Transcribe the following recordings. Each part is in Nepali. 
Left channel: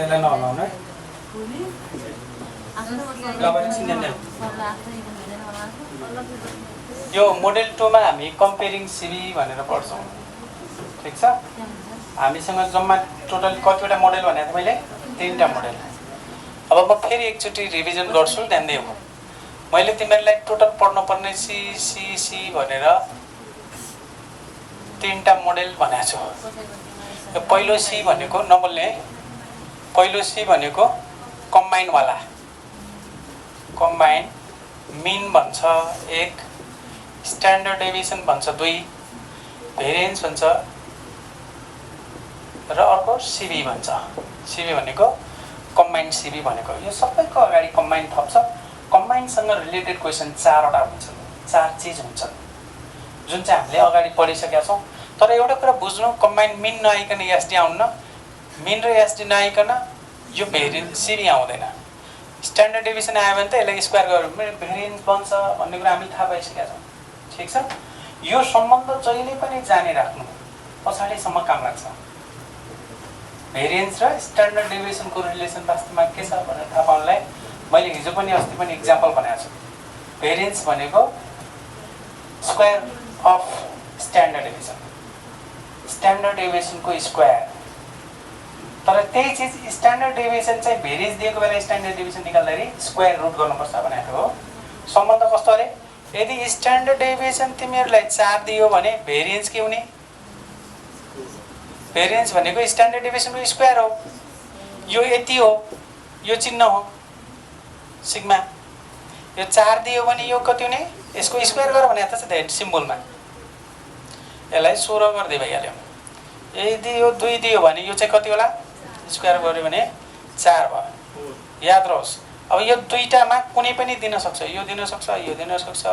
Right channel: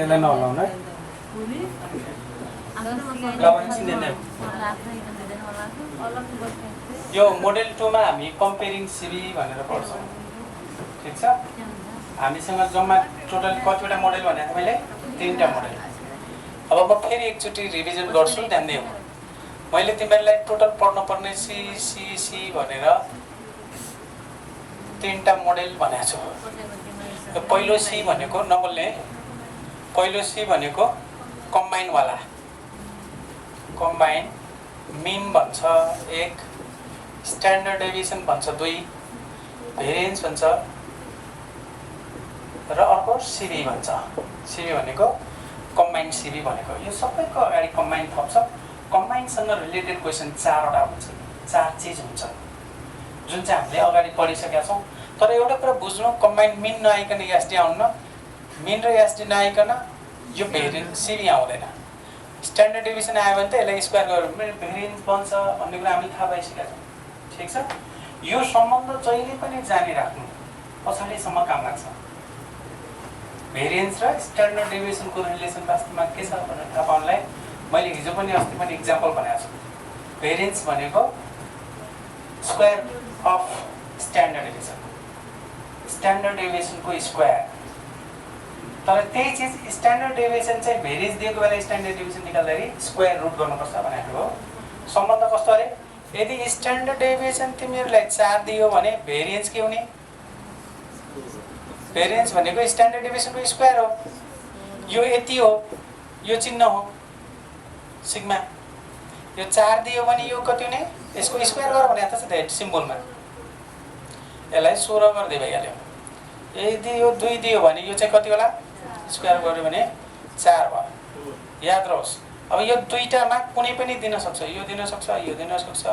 यसलाई नहलाउनु है ल अब एकछिन हेर्ने यो मोडेल 2 मा हामी कम्पेयरिङ सिबी भनेर पढ्छौँ ठीक छ हामीसँग जम्मा टोटल कतिवटा मोडेल भने मैले 3टा मोडेल अब म फेरि एकचोटि रिभिजन गर्छु ध्यान दिऊ मैले तिमीहरूलाई टोटल पढ्नु पर्ने सी भनेर 3टा मोडेल भनेको छु यो पहिलो सी भनेको नबोल्ने पहिलो सी भनेको कम्बाइन वाला कम्बाइन मिन भन्छ 1 स्ट्यान्डर्ड डेभिएसन भन्छ 2 भेरिएन्स भन्छ र अर्को सिबी भन्छ सिबी भनेको कम्बाइन सिबी भनेको यो सबैको अगाडि कम्बाइन थप्छ कम्बाइनसँग रिलेटेड क्वेसन 4वटा हुन्छ 4 चीज हुन्छ जुन चाहिँ हामीले अगाडि पढिसकेका छौँ तर एउटा कुरा बुझ्नु कम्बाइन मिन नआइकन एसडी आउन्न मिन र एसडी नआइकन यो भेरिएन्स सिबी आउँदैन स्ट्यान्डर्ड डेभिएसन आयो भने त यसलाई स्क्वायर गर्यो भने भेरिएन्स बन्छ भन्ने कुरा हामीले थाहा पाइसकेका छौँ ठीक छ यो सम्बन्ध जहिले पनि जाने राख्नु पछाडिसम्म काम लाग्छ भेरिएन्स र स्ट्यान्डर्ड डेभिएसनको रिलेसन वास्तवमा के छ भनेर थाहा पाउनलाई मैले हिजो पनि अस्ति पनि इक्जाम्पल बनाएको छु भेरिएन्स भनेको square of standard deviation standard डेभिएसनको स्क्वायर तर त्यही चीज स्ट्यान्डर्ड डेभिएसन चाहिँ भेरिएन्स दिएको बेला स्ट्यान्डर्ड डेभिएसन निकाल्दाखेरि स्क्वायर रुट गर्नुपर्छ भनेको हो सम्बन्ध कस्तो अरे यदि स्ट्यान्डर्ड डेभिएसन तिमीहरूलाई 4 दियो भने भेरिएन्स के हुने भेरिएन्स भनेको स्ट्यान्डर्ड डेभिएसनको स्क्वायर हो यो यति हो यो चिन्ह हो सिग्मा यो 4 दियो भने यो कति हुने यसको स्क्वायर गर भने त छ सिम्बलमा यसलाई 16 गर्दै भइहाल्यो यदि यो 2 दियो भने यो चाहिँ कति होला स्क्वायर गर्यो भने 4 भयो याद रहोस् अब यो दुईटामा कुनै पनि दिन सक्छ यो दिन सक्छ यो दिन सक्छ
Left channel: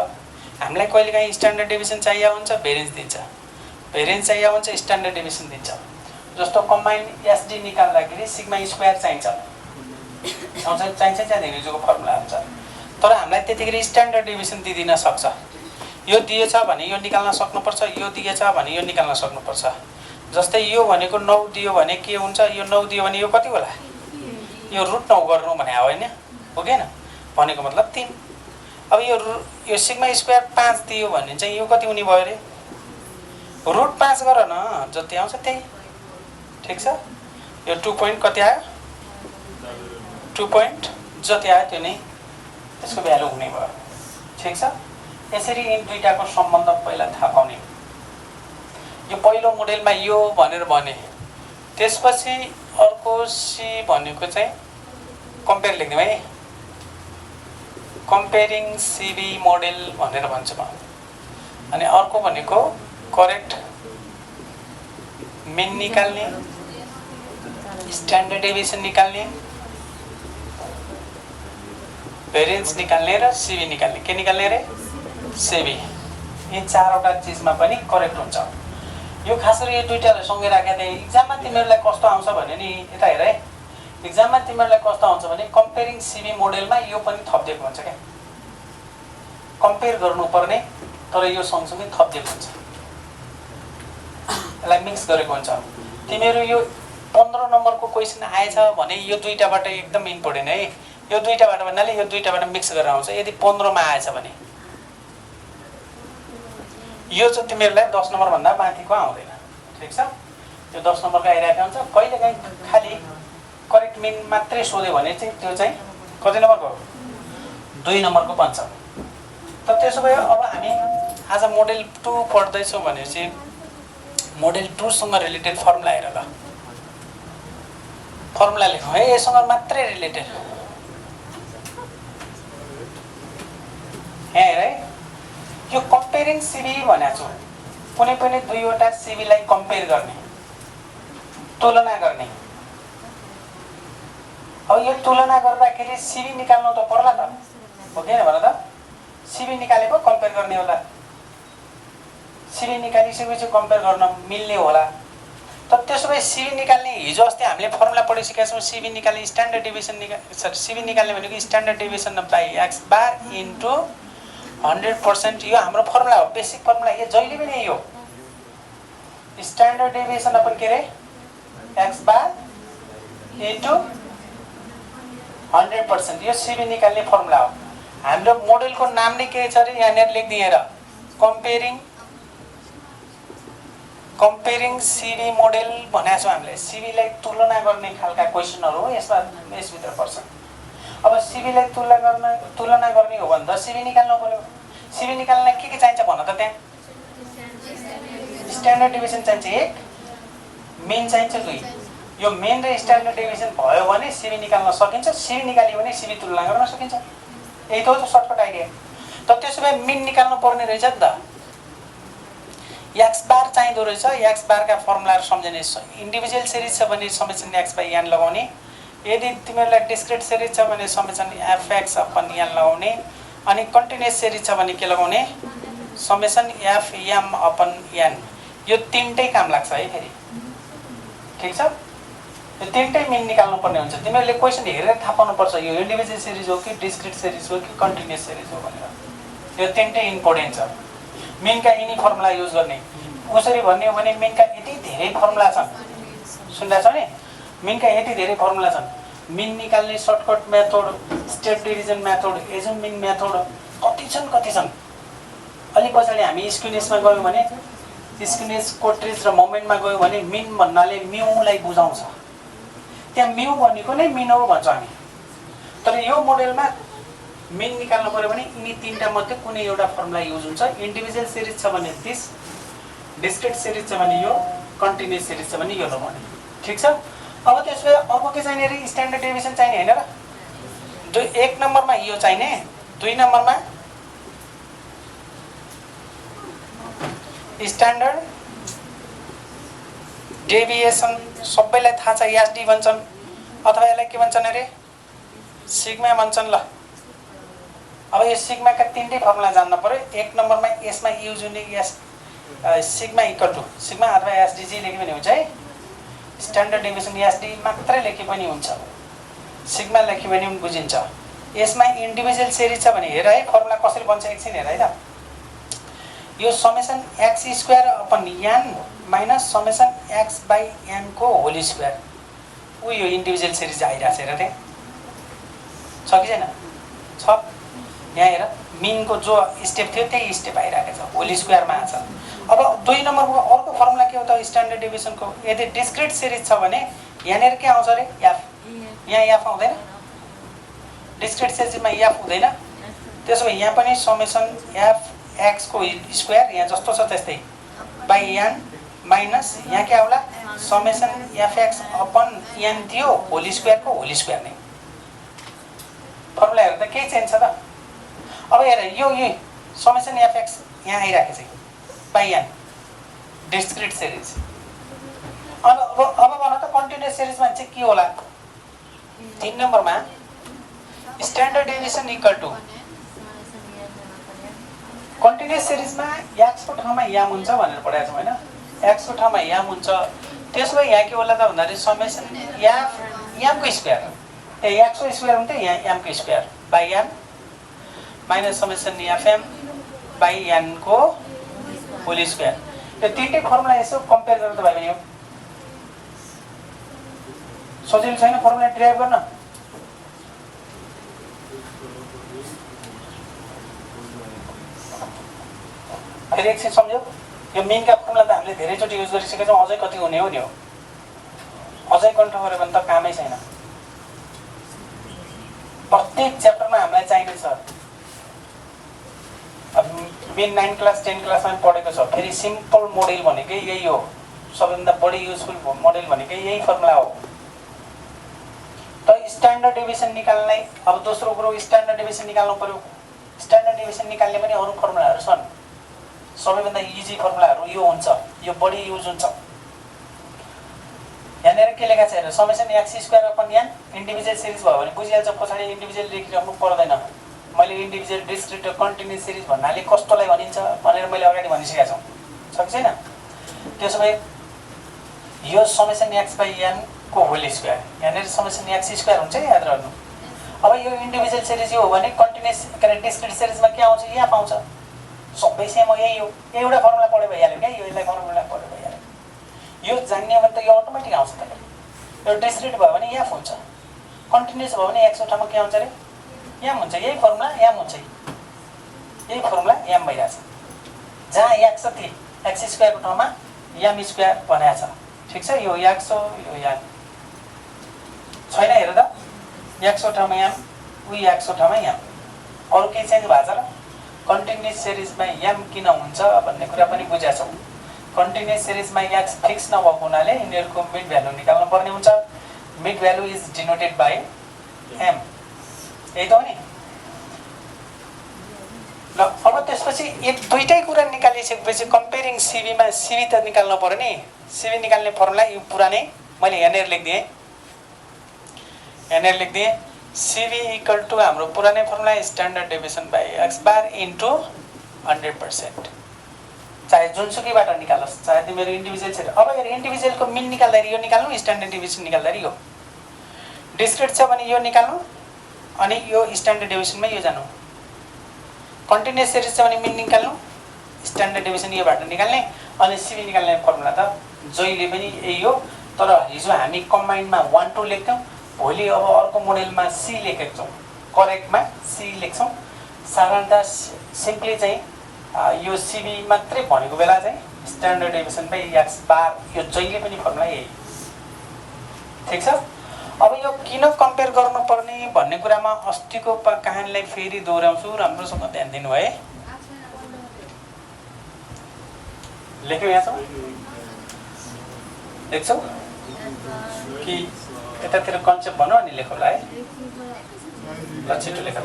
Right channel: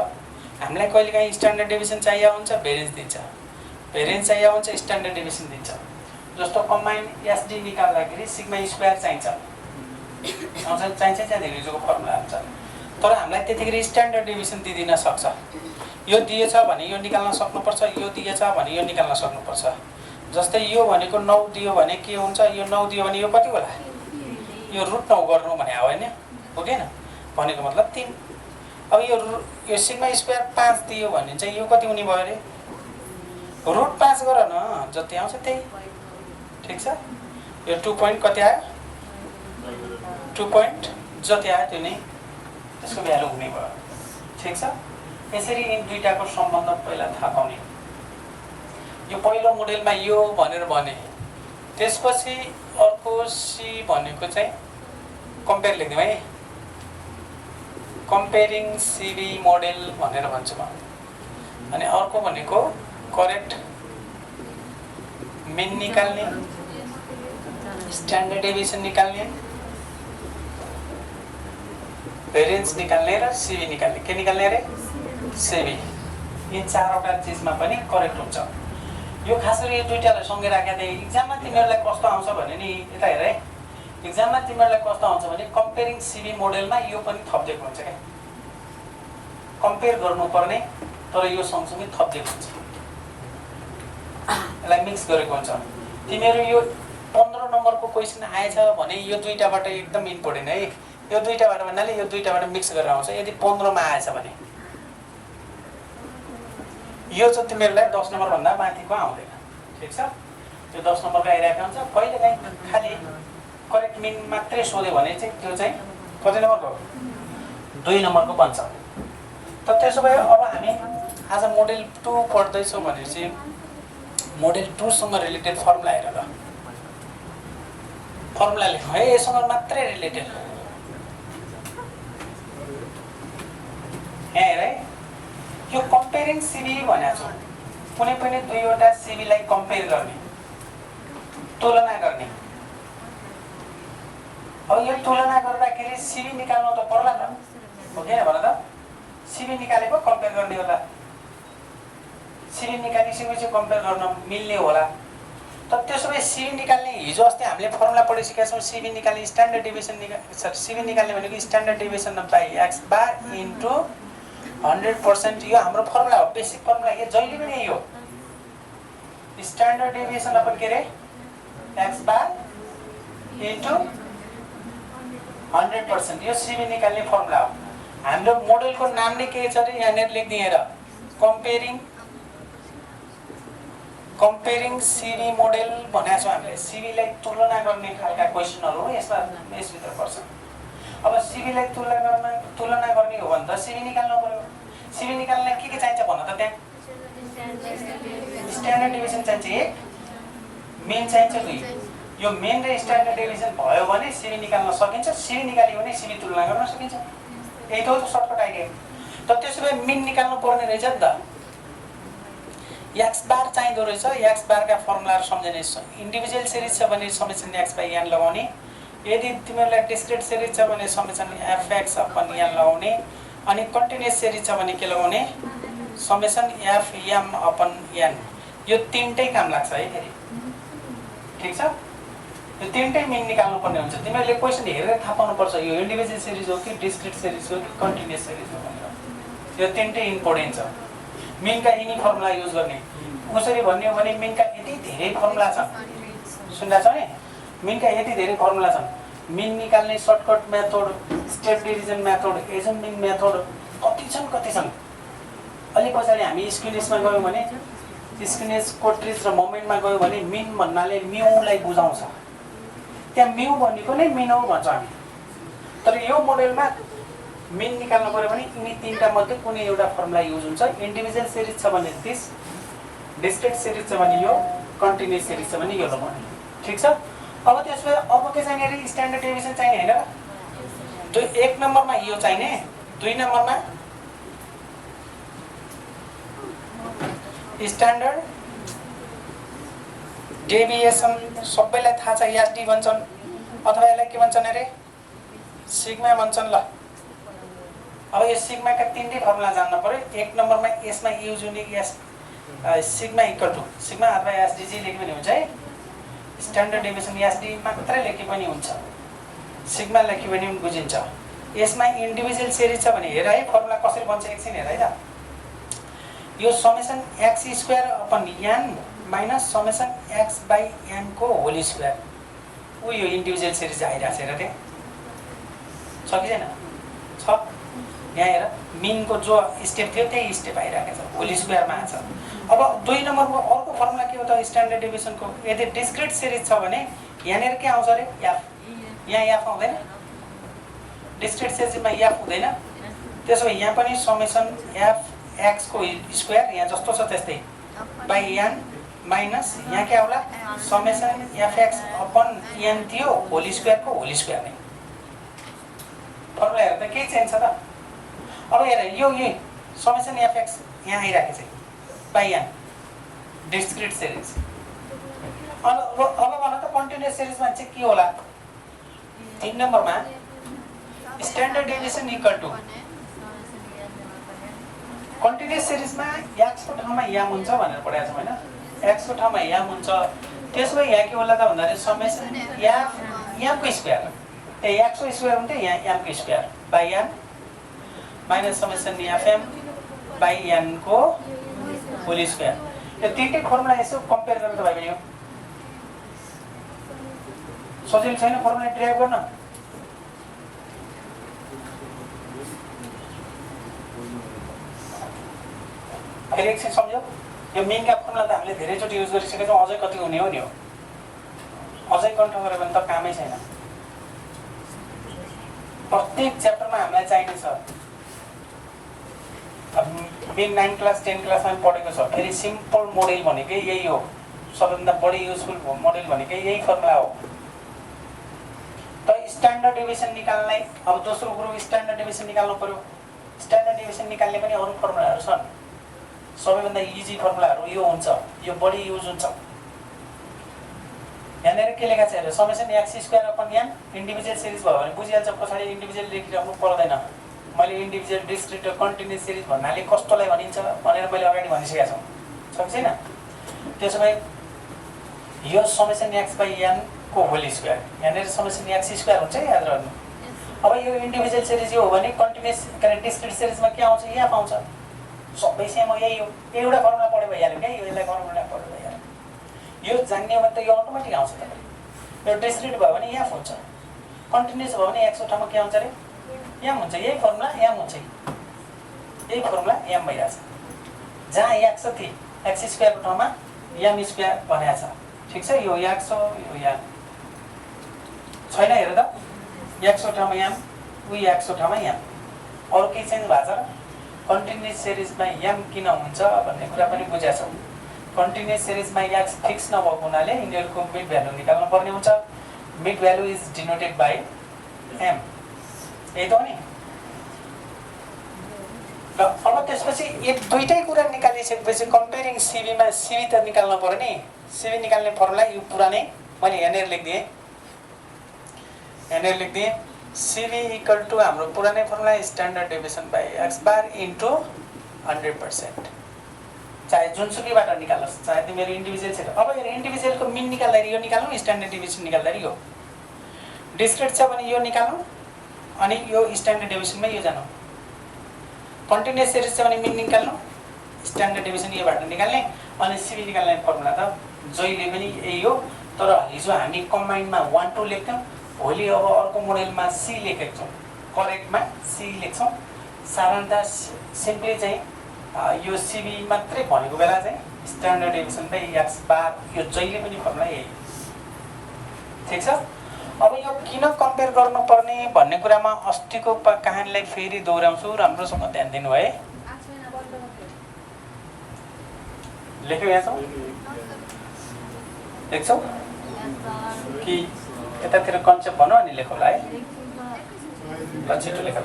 हामीलाई कहिलेकाहीँ स्ट्यान्डर्ड डेभिएसन चाहिएको हुन्छ भेरिएन्स दिन्छ भेरिएन्स चाहिएको हुन्छ स्ट्यान्डर्ड डेभिएसन दिन्छ जस्तो कम्बाइन एसडी निकाल्दाखेरि सिग्मा स्क्वायर चाहिन्छ चाहिन्छ चाहिँदैन हिजोको फर्मुला हुन्छ तर हामीलाई त्यतिखेर स्ट्यान्डर्ड डेभिएसन दिदिन सक्छ यो दिएछ भने यो निकाल्न सक्नुपर्छ यो दिएछ भने यो निकाल्न सक्नुपर्छ जस्तै यो भनेको 9 दियो भने के हुन्छ यो 9 दियो भने यो कति होला यो रुट 9 गर्नु भने होइन हो कि भनेको मतलब 3 अब यो सिग्मा स्क्वायर 5 दियो भने चाहिँ यो कति हुने भयो अरे रुट 5 गर न जति आउँछ त्यही ठीक छ यो 2 पोइन्ट कति आयो 2 पोइन्ट जति आयो त्यो नै यसको भ्यालु हुने भयो ठीक छ यसरी यिन दुईटाको सम्बन्ध पहिला थाहा पाउने यो पहिलो मोडेलमा यो भनेर भने त्यसपछि अर्को सी भनेको चाहिँ कम्पेयर लेख्दिउँ है कम्पेयरिङ सिबी मोडेल भनेर भन्छु म अनि अर्को भनेको करेक्ट मिन निकाल्ने स्ट्यान्डर्ड डेभिएसन निकाल्ने भेरिएन्स निकाल्ने र सिबी निकाल्ने के निकाल्ने रे सिबी यी 4वटा चिजमा पनि करेक्ट हुन्छ यो खास गरी यो दुईटालाई सँगै राखेर इक्जाममा तिमीहरूलाई कस्तो आउँछ भने नि यता हेर है इक्जाममा तिमीहरूलाई कस्तो आउँछ भने कम्पेयरिङ सिबी मोडेलमा यो पनि थपिदिएको हुन्छ क्या कम्पेयर गर्नुपर्ने तर यो सँगसँगै थपिदिएको हुन्छ यसलाई मिक्स गरेको हुन्छ तिमीहरू यो 15 नम्बरको क्वेसन आएछ भने यो दुईटाबाट एकदम इम्पोर्टेन्ट है यो दुईटाबाट भन्नाले यो दुईटाबाट मिक्स गरेर आउँछ यदि 15 मा आएछ भने यो चाहिँ तिमीहरूलाई 10 नम्बर भन्दा माथिको आउँदैन ठीक छ यो 10 नम्बरको आइरहेको हुन्छ कहिलेकाहीँ खालि करेक्ट मिन मात्रै सोध्यो भने चाहिँ त्यो चाहिँ कति नम्बरको 2 नम्बरको बन्छ त त्यसो भए अब हामी आज मोडेल 2 पढ्दैछौँ भनेपछि मोडेल 2 सँग रिलेटेड फर्मुला हेर ल फर्मुला लेखौँ है यससँग मात्रै रिलेटेड यहाँ हेर है यो कम्पेयरिङ सिबी भनेको छु कुनै पनि दुईवटा सिबीलाई कम्पेयर गर्ने तुलना गर्ने अब यो तुलना गर्दाखेरि सिबी निकाल्नु त पर्ला त हो कि भन त सिबी निकालेको कम्पेयर गर्ने होला सिबी निकालिसकेपछि कम्पेयर गर्न मिल्ने होला त त्यसो भए सिबी निकाल्ने हिजो अस्ति हामीले फर्मुला पढिसकेका छौँ सिबी निकाल्ने स्ट्यान्डर्ड डेभिएसन सिबी निकाल्ने भनेको standard deviation by x bar into 100% यो हाम्रो फर्मुला हो बेसिक फर्मुला यो जहिले पनि यही हो स्ट्यान्डर्ड डेभिएसन अपन के रे एक्स बार इन्टु 100%, यो सिबी निकाल्ने फर्मुला हो। हाम्रो मोडेलको नाम नै के छ अरे यहाँनिर लेखिदिएँ र कम्पेरिङ सिबी मोडेल भनेको छौँ हामीले। सिबीलाई तुलना गर्ने खालका क्वेसनहरू हो यसभित्र पर्छ। अब सिबीलाई तुलना गर्ने हो भने त सिबी निकाल्नु पर्यो। सिबी निकाल्नलाई के चाहिन्छ भन त? त्यहाँ स्ट्यान्डर्ड डेभिएसन चाहिन्छ 1, मेन चाहिन्छ 2। यो मेन र स्ट्यान्डर्ड डेभिएसन भयो भने सिबी निकाल्न सकिन्छ। सिबी निकाल्यो भने सिबी तुलना गर्न सकिन्छ। यही त हो सर्टकट आइडिया। त त्यसो भए मेन निकाल्नु पर्ने रहेछ नि त। एक्स बार चाहिँदो रहेछ। एक्स बारका फर्मुलाहरू सम्झने। इन्डिभिजुअल सिरिज छ भने समेसन एक्स बाई एन लगाउने। यदि तिमीहरूलाई डिस्क्रिट सिरिज छ भने summation f x upon n लगाउने। अनि कन्टिन्युअस सिरिज छ भने के लगाउने? Summation f m upon n. यो तिनटै काम लाग्छ है फेरि। ठिक छ? यो तिनटै मेन निकाल्नु पर्ने हुन्छ। तिमीहरूले क्वेसन हेरेर थाहा पाउनुपर्छ यो इन्डिभिजुअल सिरिज हो कि डिस्क्रिट सिरिज हो कि कन्टिन्युअस सिरिज हो भनेर। यो तिनटै इम्पोर्टेन्ट छ। मेनका यिनी फर्मुला युज गर्ने। कसरी भन्ने हो भने मेनका यति धेरै फर्मुला छन्। सुन्दैछ नि? मेनका यति धेरै फर्मुला छन्। मेन निकाल्ने shortcut method, step division method, assuming method कति छन्। अलि पछाडि हामी स्क्युनेसमा गयौँ भने स्क्युनेस, कोट्रिज र मोमेन्टमा गयौँ भने मेन भन्नाले म्युलाई बुझाउँछ। त्यहाँ म्यु भनेको नै मिन हो भन्छ हामी। तर यो मोडेलमा मेन निकाल्नु पर्यो भने यिनी तीनटा मध्ये कुनै एउटा फर्मुला युज हुन्छ। इन्डिभिजुअल सिरिज छ भने 30, डिस्क्रिट सिरिज छ भने यो, कन्टिन्युअस सिरिज छ भने यो लगाउने। ठिक छ? अब त्यसो अब के चाहिने रे? स्ट्यान्डर्ड डेभिएसन चाहिने हैन र? 1 नम्बरमा यो चाहिने, 2 नम्बरमा स्ट्यान्डर्ड डेभिएसन। सबैलाई थाहा छ एसडी भन्छन् अथवा यसलाई के भन्छन् अरे? सिग्मा भन्छन्। ल अब यो सिग्माका तीनटै फर्मुला जान्न पर्यो। 1 नम्बरमा यसमा युज हुने s sigma equal to sigma अथवा एसडीजी लेखे पनि हुन्छ है। स्ट्यान्डर्ड डेभिएसन एसडी मात्रै लेखे पनि हुन्छ, सिग्मा लेखे पनि बुझिन्छ। यसमा इन्डिभिजुअल सिरिज छ भने हेर है फर्मुला कसरी बन्छ एकछिन हेर है त। यो summation x square upon n minus summation x by n को होल स्क्वायर। ऊ यो इन्डिभिजुअल सिरिज आइरहेको छ हेर त्यहाँ छ कि छैन? छ। यहाँ हेर मिनको जो स्टेप थियो त्यही स्टेप आइरहेको छ, होल स्क्वायरमा आएको छ। अब 2 नम्बरको अर्को फर्मुला के हो त स्ट्यान्डर्ड डेभिएसनको? यदि डिस्क्रिट सिरिज छ भने यहाँनिर के आउँछ अरे? एफ। यहाँ एफ आउँदैन? डिस्क्रिट सिरिजमा एफ हुँदैन। त्यसो भए यहाँ पनि समेसन एफ एक्स को स्क्वायर यहाँ जस्तो छ त्यस्तै बाई एन माइनस यहाँ के आउला? Summation f x upon n थियो होल स्क्वायरको होल स्क्वायर नै। फर्मुला हेर्दा केही चेन्ज छ त? अब हेर यो समेसन एफ एक्स यहाँ आइरहेको छ बाई एन डिस्क्रिट सिरिज। अब भन त कन्टिन्युअस सिरिजमा चाहिँ के होला? 3 नम्बरमा standard deviation equal to continuous सिरिजमा एक्स को ठाउँमा याम हुन्छ भनेर पढाएको छौँ हैन? एक्स को ठाउँमा याम हुन्छ। त्यसो भए यहाँ के होला त भन्दाखेरि समेसन याम को स्क्वायर एक्स को स्क्वायर हुन्थ्यो यहाँ एम को square by n minus summation fm by n को होल स्क्वायर। यो तीनटै फर्मुला यसो कम्पेयर गर्नु त भयो नि। सजिलो छैन फर्मुला ड्राइभ गर्न? फेरि एकछिन सम्झ्यौ? यो मेनका फर्मुला त हामीले धेरैचोटि युज गरिसकेका छौँ। अझै कति हुने हो नि? अझै कन्ठ गऱ्यो भने त कामै छैन। प्रत्येक च्याप्टरमा हामीलाई चाहिने छ। अब मेन 9 क्लास 10 क्लासमा पढेको छ। फेरि सिम्पल मोडेल भनेकै यही हो। सबैभन्दा बढी युजफुल मोडेल भनेकै यही फर्मुला हो। त स्ट्यान्डर्ड डेभिएसन निकाल्नलाई अब दोस्रो कुरो स्ट्यान्डर्ड डेभिएसन निकाल्नु पर्यो। स्ट्यान्डर्ड डेभिएसन निकाल्ने पनि अरू फर्मुलाहरू छन्। सबैभन्दा इजी फर्मुलाहरू यो हुन्छ, यो बढी युज हुन्छ। यहाँनिर के लेखा छ हेर? Summation x square upon n individual series भयो भने बुझिहाल्छ। पछाडि इन्डिभिजुअल लेखिराख्नु पर्दैन। मैले इन्डिभिजुअल डिस्क्रिट र कन्टिन्युअस सिरिज भन्नाले कस्तोलाई भनिन्छ भनेर मैले अगाडि भनिसकेको छु। सक्छ छैन? त्यसो भए यो समेसन एक्स बाई एन को होल स्क्वायर यहाँनिर समेसन एक्स स्क्वायर हुन्छ याद राख्नु। अब यो इन्डिभिजुअल सिरिज यो हो भने कन्टिन्युअस डिस्क्रिट सिरिजमा के आउँछ? यहाँ आउँछ। सबै सेम हो, यही हो। एउटा फर्मुला पढ्यो भइहाल्यो क्या? यो यसलाई फर्मुला पढ्यो भइहाल्यो। यो जान्ने हो भने त यो अटोमेटिक आउँछ। तपाईँ यो डिस्क्रिट भयो भने एफ हुन्छ, कन्टिन्युस भयो भने एक्सको ठाउँमा के हुन्छ अरे एम हुन्छ। यही फर्मुला एम हुन्छ, यही फर्मुला एम भइरहेछ। जहाँ एक्स छ त्यही एक्स स्क्वायरको ठाउँमा एम स्क्वायर भनेको छ। ठिक छ, यो एक्स हो, यो एम छैन। हेर त, एक्सको ठाउँमा एम, उही एक्सको ठाउँमा एम, अरू केही चेन्ज भएको छ र? कन्टिन्युस सिरिजमा एम किन हुन्छ भन्ने कुरा पनि बुझेको छौँ। कन्टिन्युस सिरिजमा एक्स फिक्स नभएको हुनाले यिनीहरूको मिड भ्यालु निकाल्नु पर्ने हुन्छ। Mid value is denoted by m, यही त हो नि। ल अब त्यसपछि एक दुईटै कुरा निकालिसकेपछि कम्पेरिङ सिबीमा सिबी त निकाल्नु पर्यो नि। सिबी निकाल्ने फर्मुला यो पुरानै मैले यहाँनिर लेखिदिएँ, यहाँनिर लेखिदिएँ। सिबी इक्वल टु हाम्रो पुरानै formula standard deviation by x bar into 100%, चाहे जुनसुकैबाट निकालोस्, चाहे तिमीहरू इन्डिभिजुअल छ। अब यो इन्डिभिजुअलको मिन निकाल्दाखेरि यो निकाल्नु, स्ट्यान्डर्ड डेभिएसन निकाल्दाखेरि यो, डिस्क्रिट छ भने यो निकाल्नु, अनि यो स्ट्यान्डर्ड डेभिएसनमा यो जानु। कन्टिन्युस सिरिज छ भने मिन निकाल्नु, स्ट्यान्डर्ड डेभिएसन योबाट निकाल्ने, अनि सिबी निकाल्ने फर्मुला त जहिले पनि यही हो। तर हिजो हामी कम्बाइन्डमा 1 2 लेख्थ्यौँ, भोलि अब अर्को मोडेलमा सी लेखेको छौँ, करेक्टमा सी लेख्छौँ। साधारणतः सिम्पली चाहिँ यो सिबी मात्रै भनेको बेला चाहिँ स्ट्यान्डर्ड डेभिएसन बाई एक्स बार, यो जहिले पनि फर्मुला यही। ठिक छ। अब यो किन कम्पेयर गर्नुपर्ने भन्ने कुरामा अस्तिको कहानीलाई फेरि दोहोऱ्याउँछु, राम्रोसँग ध्यान दिनु है। लेख्यौ यहाँ छौ, लेख्छौ कि यतातिर कन्सेप्ट भनौँ अनि लेखौँला है। ल छिटो लेख त।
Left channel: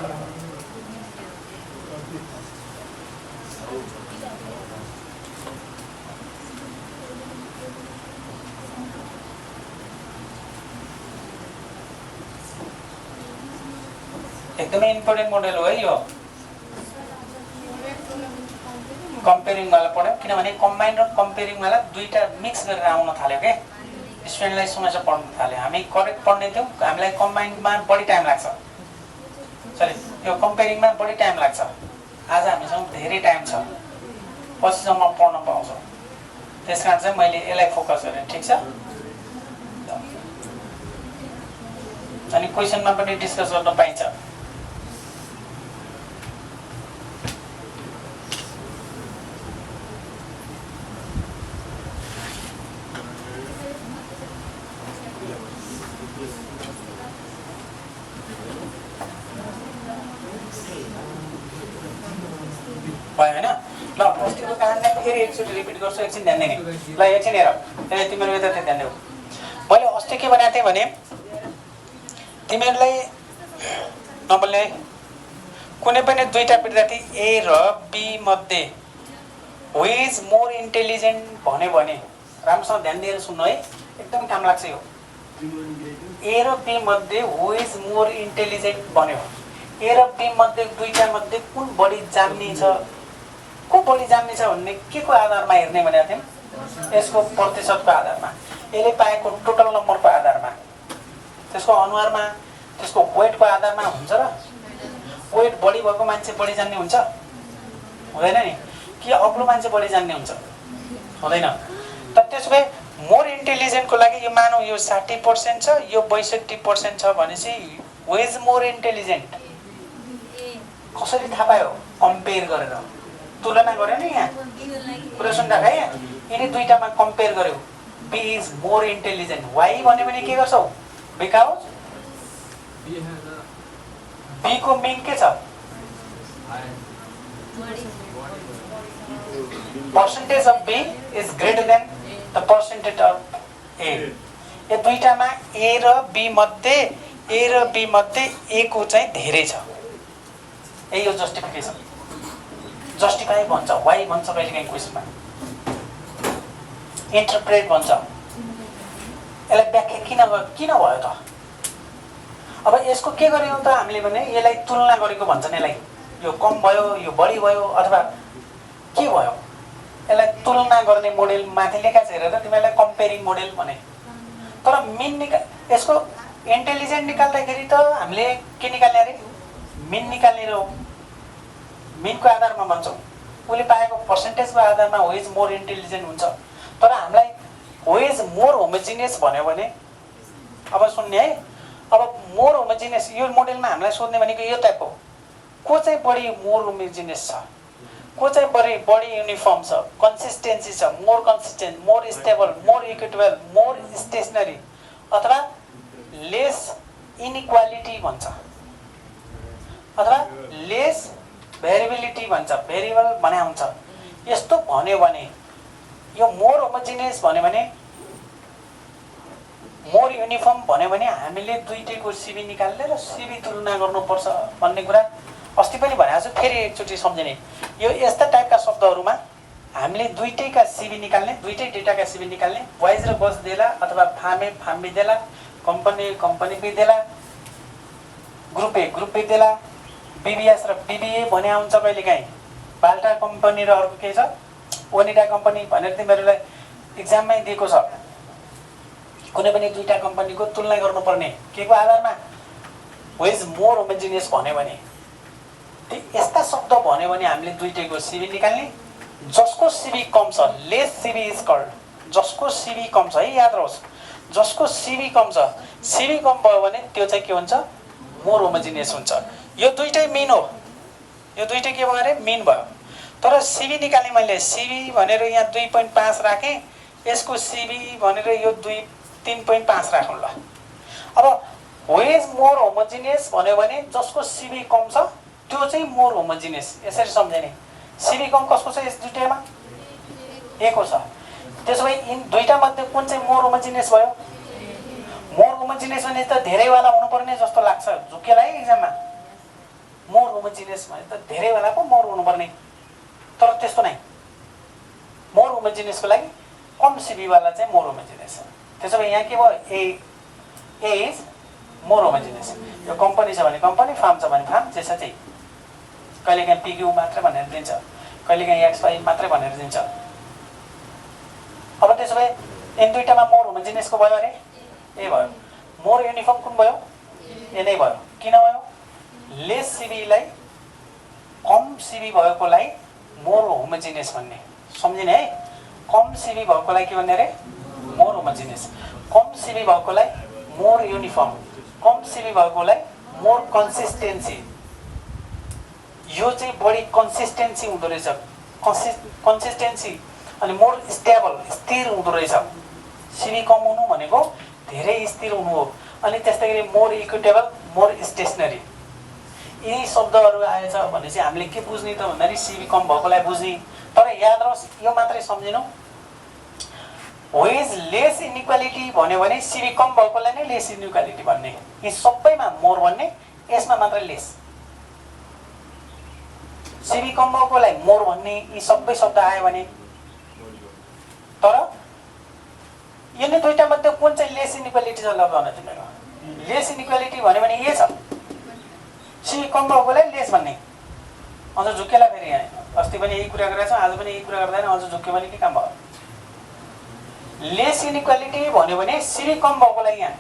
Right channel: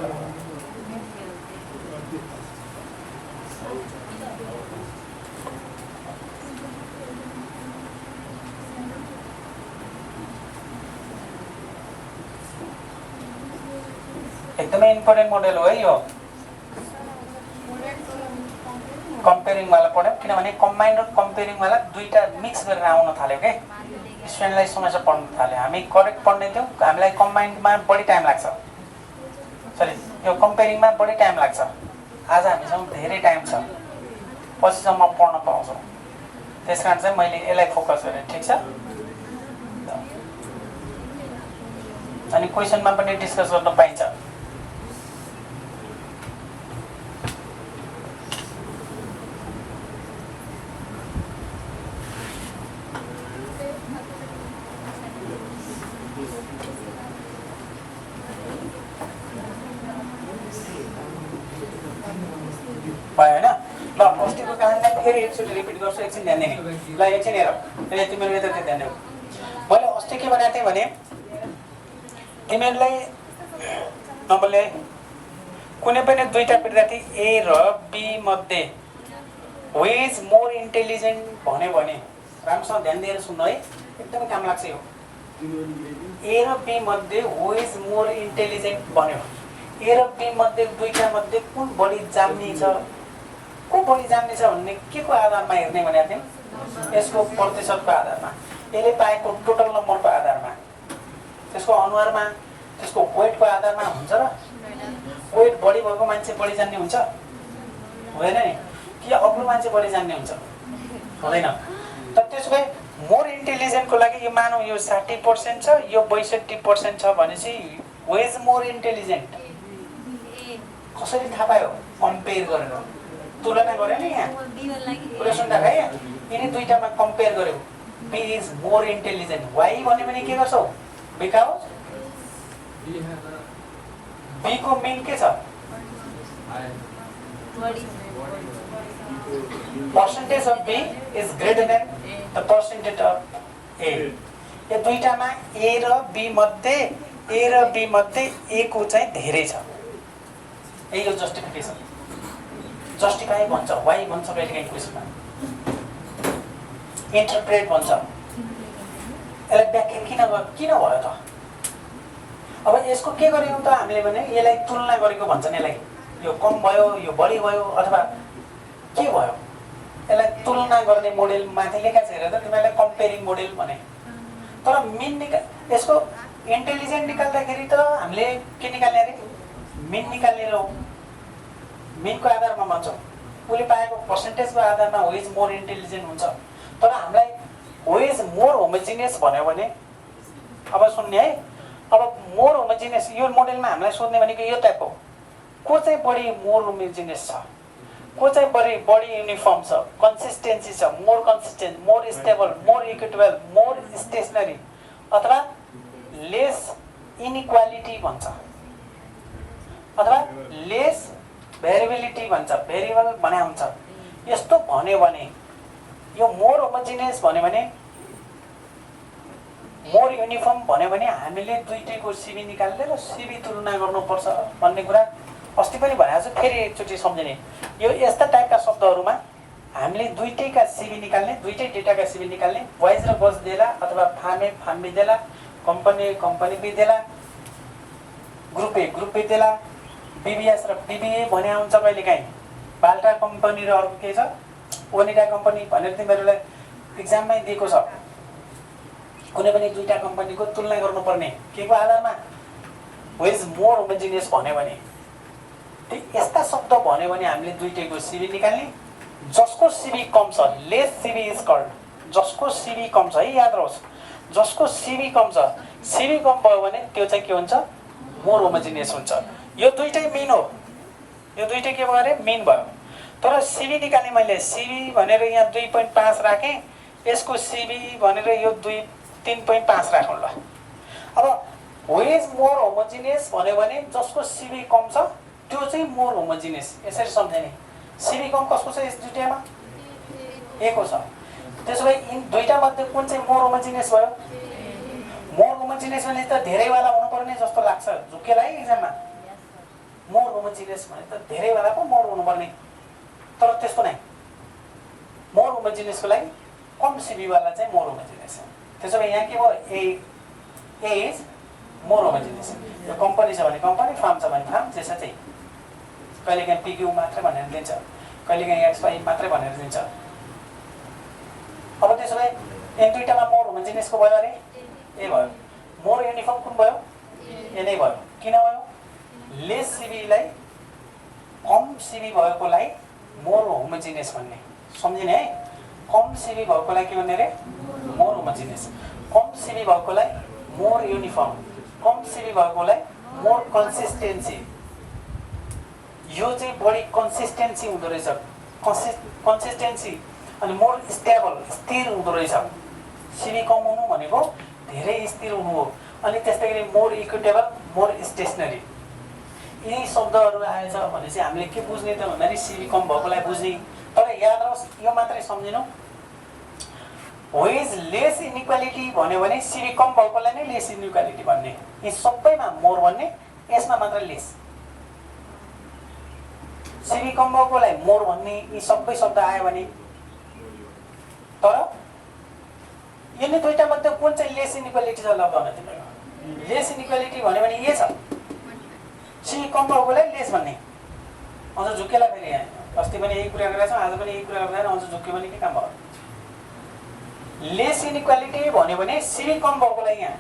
एकदमै इम्पोर्टेन्ट मोडल हो है यो, कम्पेरिङ वाला पढ्यौँ। किनभने कम्बाइन्ड र कम्पेरिङ वाला दुईटा मिक्स गरेर आउन थाल्यो के, स्टुडेन्टलाई समस्या पढ्न थाल्यो। हामी करेक्ट पढ्ने थियौँ, हामीलाई कम्बाइन्डमा बढी टाइम लाग्छ, सरी यो कम्पेरिङमा बढी टाइम लाग्छ। आज हामीसँग धेरै टाइम छ, पछिसम्म पढ्न पाउँछौँ। त्यस कारण चाहिँ मैले यसलाई फोकस गरेँ। ठिक छ। अनि क्वेसनमा पनि डिस्कस गर्न पाइन्छ। भयो होइन? ल अस्तिको कहानीलाई फेरि एकचोटि रिपिट गर्छु, एकछिन ध्यान दिने। ल एकछिन हेर, तिमीहरू यता ध्यान देऊ। मैले अस्ति के भनेको थिएँ भने तिमीहरूलाई नबोल्ने है, कुनै पनि दुईटा विद्यार्थी ए र बी मध्ये हु इज मोर इन्टेलिजेन्ट भन्यो भने राम्रोसँग ध्यान दिएर सुन्नु है, एकदमै काम लाग्छ यो। ए र बी मध्ये हु इज मोर इन्टेलिजेन्ट भन्यो, ए र बी मध्ये दुईटा मध्ये कुन बढी जान्ने छ, को बढी जान्ने छ भन्ने के को आधारमा हेर्ने भनेको थियौँ? यसको प्रतिशतको आधारमा, यसले पाएको टोटल नम्बरको आधारमा, त्यसको अनुहारमा, त्यसको वेटको आधारमा हुन्छ र? वेट बढी भएको मान्छे बढी जान्ने हुन्छ? हुँदैन नि। कि अग्लो मान्छे बढी जान्ने हुन्छ? हुँदैन। त त्यसो भए मोर इन्टेलिजेन्टको लागि यो मानौँ यो 60% छ, यो 62% छ भनेपछि हु इज मोर इन्टेलिजेन्ट कसरी थाहा पायो? कम्पेयर गरेर, तुलना गर्यो नि। यहाँ कुरा सुन्दा है, यिनी दुईटामा कम्पेयर गर्यो। B is more intelligent, why भन्यो भने के गर्छौ? बिकज बी को मिन के छ? Percentage of B is greater than the percentage of A. यो दुईटामा ए र बी मध्ये ए को चाहिँ धेरै छ। यही हो जस्टिफिकेसन। जस्टिफाई भन्छ, वाइ भन्छ कहिलेकाहीँ क्वेसनमा, इन्टरप्रेट भन्छ। यसलाई व्याख्या किन भयो त? अब यसको के गर्यौँ त हामीले भने यसलाई तुलना गरेको भन्छन्। यसलाई यो कम भयो, यो बढी भयो, अथवा के भयो, यसलाई तुलना गर्ने मोडेल माथि लेखा छ। हेरेर तिमीहरूलाई कम्पेरिङ मोडेल भने। तर मिन यसको इन्टेलिजेन्ट निकाल्दाखेरि त हामीले के निकाल्ने अरे? मिन निकाल्ने हो। मिनको आधारमा भन्छौँ, उसले पाएको पर्सेन्टेजको आधारमा हु इज मोर इन्टेलिजेन्ट हुन्छ। तर हामीलाई हु इज मोर होमोजिनियस भन्यो भने अब सुन्ने है। अब मोर होमोजिनियस यो मोडेलमा हामीलाई सोध्ने भनेको यो टाइप हो, को चाहिँ बढी मोर होमोजिनियस छ, को चाहिँ बढी युनिफर्म छ, कन्सिस्टेन्सी छ, more consistent, more stable, more equitable, more stationery, अथवा लेस इनइक्वालिटी भन्छ, अथवा लेस भेरिएबिलिटी भन्छ, भेरिएबल भने हुन्छ। यस्तो भन्यो भने यो मोर होमोजिनियस भन्यो भने, मोर युनिफर्म भन्यो भने हामीले दुईटैको सिबी निकाल्ने र सिबी तुलना गर्नुपर्छ भन्ने कुरा अस्ति पनि भनेको छु, फेरि एकचोटि सम्झिने। यो यस्ता टाइपका शब्दहरूमा हामीले दुईटैका सिबी निकाल्ने, दुईटै डेटाका सिबी निकाल्ने, वाइज र गज देला अथवा फार्म बी देला, कम्पनी बी देला, ग्रुप ए देला, बीबीएस र बीबीए भने हुन्छ कहिलेकाहीँ। बाल्टा कम्पनी र अर्को के छ ओनिडा कम्पनी भनेर तिमीहरूलाई इक्जाममै दिएको छ। कुनै पनि दुईटा कम्पनीको तुलना गर्नुपर्ने के को आधारमा, हु इज मोर होमोजिनियस भन्यो भने। यस्ता शब्द भन्यो भने हामीले दुईटैको सिबी निकाल्ने, जसको सिबी कम छ लेस सिबी इज कल्ड, जसको सिबी कम छ है याद रहोस्, जसको सिबी कम छ, सिबी कम भयो भने त्यो चाहिँ के हुन्छ, मोर होमोजिनियस हुन्छ। यो दुईटै मिन हो, यो दुईटै के भयो अरे मिन भयो। तर सिबी निकाल्ने मैले, सिबी भनेर यहाँ 2.5 राखेँ, यसको सिबी भनेर यो 3.5 राखौँ ल। अब हु इज मोर होमोजिनियस भन्यो भने जसको सिबी कम छ त्यो चाहिँ मोर होमोजिनियस, यसरी सम्झिने। सिबी कम कसको छ यस दुईटैमा, ए को छ। त्यसो भए यिन दुईटा मध्ये कुन चाहिँ मोर होमोजिनियस भयो? मोर होमोजिनियस भने त धेरैवाला हुनुपर्ने जस्तो लाग्छ झुक्केलाई एक्जाममा। मोर होमोजिनियस भने त धेरैवाला पो मोर हुनुपर्ने, तर त्यस्तो नै। मोर होमोजिनियसको लागि कम सिबीवाला चाहिँ मोर होमोजिनियस हो। त्यसो भए यहाँ के भयो, ए इज मोर होमोजिनियस। यो कम्पनी छ भने कम्पनी, फार्म छ भने फार्म, त्यसो चाहिँ कहिलेकाहीँ पिक्यू मात्रै भनेर दिन्छ, कहिलेकाहीँ एक्स5 मात्रै भनेर दिन्छ। अब त्यसो भए यिन दुईटामा मोर होमोजिनियसको भयो अरे ए भयो। मोर युनिफर्म कुन भयो, ए नै भयो। किन भयो? लेस सिबीलाई कम सिबी भएकोलाई मोर होमोजिनियस भन्ने, सम्झिने है। कम सिबी भएकोलाई के भन्ने अरे, मोर होमोजिनियस। कम सिबी भएकोलाई मोर युनिफर्म, कम सिबी भएकोलाई मोर कन्सिस्टेन्सी। यो चाहिँ बढी कन्सिस्टेन्सी हुँदो रहेछ, कन्सिस्टेन्सी। अनि मोर स्टेबल, स्थिर हुँदो रहेछ। सिबी कम हुनु भनेको धेरै स्थिर हुनु हो। अनि त्यस्तै गरी मोर इक्विटेबल, मोर स्टेसनरी। यी शब्दहरू आएछ भने चाहिँ हामीले के बुझ्ने त भन्दाखेरि सिबी कम भएकोलाई बुझ्ने। तर याद रहोस् यो मात्रै सम्झिनु, हु इज लेस इनइक्वालिटी भन्यो भने सिबी कम भएकोलाई नै लेस इनइक्वालिटी भन्ने। यी सबैमा मोर भन्ने, यसमा मात्र लेस। सिबी कम भएकोलाई मोर भन्ने, यी सबै शब्द आयो भने। तर यिनी दुईटा मध्ये कुन चाहिँ लेस इनइक्वालिटी छ ल भन तिमीहरू। लेस इनइक्वालिटी भन्यो भने ए छ, सिबी कम भएकोलाई लेस भन्ने। अझ झुक्केला फेरि यहाँ अस्ति पनि यही कुरा गरेको छौँ, आज पनि यही कुरा गर्दैन, अझ झुक्क्यो भने के काम भयो। लेस इनइक्वालिटी भन्यो भने सिबी कम भएकोलाई यहाँ,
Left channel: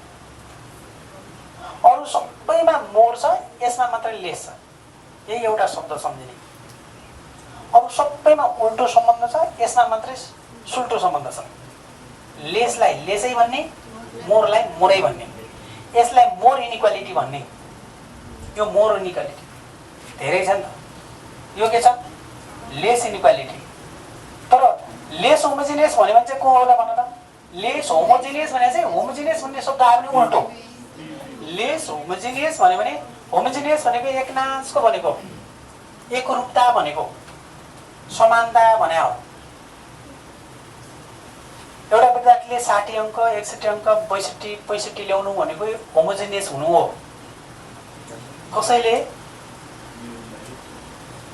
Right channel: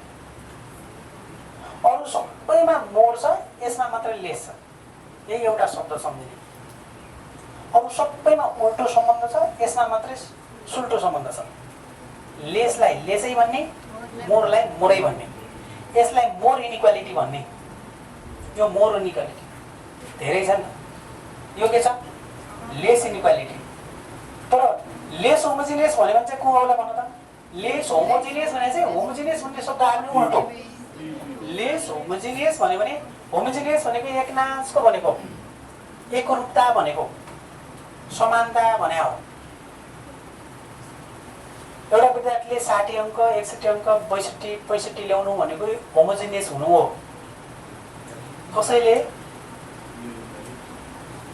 अरू सबैमा मोर छ, यसमा मात्रै लेस छ। यही एउटा शब्द सम्झिने। अरू सबैमा उल्टो सम्बन्ध छ, यसमा मात्रै सुल्टो सम्बन्ध छ। लेसलाई लेसै भन्ने, मोरलाई मोरै भन्ने। यसलाई मोर इनइक्वालिटी भन्ने। यो मोर इनइक्वालिटी धेरै छ नि त। यो के छ, लेस इनइक्वालिटी। तर लेस होमोजिनियस भन्यो भने चाहिँ को होला भन त। लेस होमोजिनियस भने चाहिँ होमोजिनियस भन्ने शब्द आयो भने उल्टो। लेस होमोजिनियस भन्यो भने, होमोजिनियस भनेको एकनासको भनेको, एकरूपता भनेको, समानता भने हो। एउटा विद्यार्थीले 60 अङ्क, 61 अङ्क, 62, 65 ल्याउनु भनेको होमोजिनियस हुनु हो। कसैले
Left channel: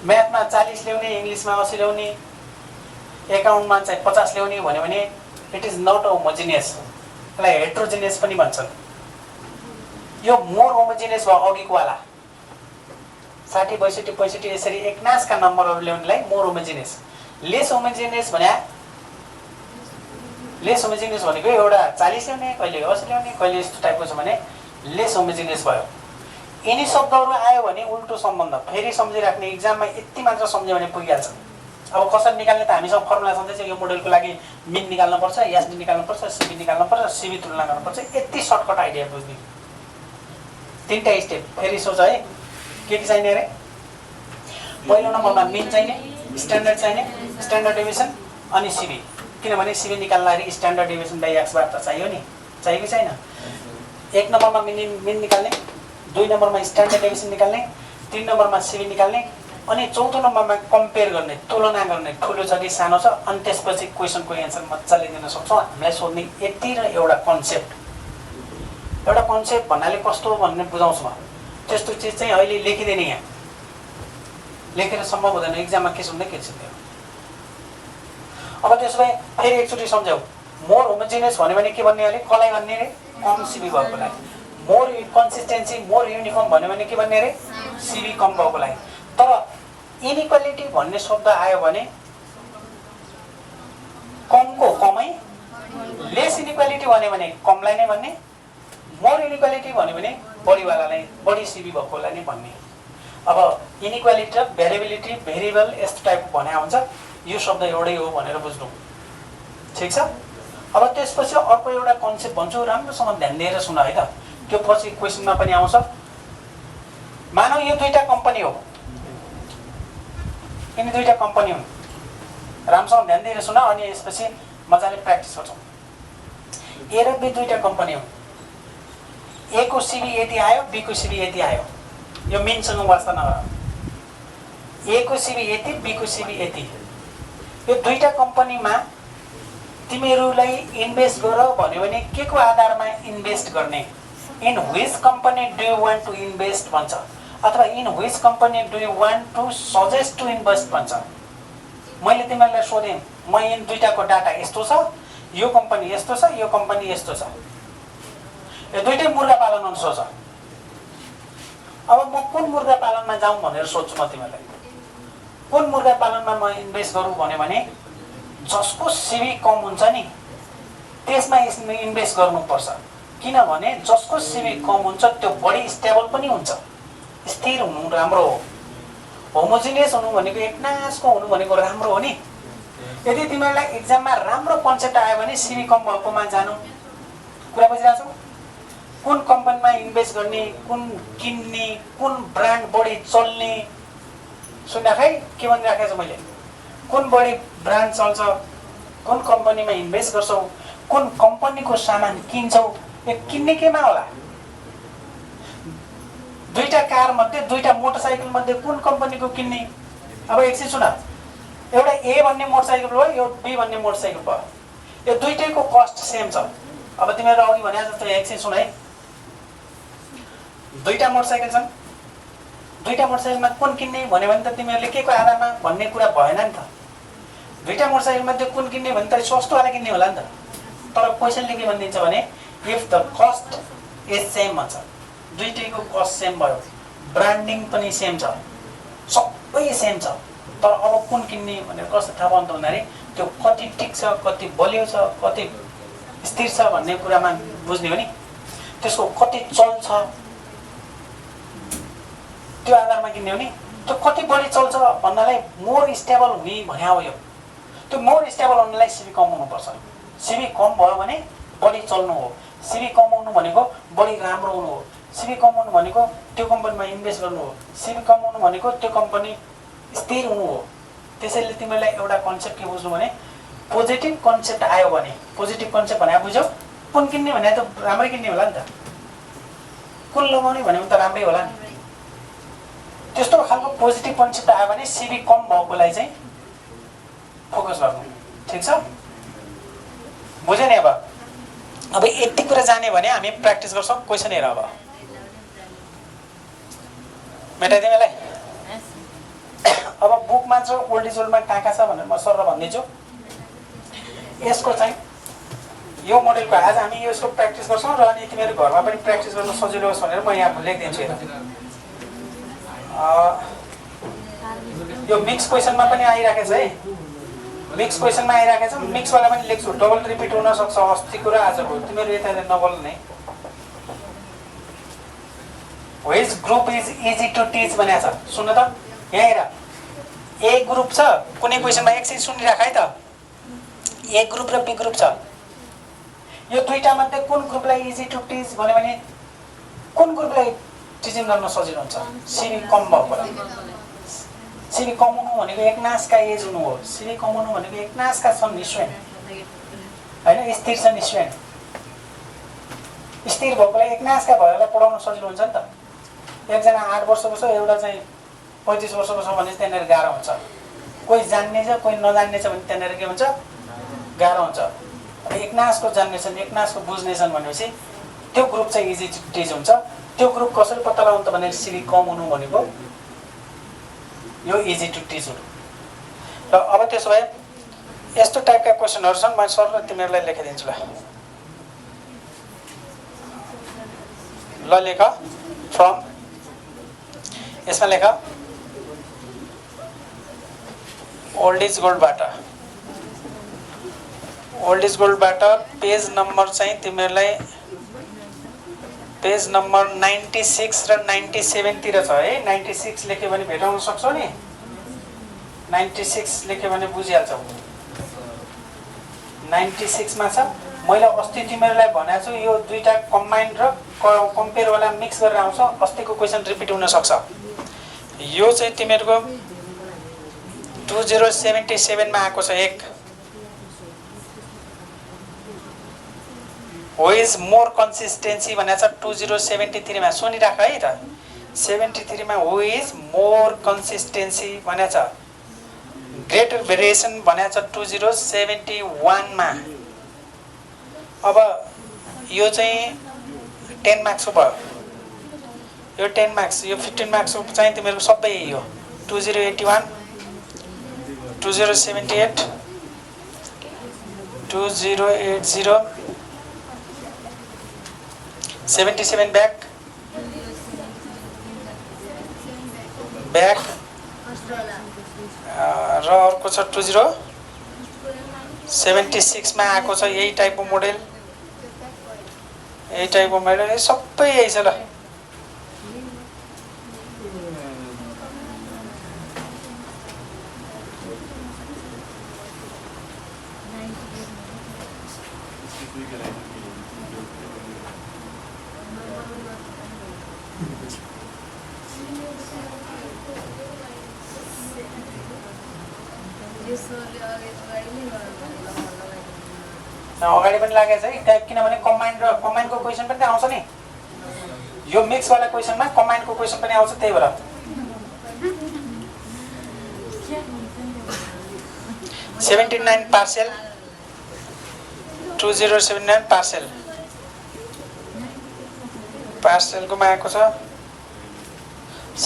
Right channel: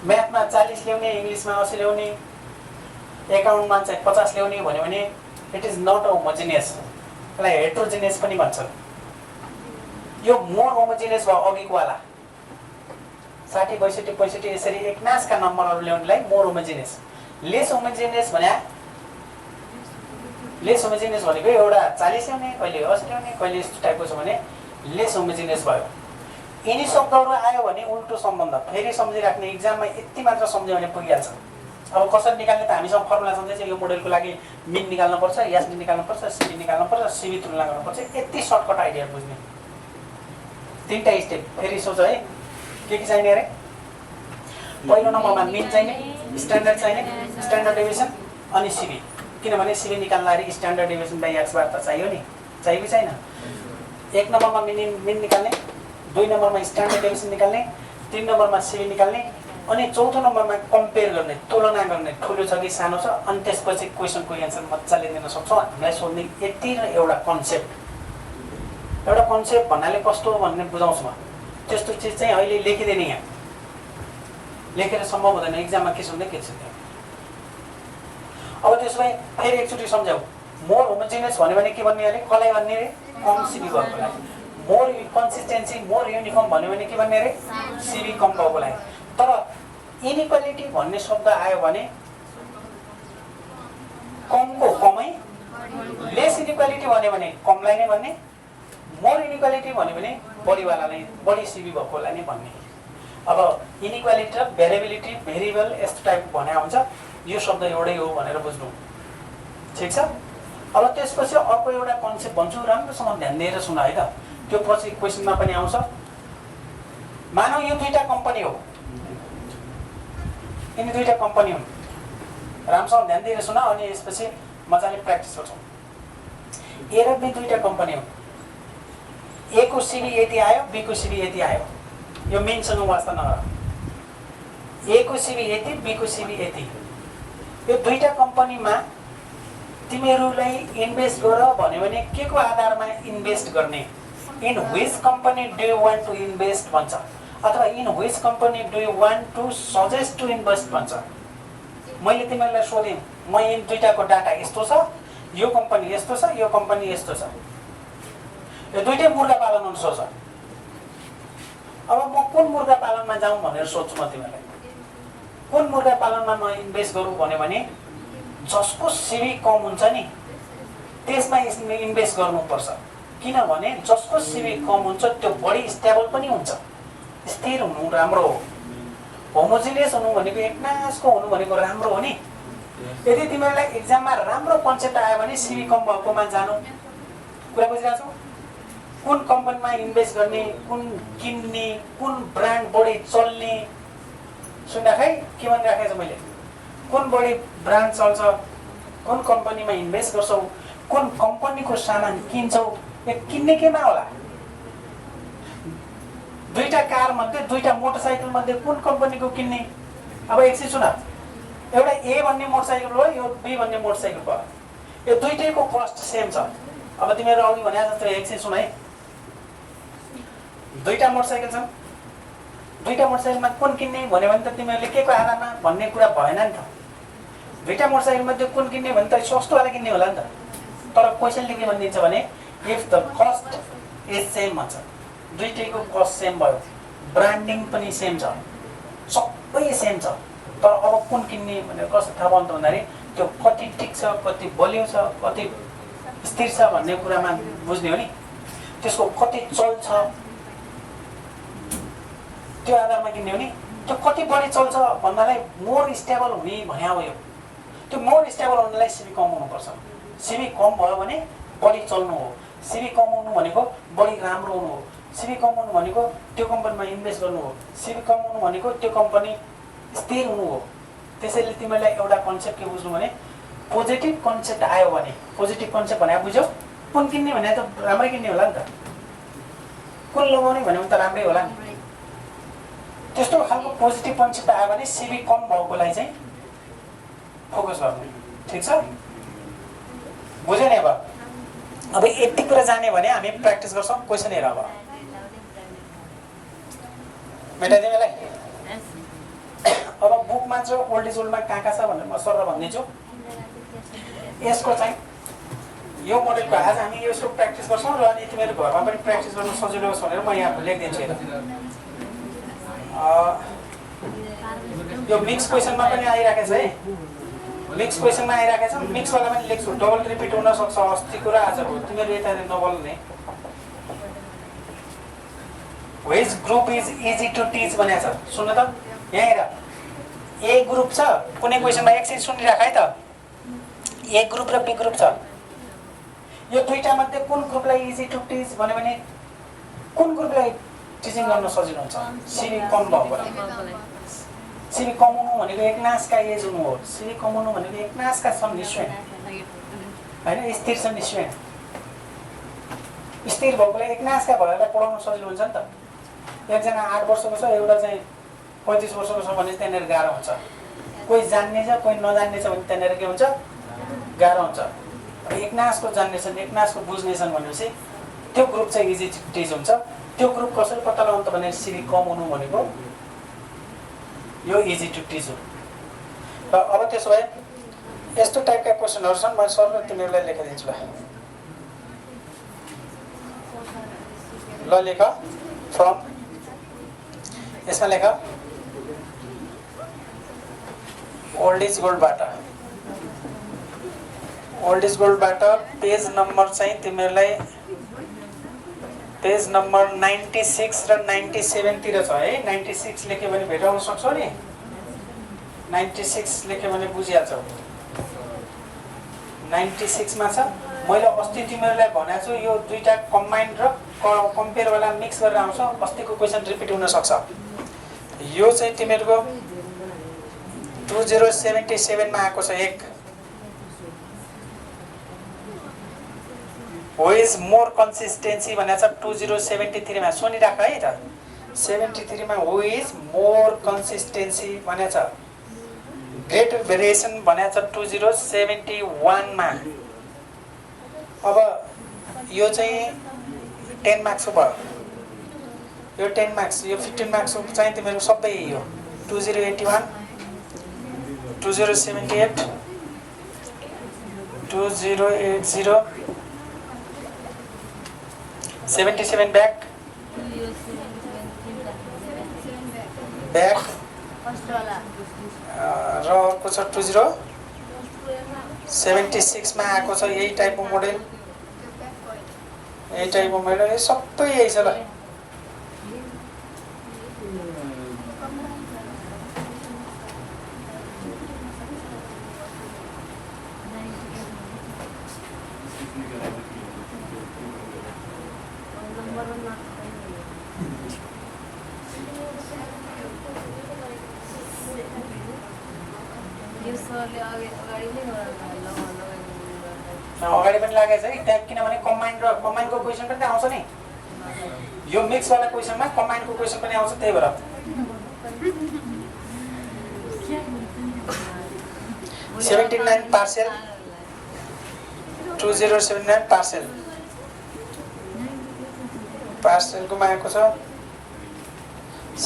म्याथमा 40 ल्याउने, इङ्ग्लिसमा 80 ल्याउने, एकाउन्टमा चाहिँ 50 ल्याउने भन्यो भने इट इज नट होमोजिनियस। यसलाई हेट्रोजिनियस पनि भन्छन्। यो मोर होमोजिनियस भयो अघिकोवाला। 60, 62, 65 यसरी एकनासका नम्बरहरू ल्याउनेलाई मोर होमोजिनियस। लेस होमोजिनियस भने, लेस होमोजिनियस भनेको एउटा 40 ल्याउने, कहिले 80 ल्याउने, कहिले यस्तो टाइपको छ भने लेस होमोजिनियस भयो। यिनी शब्दहरू आयो भने उल्टो सम्बन्ध फेरि सम्झिराख्ने। इक्जाममा यति मात्र सम्झ्यो भने पुगिहाल्छ। अब कसरी निकाल्ने त हामीसँग फर्मुला छँदैछ। यो मोडेलको लागि मिन निकाल्नुपर्छ, एसडी निकाल्नुपर्छ, सिबी निकाल्नुपर्छ, सिबी तुलना गर्नुपर्छ। यति सर्टकट आइडिया बुझ्ने 3टा स्टेप। फेरि सोच है के चाहिने अरे। पहिलो नम्बरमा मिन चाहिने, स्ट्यान्डर्ड चाहिने, स्ट्यान्डर्ड डेभिएसन अनि सिबी। किनभने सिबी निकाल्दाखेरि स्ट्यान्डर्ड डेभिएसन बाई एक्स बार त चाहियो नि, चाहियो कि छैन। 1 नम्बरमा मिन निकाल्ने, 2 नम्बरमा स्ट्यान्डर्ड डेभिएसन निकाल्ने, 3 नम्बरमा सिबी निकाल्ने अनि 4थो नम्बरमा कम्पेयर गर्ने, तुलना गर्ने, ठुलो छ कि सानो छ। अनि त्यसपछि क्वेसनको एन्सर मजाले दिन सक्छौँ। हामीलाई सोध्ने यति र एउटा कन्सेप्ट। एउटा कन्सेप्ट भन्नाले कस्तो भन्ने बुझाउँछु म। त्यस्तो चिज चाहिँ अहिले लेखिदिने, यहाँ लेखेर सम्भव हुँदैन। एक्जाममा के सोध्ने के छ त्यो। अब त्यसो भए फेरि एकचोटि सम्झाऊ। मोर होमोजिनियस भन्यो भने के भन्ने अरे, कसलाई भन्ने अरे, कम सिबी भएको लागि। मोर कन्सिस्टेन्सी, मोर युनिफर्म भन्यो भने के भन्ने अरे, सिबी कम भएको लागि। तर इनइक्वालिटी भन्ने शब्द आयो भने कमको कमै, लेस इनइक्वालिटी भन्यो भने कमलाई नै भन्ने, मोर इनइक्वालिटी भन्यो भने बढीवालालाई, बढी सिबी भएकोलाई नै भन्ने। अब इनइक्वालिटी र भेरिएबिलिटी, भेरिएबल यस्तो टाइपको भने हुन्छ। यो शब्द एउटै हो भनेर बुझ्नु, ठिक छ। अब त्यसपछि अर्को एउटा कन्सेप्ट भन्छु, राम्रोसँग ध्यान दिएर सुन है त। त्यो पछि क्वेसनमा पनि आउँछ। मानौ यो 2टा कम्पनी हो, यिनी 2टा कम्पनी हुन्। राम्रोसँग ध्यान दिएर सुन, अनि यसपछि मजाले प्र्याक्टिस गर्छौँ। ए र बी 2टा कम्पनी हुन्। ए को सिबी यति आयो, बी को सिबी यति आयो। यो मिनसँग वास्ता नगर। ए को सिबी यति, बी को सिबी यति। यो 2टा कम्पनीमा तिमीहरूलाई इन्भेस्ट गर भन्यो भने के को आधारमा इन्भेस्ट गर्ने, in which company do you want to invest भन्छ, अथवा in which company do you want to suggest to invest भन्छ। मैले तिमीहरूलाई सोधेँ, म यिन 2टाको डाटा यस्तो छ, यो कम्पनी यस्तो छ, यो कम्पनी यस्तो छ। यो 2टै मुर्गा पालन हुन्छ सोच। अब म कुन मुर्गा पालनमा जाउँ भनेर सोध्छु म तिमीहरूलाई। कुन मुर्गा पालनमा म इन्भेस्ट गरौँ भन्यो भने जसको सिबी कम हुन्छ नि त्यसमा इन्भेस्ट गर्नुपर्छ। किनभने जसको सिबी कम हुन्छ त्यो बढी स्टेबल पनि हुन्छ, स्थिर हुनु राम्रो हो। होमोजिनियस हुनु भनेको एकनासको हुनु भनेको राम्रो हो नि। यदि तिमीहरूलाई एक्जाममा राम्रो कन्सेप्ट आयो भने सिबी कम भएकोमा जानु। कुरा बुझिरहेको छौ? कुन कम्पनीमा इन्भेस्ट गर्ने, कुन किन्ने, कुन ब्रान्ड बढी चल्ने, सुन्दा खै के भनिराखेको छु मैले। कुन बढी ब्रान्ड चल्छ, कुन कम्पनीमा इन्भेस्ट गर्छौ, कुन कम्पनीको सामान किन्छौ, यो किन्ने केमा होला। 2टा कार मध्ये, 2टा मोटरसाइकल मध्ये कुन कम्पनीको किन्ने। अब एकछिन सुन, एउटा ए भन्ने मोटरसाइकल भयो, यो बी भन्ने मोटरसाइकल भयो। यो 2टैको कस्ट सेम छ। अब तिमीहरू अघि भने जस्तो एकछिन सुन है, 2टा मोटरसाइकल छन्, 2टा मोटरसाइकलमा कुन किन्ने भन्यो भने त तिमीहरूले के को आधारमा भन्ने कुरा भएन नि त। 2टा मोटरसाइकल मध्ये कुन किन्ने भने त सस्तोवाला किन्ने होला नि त। तर क्वेसनले के भनिदिन्छ भने if the cost is same भन्छ। 2टैको कस्ट सेम भयो, ब्रान्डिङ पनि सेम छ, सबै सेम छ, तर अब कुन किन्ने भनेर कस्तो थाहा पाउनु त भन्दाखेरि त्यो कति टिक छ, कति बलियो छ, कति स्थिर छ भन्ने कुरामा बुझ्ने हो नि। त्यसको कति चल्छ त्यो आधारमा किन्ने हो नि। त्यो कति बढी चल्छ भन्नालाई मोर स्टेबल हुने भन्या हो। यो त्यो मोर स्टेबल हुनलाई सिबी कम हुनुपर्छ। सिबी कम भयो भने बढी चल्नु हो। सिबी कम हुनु भनेको बढी राम्रो हुनु हो। सिबी कम हुनु भनेको त्यो कम्पनीमा इन्भेस्ट गर्नु हो। सिबी कम हुनु भनेको त्यो कम्पनी स्थिर हुनु हो। त्यसैले तिमीलाई एउटा कन्सेप्ट के बुझ्नु भने पोजिटिभ कन्सेप्ट आयो भने, पोजिटिभ कन्सेप्ट भने बुझ्यौ, कुन किन्ने भने त राम्रै किन्ने होला नि त, कुन लगाउने भने त राम्रै होला नि। त्यस्तो खालको पोजिटिभ कन्सेप्ट आयो भने सिबी कम भएकोलाई चाहिँ फोकस गर्नु। ठिक छ, बुझ्यो नि। अब यति कुरा जाने भने हामी प्र्याक्टिस गर्छौँ। क्वेसन हेर, अब मेटाइदिउँ यसलाई। अब बुकमा छ ओल्ड इज ओल्डमा कहाँ कहाँ छ भनेर म सर भनिदिन्छु। यसको चाहिँ यो मोडेलको आज हामी यसको प्र्याक्टिस गर्छौँ र अनि तिमीहरू घरमा पनि प्र्याक्टिस गर्न सजिलो होस् भनेर म यहाँ लेखिदिन्छु। यो मिक्स क्वेसनमा पनि आइराखेको छ है, मिक्स क्वेसनमा आइराखेको छ। मिक्सवाला पनि लेख्छु, डबल रिपिट हुन सक्छ अस्तिको र आजको। तिमीहरू यता नबोल्ने। Which group is easy to teach भनेको छ, सुन्नु त। यहाँ हेर, ए ग्रुप छ कुनै क्वेसनमा एकछिन सुनिराख है त। ए ग्रुप र बी ग्रुप छ। यो दुईटा मध्ये कुन ग्रुपलाई इजी टु टिच भन्यो भने कुन ग्रुपलाई टिचिङ गर्न सजिलो हुन्छ? सिबी कम भएकोलाई। सिबी कम हुनु भनेको एकनासका एज हुनु हो। सिबी कम हुनु भनेको एकनासका छन् स्टुडेन्ट हैन, स्थिर छन् स्टुडेन्ट। स्थिर भएकोलाई एकनासका भएकोलाई पढाउन सजिलो हुन्छ नि त। एकजना 8 वर्षको छ, एउटा चाहिँ 35 वर्षको छ भने त्यहाँनिर गाह्रो हुन्छ। कोही जान्ने छ कोही नजान्ने छ भने त्यहाँनिर के हुन्छ? गाह्रो हुन्छ। एकनासको जान्ने छन् एकनासको बुझ्ने छन् भनेपछि त्यो ग्रुप चाहिँ इजी टु टिच हुन्छ। त्यो ग्रुप कसरी पत्ता लगाउनु त भने सिबी कम हुनु भनेको यो इजी टु टिच हो। र अब त्यसो भए यस्तो टाइपका क्वेसनहरू छन्, म सर तिमीहरूलाई लेखिदिन्छु। ल लेख फ्रम, यसमा लेख ओल्ड इज गोल्डबाट। ओल्ड इज गोल्डबाट पेज नम्बर चाहिँ तिमीहरूलाई पेज नम्बर 96 र 97 तिर छ है। 96 लेख्यो भने भेटाउन सक्छौ नि। 96 लेख्यो भने बुझिहाल्छौ। 96 मा छ। मैले अस्ति तिमीहरूलाई भनेको छु यो दुईटा कम्बाइन्ड र कम्पेयर वाला मिक्स गरेर आउँछ। अस्तिको क्वेसन रिपिट हुन सक्छ। यो चाहिँ तिमीहरूको 2077 मा आएको छ। एक हो इज मोर कन्सिस्टेन्सी भनेको छ 2073 मा। सुनिराख है त। 73 मा हो इज मोर कन्सिस्टेन्सी भनेको छ। ग्रेटर भेरिएसन भनेको छ 2071 मा। अब यो चाहिँ 10 मार्क्सको भयो। यो 10 मार्क्स, यो 15 मार्क्सको चाहिँ तिमीहरूको सबै यो 2081 2078 2080 77 ब्याक र अर्को छ 2076 मा आएको छ। यही टाइपको मोडेल, यही टाइपको मोडेल सबै यही छ। ल अगाडि पनि लागेको छ है ट्याग, किनभने कम्बाइन्डको क्वेसन पनि आउँछ नि। यो मिक्स वाला क्वेसनमा कम्बाइन्डको क्वेसन पनि आउँछ। त्यही भएर 79 पार्सेल 2079 पार्सेल पार्सेलकोमा आएको छ।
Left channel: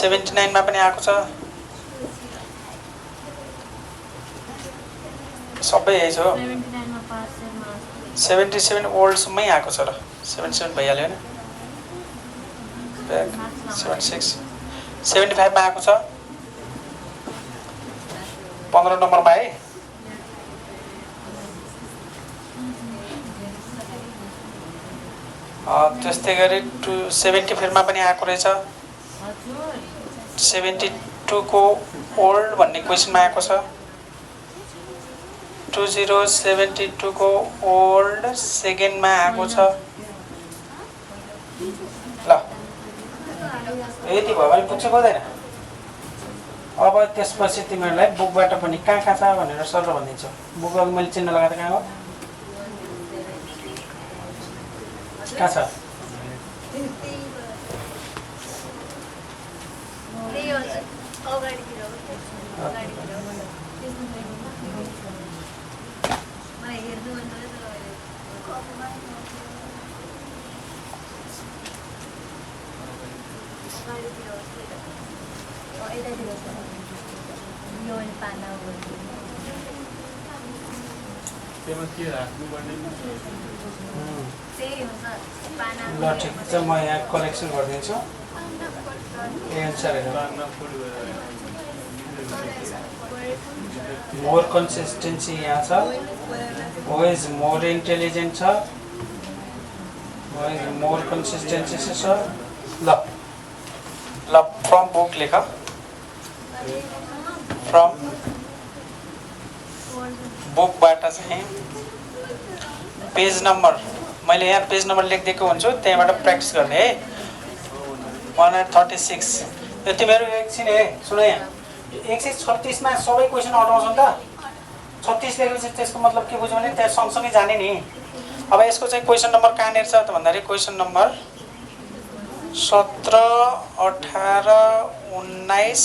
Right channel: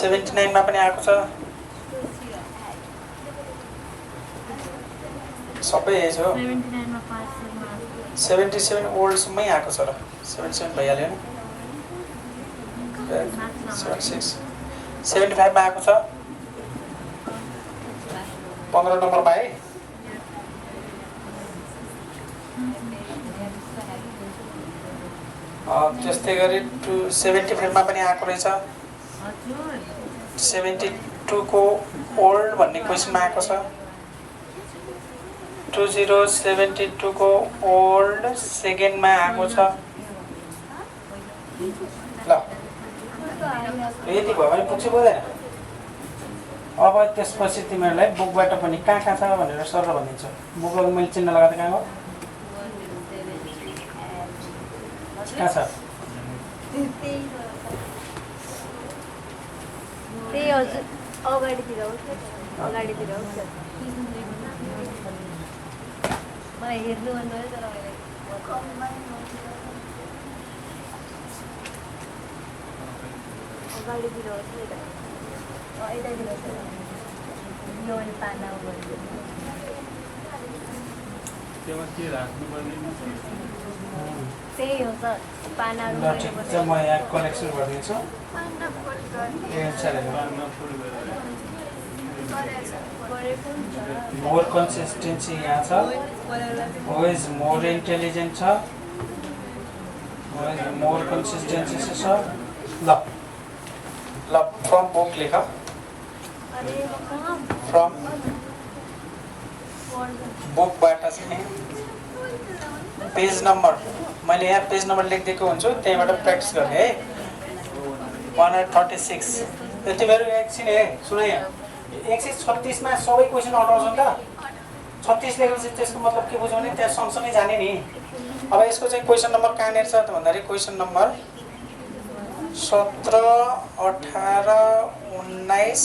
79 मा पनि आएको छ। सबै यही छ। 77 ओल्डसम्मै आएको छ। र 77 भइहाल्यो नि। 76 75 मा आएको छ। 15 नम्बरमा है। त्यस्तै गरी 75 मा पनि आएको रहेछ। 72 को ओल्ड भन्ने क्वेसनमा आएको छ। 2072 को ओल्ड सेकेन्डमा आएको छ। ल यति भयो भने पुग्छ बोल्दैन। अब त्यसपछि तिमीहरूलाई बुकबाट पनि कहाँ कहाँ छ भनेर सर भनिदिन्छु। बुकमा मैले चिन्ह लगाएर कहाँ हो कहाँ छ? ल ठिक छ, म यहाँ करेक्सन गरिदिन्छु। मोर कन्सिस्टेन्सी यहाँ छ। हो इज मोर इन्टेलिजेन्ट छ। हो इज मोर कन्सिस्टेन्सी छ। ल ल फ्रम बुक लेख। फ्रम बुकबाट चाहिँ पेज नम्बर मैले यहाँ पेज नम्बर लेखिदिएको हुन्छु त्यहीँबाट प्र्याक्टिस गर्ने है 136 तिमीहरू एकछिन है सुन यहाँ 136 मा सबै क्वेसन अटाउँछ नि त 36 लेखेपछि त्यसको मतलब के बुझ्यो भने त्यहाँ सँगसँगै जाने नि अब यसको चाहिँ क्वेसन नम्बर कहाँनिर छ त भन्दाखेरि क्वेसन नम्बर 17 18 19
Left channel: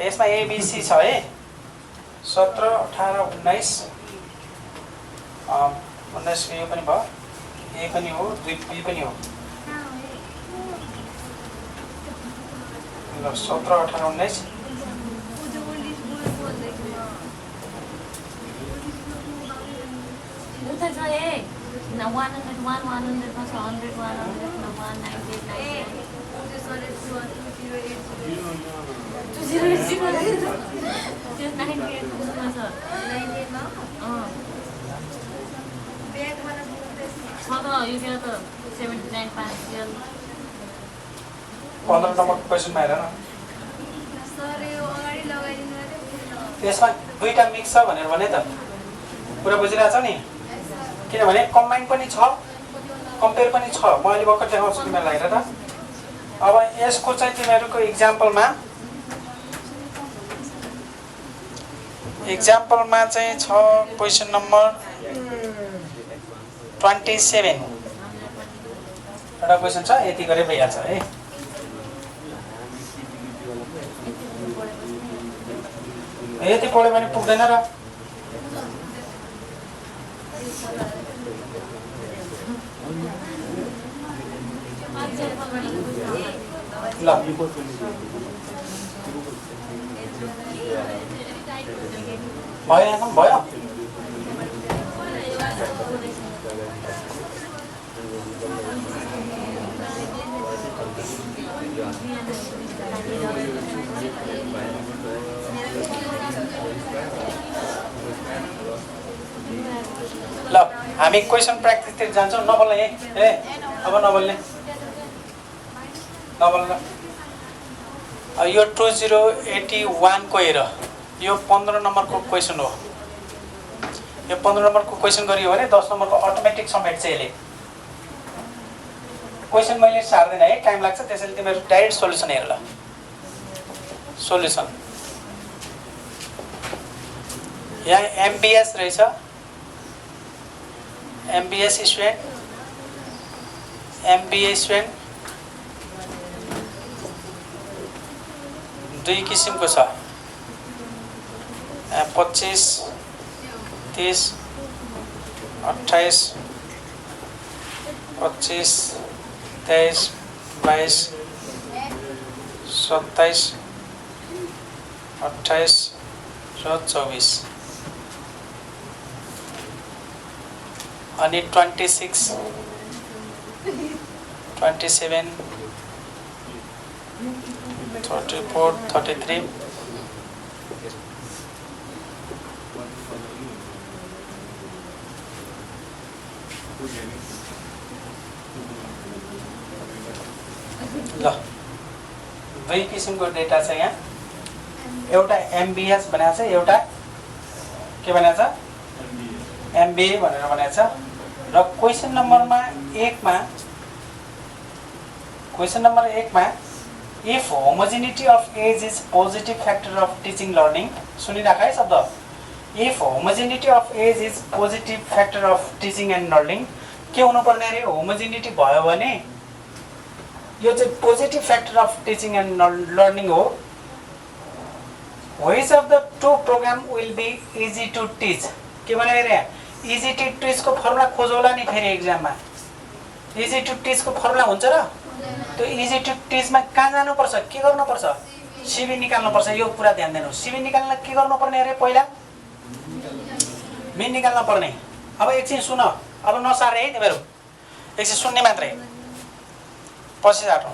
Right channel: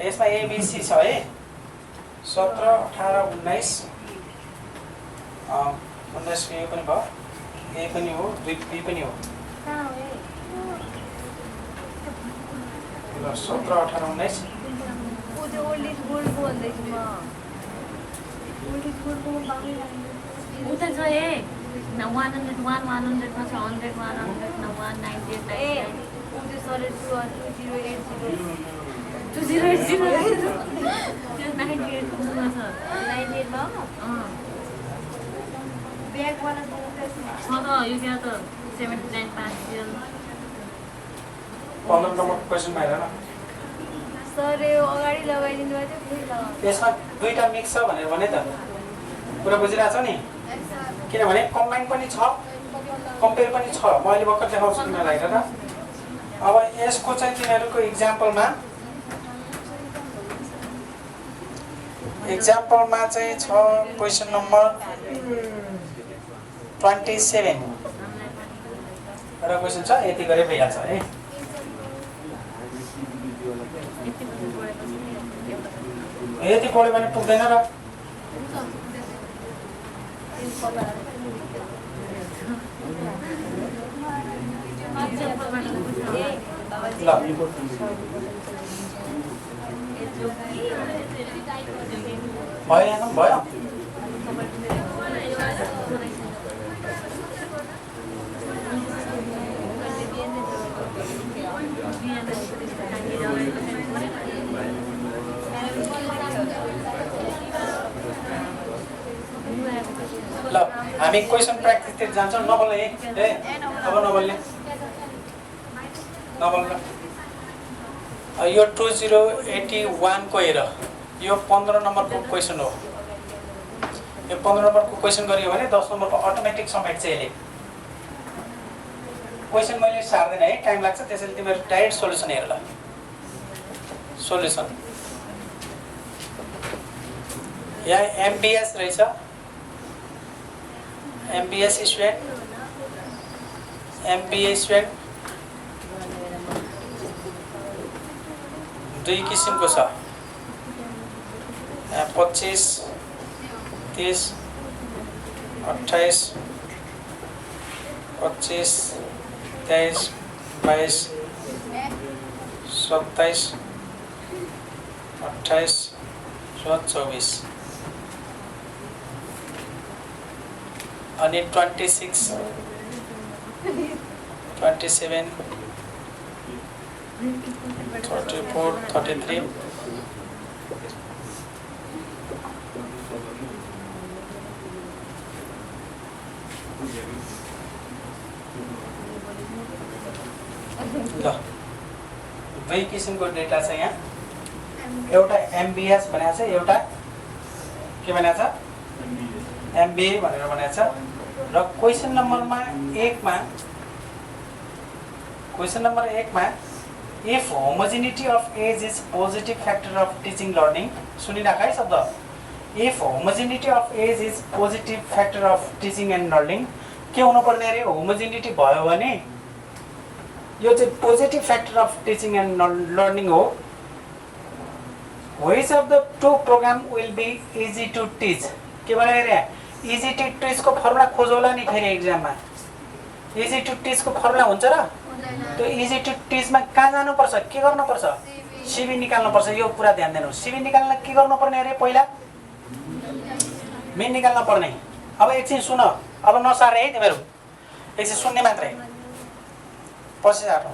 यसमा एबिसी छ है 17 18 19 19 यो पनि भयो ए पनि हो बी पनि हो ल 17 18 19 उता छ ए 101 100 मा छ 100 100 15 नम्बर क्वेसनमा हेर न यसमा दुईटा मिक्स छ भनेर भने त कुरा बुझिरहेछ नि किनभने कम्बाइन पनि छ कम्पेयर पनि छ म अहिले भर्खर देखाउँछु तिमीहरूलाई हेर त अब यसको चाहिँ तिमीहरूको इक्जाम्पलमा चाहिँ छ क्वेसन नम्बर 27 एउटा क्वेसन छ यति गरे भइहाल्छ है यति पढ्यो भने पुग्दैन र ल भयो भयो ल हामी क्वेसन प्र्याक्टिसतिर जान्छौँ नबोल्ने ए अब नबोल्ने यो 2081 को हेर यो 15 नम्बरको क्वेसन हो यो 15 नम्बरको क्वेसन गरियो भने 10 नम्बरको अटोमेटिक समेट चाहिँ यसले क्वेसन मैले सार्दैन है टाइम लाग्छ त्यसैले तिमीहरू डाइरेक्ट सोल्युसन हेर ल सोल्युसन यहाँ एमबीएस रहेछ एमबीएस स्टुडेन्ट एमबीए स्टुडेन्ट दुई किसिमको छ 25 30 28 25 23 22 27 28 र 24 अनि 26 27 34 33 ल दुई किसिमको डेटा छ यहाँ एउटा एमबीएस भनेको छ एउटा के भनेको छ एमबीए भनेर भनेको छ र क्वेसन नम्बरमा 1 मा if homogeneity of age is positive factor of teaching learning सुनिराख है शब्द if homogeneity of age is positive factor of teaching and learning के हुनु पर्ने रे होमोजेनिटी भयो भने यो चाहिँ positive factor of teaching and learning हो which of the two program will be easy to teach के भने रे इजी टु टिच को फर्मुला खोजौला नि फेरि एक्जाममा इजी टु टिच को फर्मुला हुन्छ र त्यो इजी टु टिचमा कहाँ जानुपर्छ के गर्नुपर्छ सिबी निकाल्नुपर्छ यो कुरा ध्यान दिनु सिबी निकाल्न के गर्नुपर्ने अरे पहिला मेन निकाल्न पर्ने अब एकछिन सुन अब नसारे है तिमीहरू एकछिन सुन्ने मात्रै पछि जाटो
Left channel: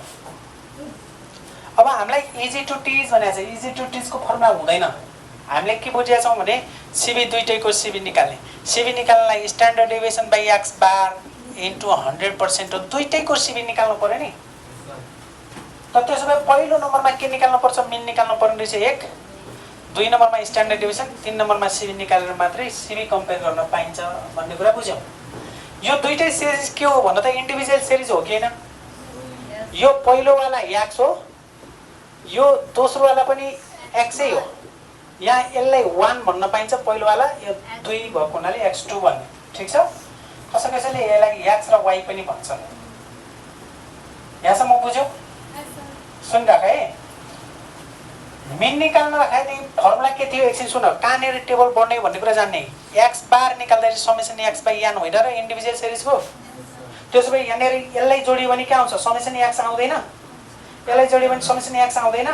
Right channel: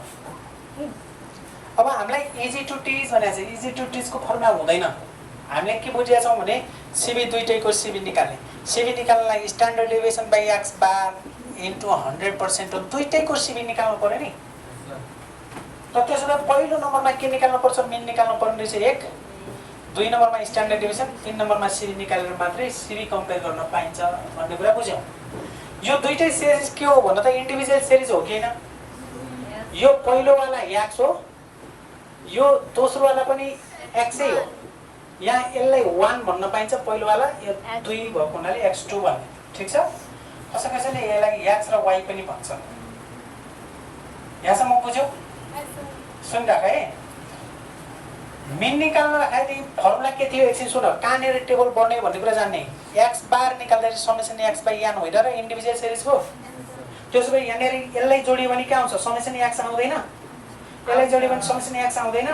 अब हामीलाई इजी टु टिच भनेको चाहिँ इजी टु टिचको फर्मुला हुँदैन हामीले के बुझेका छौँ भने सिबी दुईटैको सिबी निकाल्नलाई standard deviation by x bar into 100% हो दुईटैको सिबी निकाल्नु पर्यो नि त त्यसो भए पहिलो नम्बरमा के निकाल्नु पर्छ? मिन निकाल्नु पर्ने रहेछ 1, 2 नम्बरमा स्ट्यान्डर्ड डेभिएसन, 3 नम्बरमा सिबी निकालेर मात्रै सिबी कम्पेयर गर्न पाइन्छ भन्ने कुरा बुझ्यौ। यो दुईटै सिरिज के हो भन्दा त इन्डिभिजुअल सिरिज हो कि हैन? यो पहिलोवाला x हो, यो दोस्रोवाला पनि x हो। यहाँ यसलाई 1 भन्न पाइन्छ पहिलोवाला, यो 2 भएको हुनाले x2 भन्ने। ठीक छ? कसैले यसलाई x र y पनि भन्छ। यहाँसम्म बुझ्यौ? सुनिराख है। मिन निकाल्न राख्दाखेरि फर्मुला के थियो एकछिन सुन। कहाँनिर टेबल बढ्ने भन्ने कुरा जान्ने। x बार निकाल्दाखेरि समेसन x बाइ n होइन र इन्डिभिजुअल सिरिजको। त्यसो भए यहाँनिर यसलाई जोडियो भने के आउँछ? समेसन x आउँदैन। यसलाई जोडियो भने समेसन x आउँदैन।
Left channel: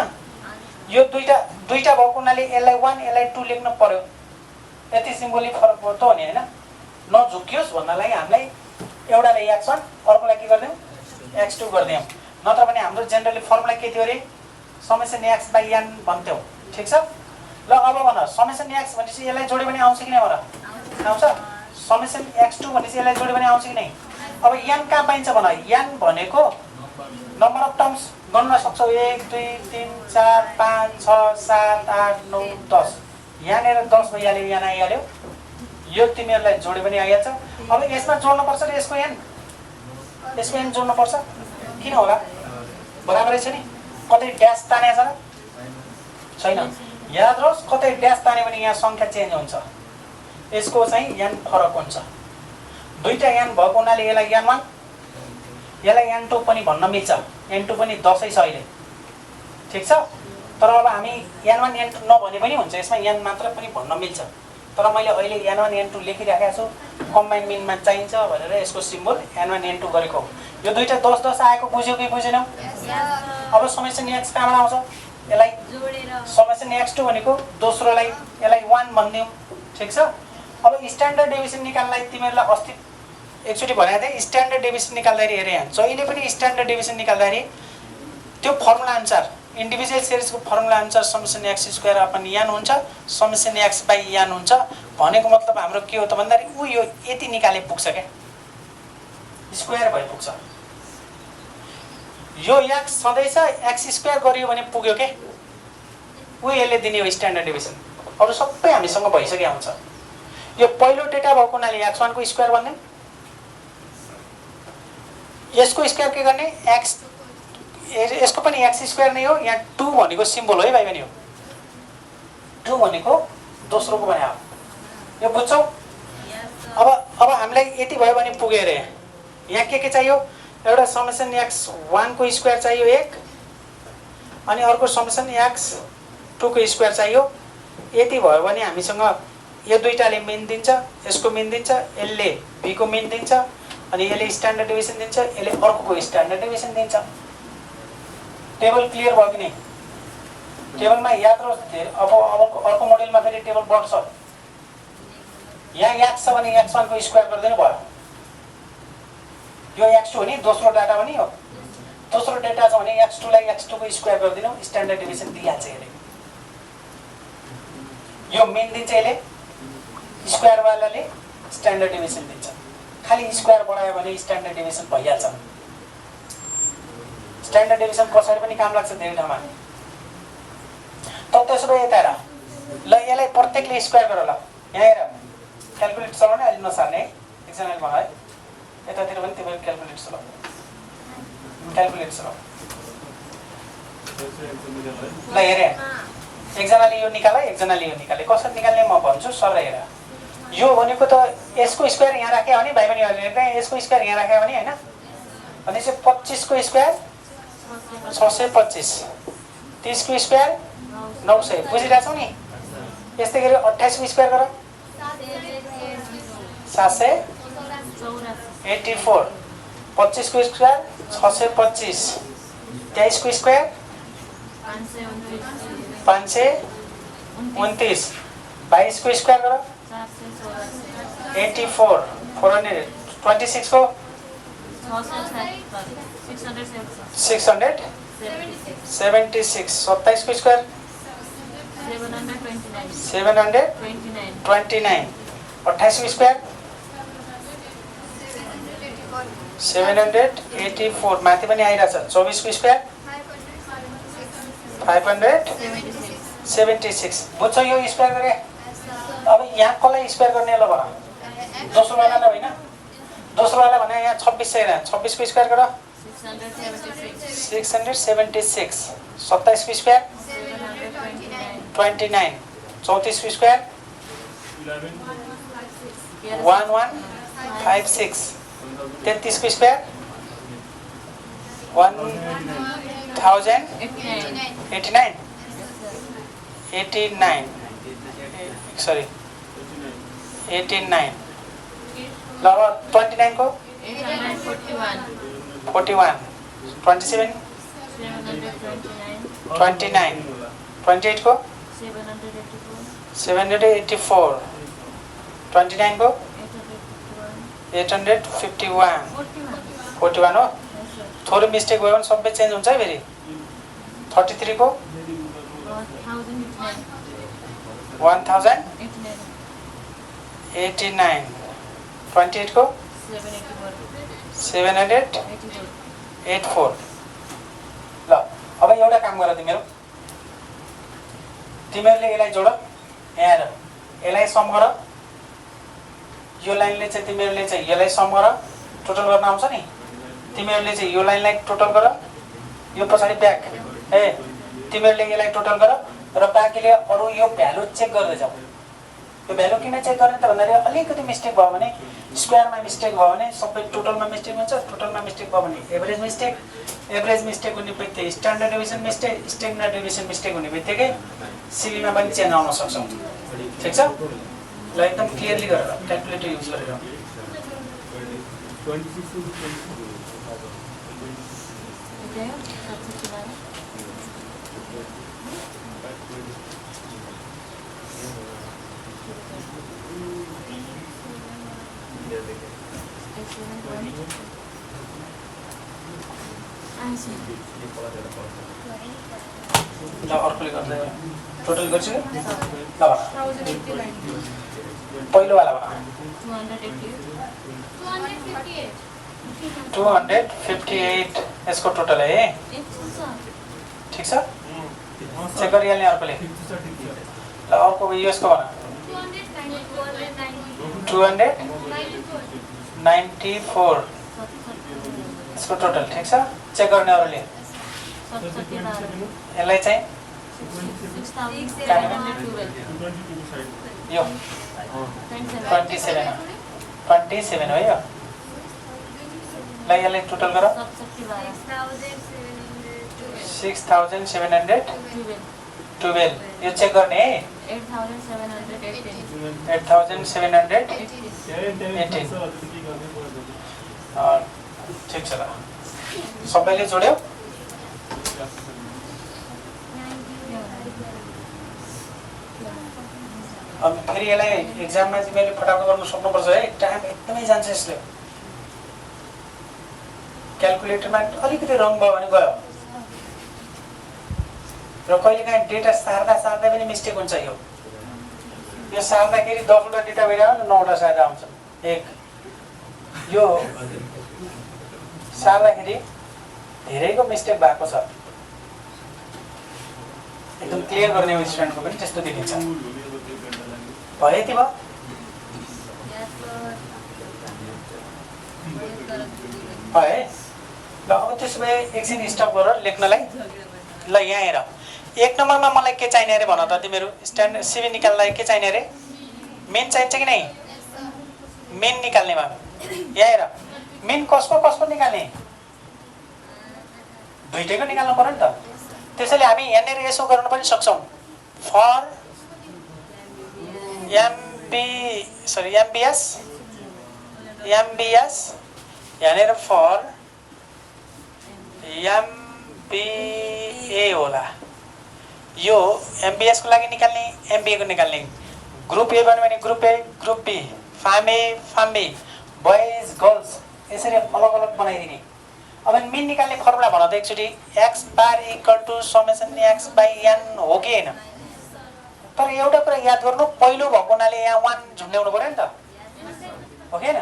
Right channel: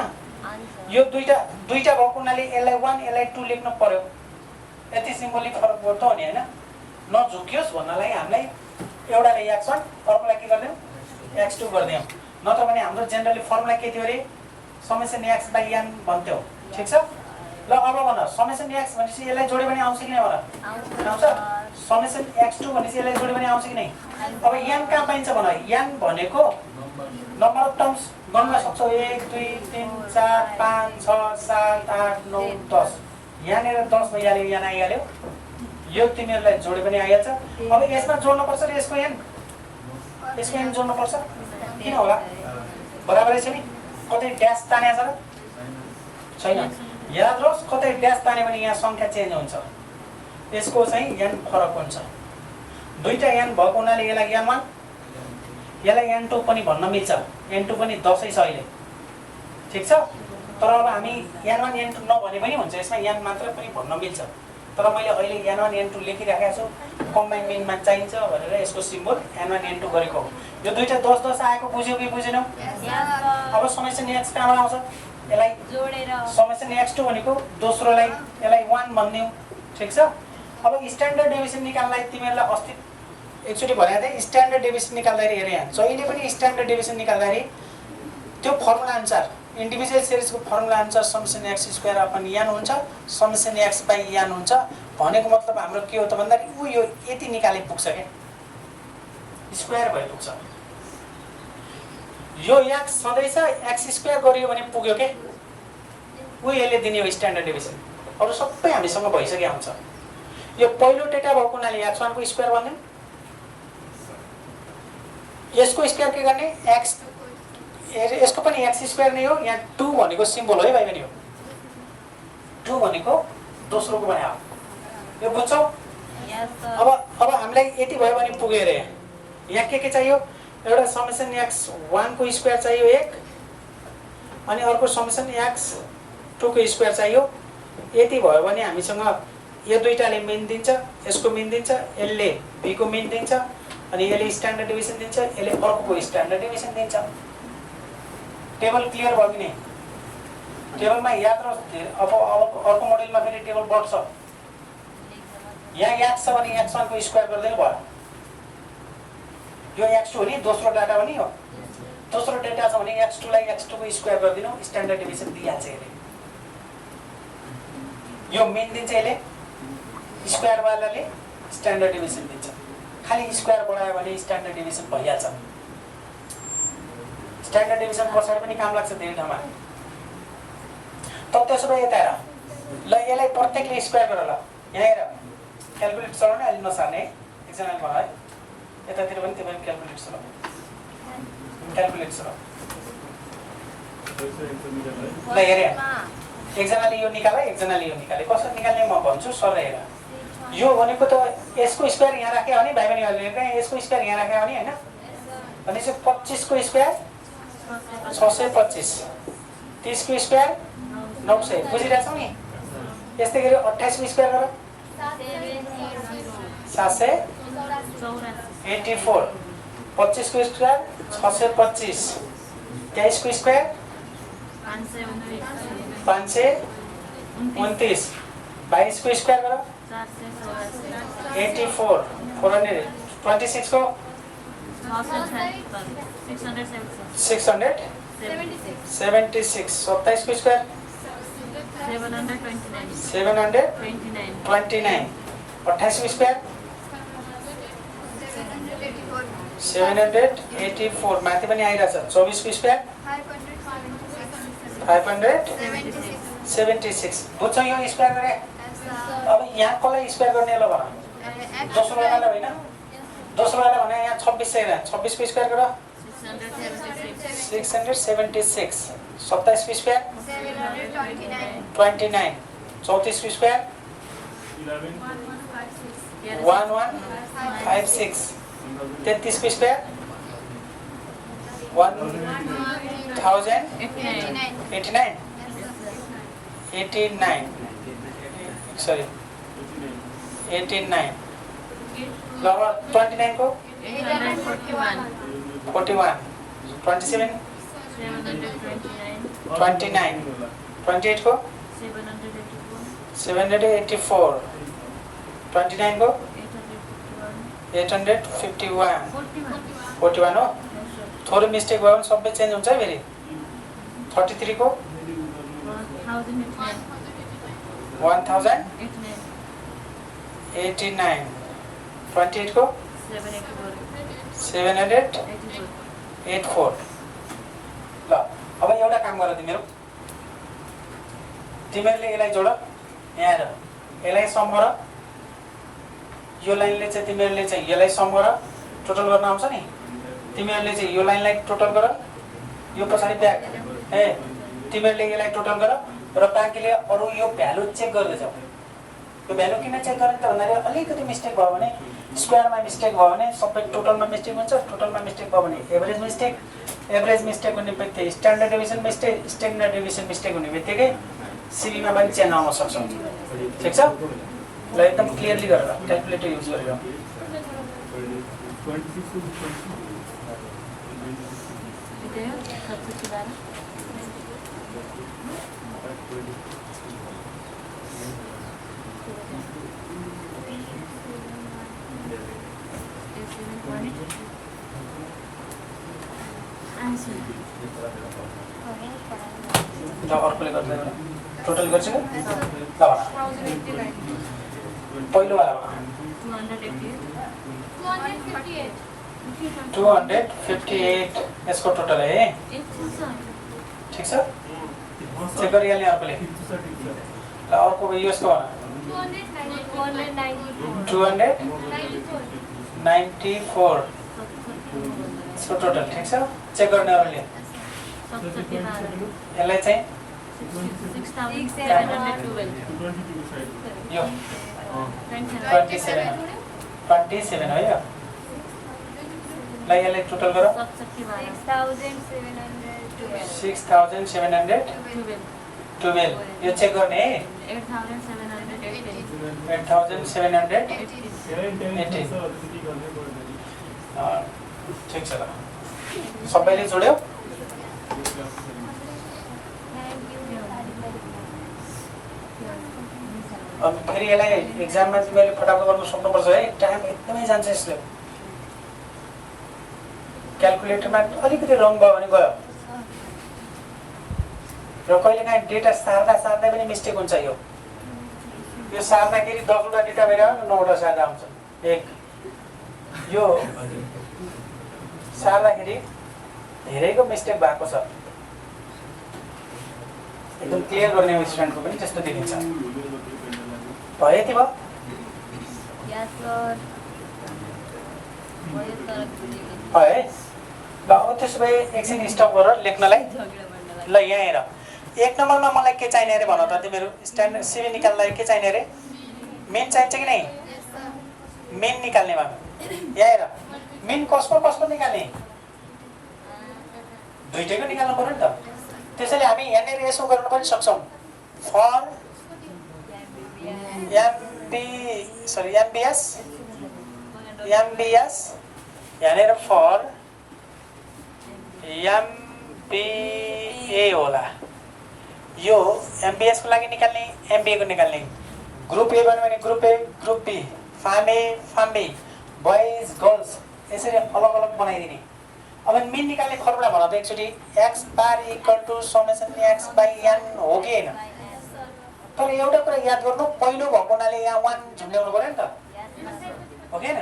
यो दुईटा भएको हुनाले यसलाई 1 यसलाई 2 लेख्न पर्यो। यति सिम्बोलिक फरक भयो त हो नि हैन? नझुकियोस् भन्नलाई हामीलाई एउटालाई x1 अर्कोलाई के गर्दियौ? x2 गर्दियौ। नत्र भने हाम्रो जेनरली फर्मुला के थियो अरे? समेसन x बाइ n भन्थ्यौ। ठीक छ? ल अब भन, समेसन x भनेपछि यसलाई जोड्यो भने आउँछ कि नै होला? आउँछ। समेसन x2 भनेपछि यसलाई जोड्यो भने आउँछ कि नै? अब n कहाँ पाइन्छ भन? n भनेको नम्बर अफ टर्म्स गन्न सक्छौ। 1 2 3 4 5 6 7 8 9 10। यहाँनिर 10 भइहाल्यो, यहाँ आइहाल्यो। यो तिमीहरूलाई जोड्यो भने आइहाल्छ। अब यसमा जोड्नु पर्छ र यसको n जोड्नु पर्छ। किन होला? बराबरै छ नि। कतै ड्यास तानेछ र छैन? याद रहोस्, कतै ड्यास तान्यो भने यहाँ संख्या चेन्ज हुन्छ। यसको चाहिँ n फरक हुन्छ। दुईटा n भएको हुनाले यसलाई n1 यसलाई n2 पनि भन्न मिल्छ। n2 पनि 10 छ अहिले। ठीक छ? तर अब हामी n1 n2 नभने पनि हुन्छ। यसमा n मात्र पनि भन्न मिल्छ। तर मैले अहिले n1 n2 लेखिराखेको छु। कम्बाइन मिनमा चाहिन्छ भनेर यसको सिम्बल n1 n2 गरेको हो। यो दुईटा 10 10 आएको बुझ्यो कि बुझेनौ? अब समेसन x कहाँबाट आउँछ? यसलाई जोडेर समेसन x2 भनेको दोस्रोलाई यसलाई 1 भन्दियौ। ठीक छ? अब स्ट्यान्डर्ड डेभिएसन निकाल्नलाई तिमीहरूलाई अस्ति एकचोटि भनेको थिएँ। स्ट्यान्डर्ड डेभिएसन निकाल्दाखेरि हेरे यहाँ जहिले पनि स्ट्यान्डर्ड डेभिएसन निकाल्दाखेरि त्यो फर्मुला अनुसार इन्डिभिजुअल सिरिजको फर्मुला अनुसार summation x square upon n हुन्छ, समेसन x बाइ n हुन्छ। भनेको मतलब हाम्रो के हो त भन्दाखेरि उ यो यति निकाले पुग्छ के? स्क्वायर भइ पुग्छ। यो x सधैँ छ, x स्क्वायर गरियो भने पुग्यो के? उ यसले दिने हो स्ट्यान्डर्ड डेभिएसन। अरु सबै हामीसँग भइसक्यो हुन्छ। यो पहिलो डेटा भएको हुनाले x1 को स्क्वायर भन्दियौ। यसको स्क्वायर के गर्ने? x यसको पनि x स्क्वायर नै हो। यहाँ 2 भनेको सिम्बल हो है भाइ बहिनी। 2 भनेको दोस्रोको भने हो। यो बुझ्छौ? अब हामीलाई यति भयो भने पुग्यो रे। यहाँ के चाहियो? एउटा समेसन x1 को स्क्वायर चाहियो 1, अनि अर्को समेसन x2 को स्क्वायर चाहियो। यति भयो भने हामीसँग यो दुईटाले मिन दिन्छ, यसको मिन दिन्छ, यसले b को मिन दिन्छ, अनि यसले स्ट्यान्डर्ड डेभिएसन दिन्छ, यसले अर्कोको स्ट्यान्डर्ड डेभिएसन दिन्छ। टेबल क्लियर भयो कि नै? टेबलमा याद रहोस्। अब अर्को मोड्युलमा फेरि टेबल बढ्छ। यहाँ x छ भने x1 को स्क्वायर गर्दिनु भयो। यो x2 हो नि, दोस्रो डाटा पनि हो। दोस्रो डेटा छ भने x2 लाई x2 को स्क्वायर गर्दिनु, स्ट्यान्डर्ड डेभिएसन दिइहाल्छ यसले। यो मिन दिन्छ यसले, स्क्वायर वालाले स्ट्यान्डर्ड डेभिएसन दिन्छ। खाली स्क्वायर बढायो भने स्ट्यान्डर्ड डेभिएसन भइहाल्छ। स्ट्यान्डर्ड डेभिएसन पछाडि पनि काम लाग्छ धेरै ठाउँमा। त त्यसो भए यता हेर। ल यसलाई प्रत्येकले स्क्वायर गर। ल यहाँ हेर, क्याल्कुलेट चलाउने अहिले नसार्ने है। एकजनाले भयो है, यतातिर पनि त्यो क्याल्कुलेट चलाऊ। क्याल्कुलेट चलाऊ। ल हेरे, एकजनाले यो निकाल, एकजनाले यो निकाले। कसरी निकाल्ने म भन्छु, सर हेर। यो भनेको त यसको स्क्वायर यहाँ राखे भने भाइ बहिनीहरुले यसको स्क्वायर यहाँ राखे भने हैन, भनेपछि 25 को स्क्वायर 625, 30 को स्क्वायर 900। बुझिरहेछौ नि? यस्तै गरी 28 को स्क्वायर गर 784, 25 को स्क्वायर 625, 23 को स्क्वायर 529, 22 को स्क्वायर गर 84, 400, 26 को 676, 27 को स्क्वायर 729, 28 को स्क्वायर 784, माथि पनि आइरहेछ। 24 को स्क्वायर 576 बुझ्छौ यो स्क्वायर गरे अब यहाँ कसलाई स्क्वायर गर्ने ल भन दोस्रो वालालाई होइन दोस्रो वाला भने यहाँ 26 छैन 26 को स्क्वायर गर 676 27 को स्क्वायर 29 34 को स्क्वायर 1156 33 को स्क्वायर 1089 सरी 89 ल 29 को 41 27 29 28 को 784 29 को 851 41 हो थोरै मिस्टेक भयो भने सबै चेन्ज हुन्छ है फेरि 33 को 1089 28 को 784 ल अब एउटा काम गर तिमीहरूले यसलाई जोड यहाँ हेर यसलाई सम गर यो लाइनले चाहिँ तिमीहरूले चाहिँ यसलाई सम गर टोटल गर्न आउँछ नि तिमीहरूले चाहिँ यो लाइनलाई टोटल गर यो पछाडि ब्याक ए तिमीहरूले यसलाई टोटल गर र बाँकीले अरू यो भ्यालु चेक गर्दै जाऊ यो भ्यालु किन चेक गर्ने त भन्दाखेरि अलिकति मिस्टेक भयो भने स्क्वायरमा मिस्टेक भयो भने सबै टोटलमा मिस्टेक हुन्छ टोटलमा मिस्टेक भयो भने एभरेज मिस्टेक हुने बित्तिकै स्ट्यान्डर्ड डेभिएसन मिस्टेक हुने बित्तिकै सिबीमा पनि चेन्ज आउन सक्छ ठिक छ ल एकदम क्लियरली गरेर क्याल्कुलेटर युज गरेर ल अर्कोले गर्दै गरौँ टोटल गर्छु ल भन पहिलो वाला भन 258 यसको टोटल है ठिक छ चेक गरिहाल्ने अर्कोले ल अर्को यसको भन 294 यसको टोटल ठिक छ चेक गर्ने अरूले यसलाई चाहिँ यो 27 हो यो ल यसलाई टोटल गर 6712 यो चेक गर्ने है 8718 ठिक छ ल सबैले जोड्यो अब फेरि यसलाई एक्जाममा तिमीले फटाफट गर्न सक्नुपर्छ है टाइम एकदमै जान्छ यसले क्याल्कुलेटरमा अलिकति रङ भयो भने गयो र कहिलेकाहीँ डेटा सार्दा पनि मिस्टेक हुन्छ यो सार्दाखेरि 10 वटा डेटा भइरह्यो 9 वटा सार्दा आउँछ एक यो सार्दाखेरि धेरैको मिस्टेक भएको छ एकदम क्लियर गर्ने स्टुडेन्टको पनि त्यस्तो देखिन्छ भयो यति भयो है ल अब त्यसो भए एकछिन स्टप गरेर लेख्नलाई ल यहाँ हेर एक नम्बरमा मलाई के चाहिने अरे भन त तिमीहरू स्ट्यान्डर्ड सिबी निकाल्नलाई के चाहिने अरे मेन चाहिन्छ कि नै मेन निकाल्ने भए यहाँ हेर मेन कसको निकाल्ने दुईटैको निकाल्नु पर्यो नि त त्यसैले हामी यहाँनिर यसो गर्न पनि सक्छौँ फर एमबीएस यहाँनिर फर एमबीए होला यो एमबीएस को लागि निकाल्ने एमबीए को निकाल्ने ग्रुप ए भन्यो भने group A group B farm A farm B boys girls यसरी अलग अलग बनाइदिने अब मेन निकाल्ने फर्मुला भन त एकचोटि x bar equal to summation x by n हो कि हैन तर एउटा कुरा याद गर्नु पहिलो भएको हुनाले यहाँ 1 झुन्ड्याउनु पर्यो नि त हो कि हैन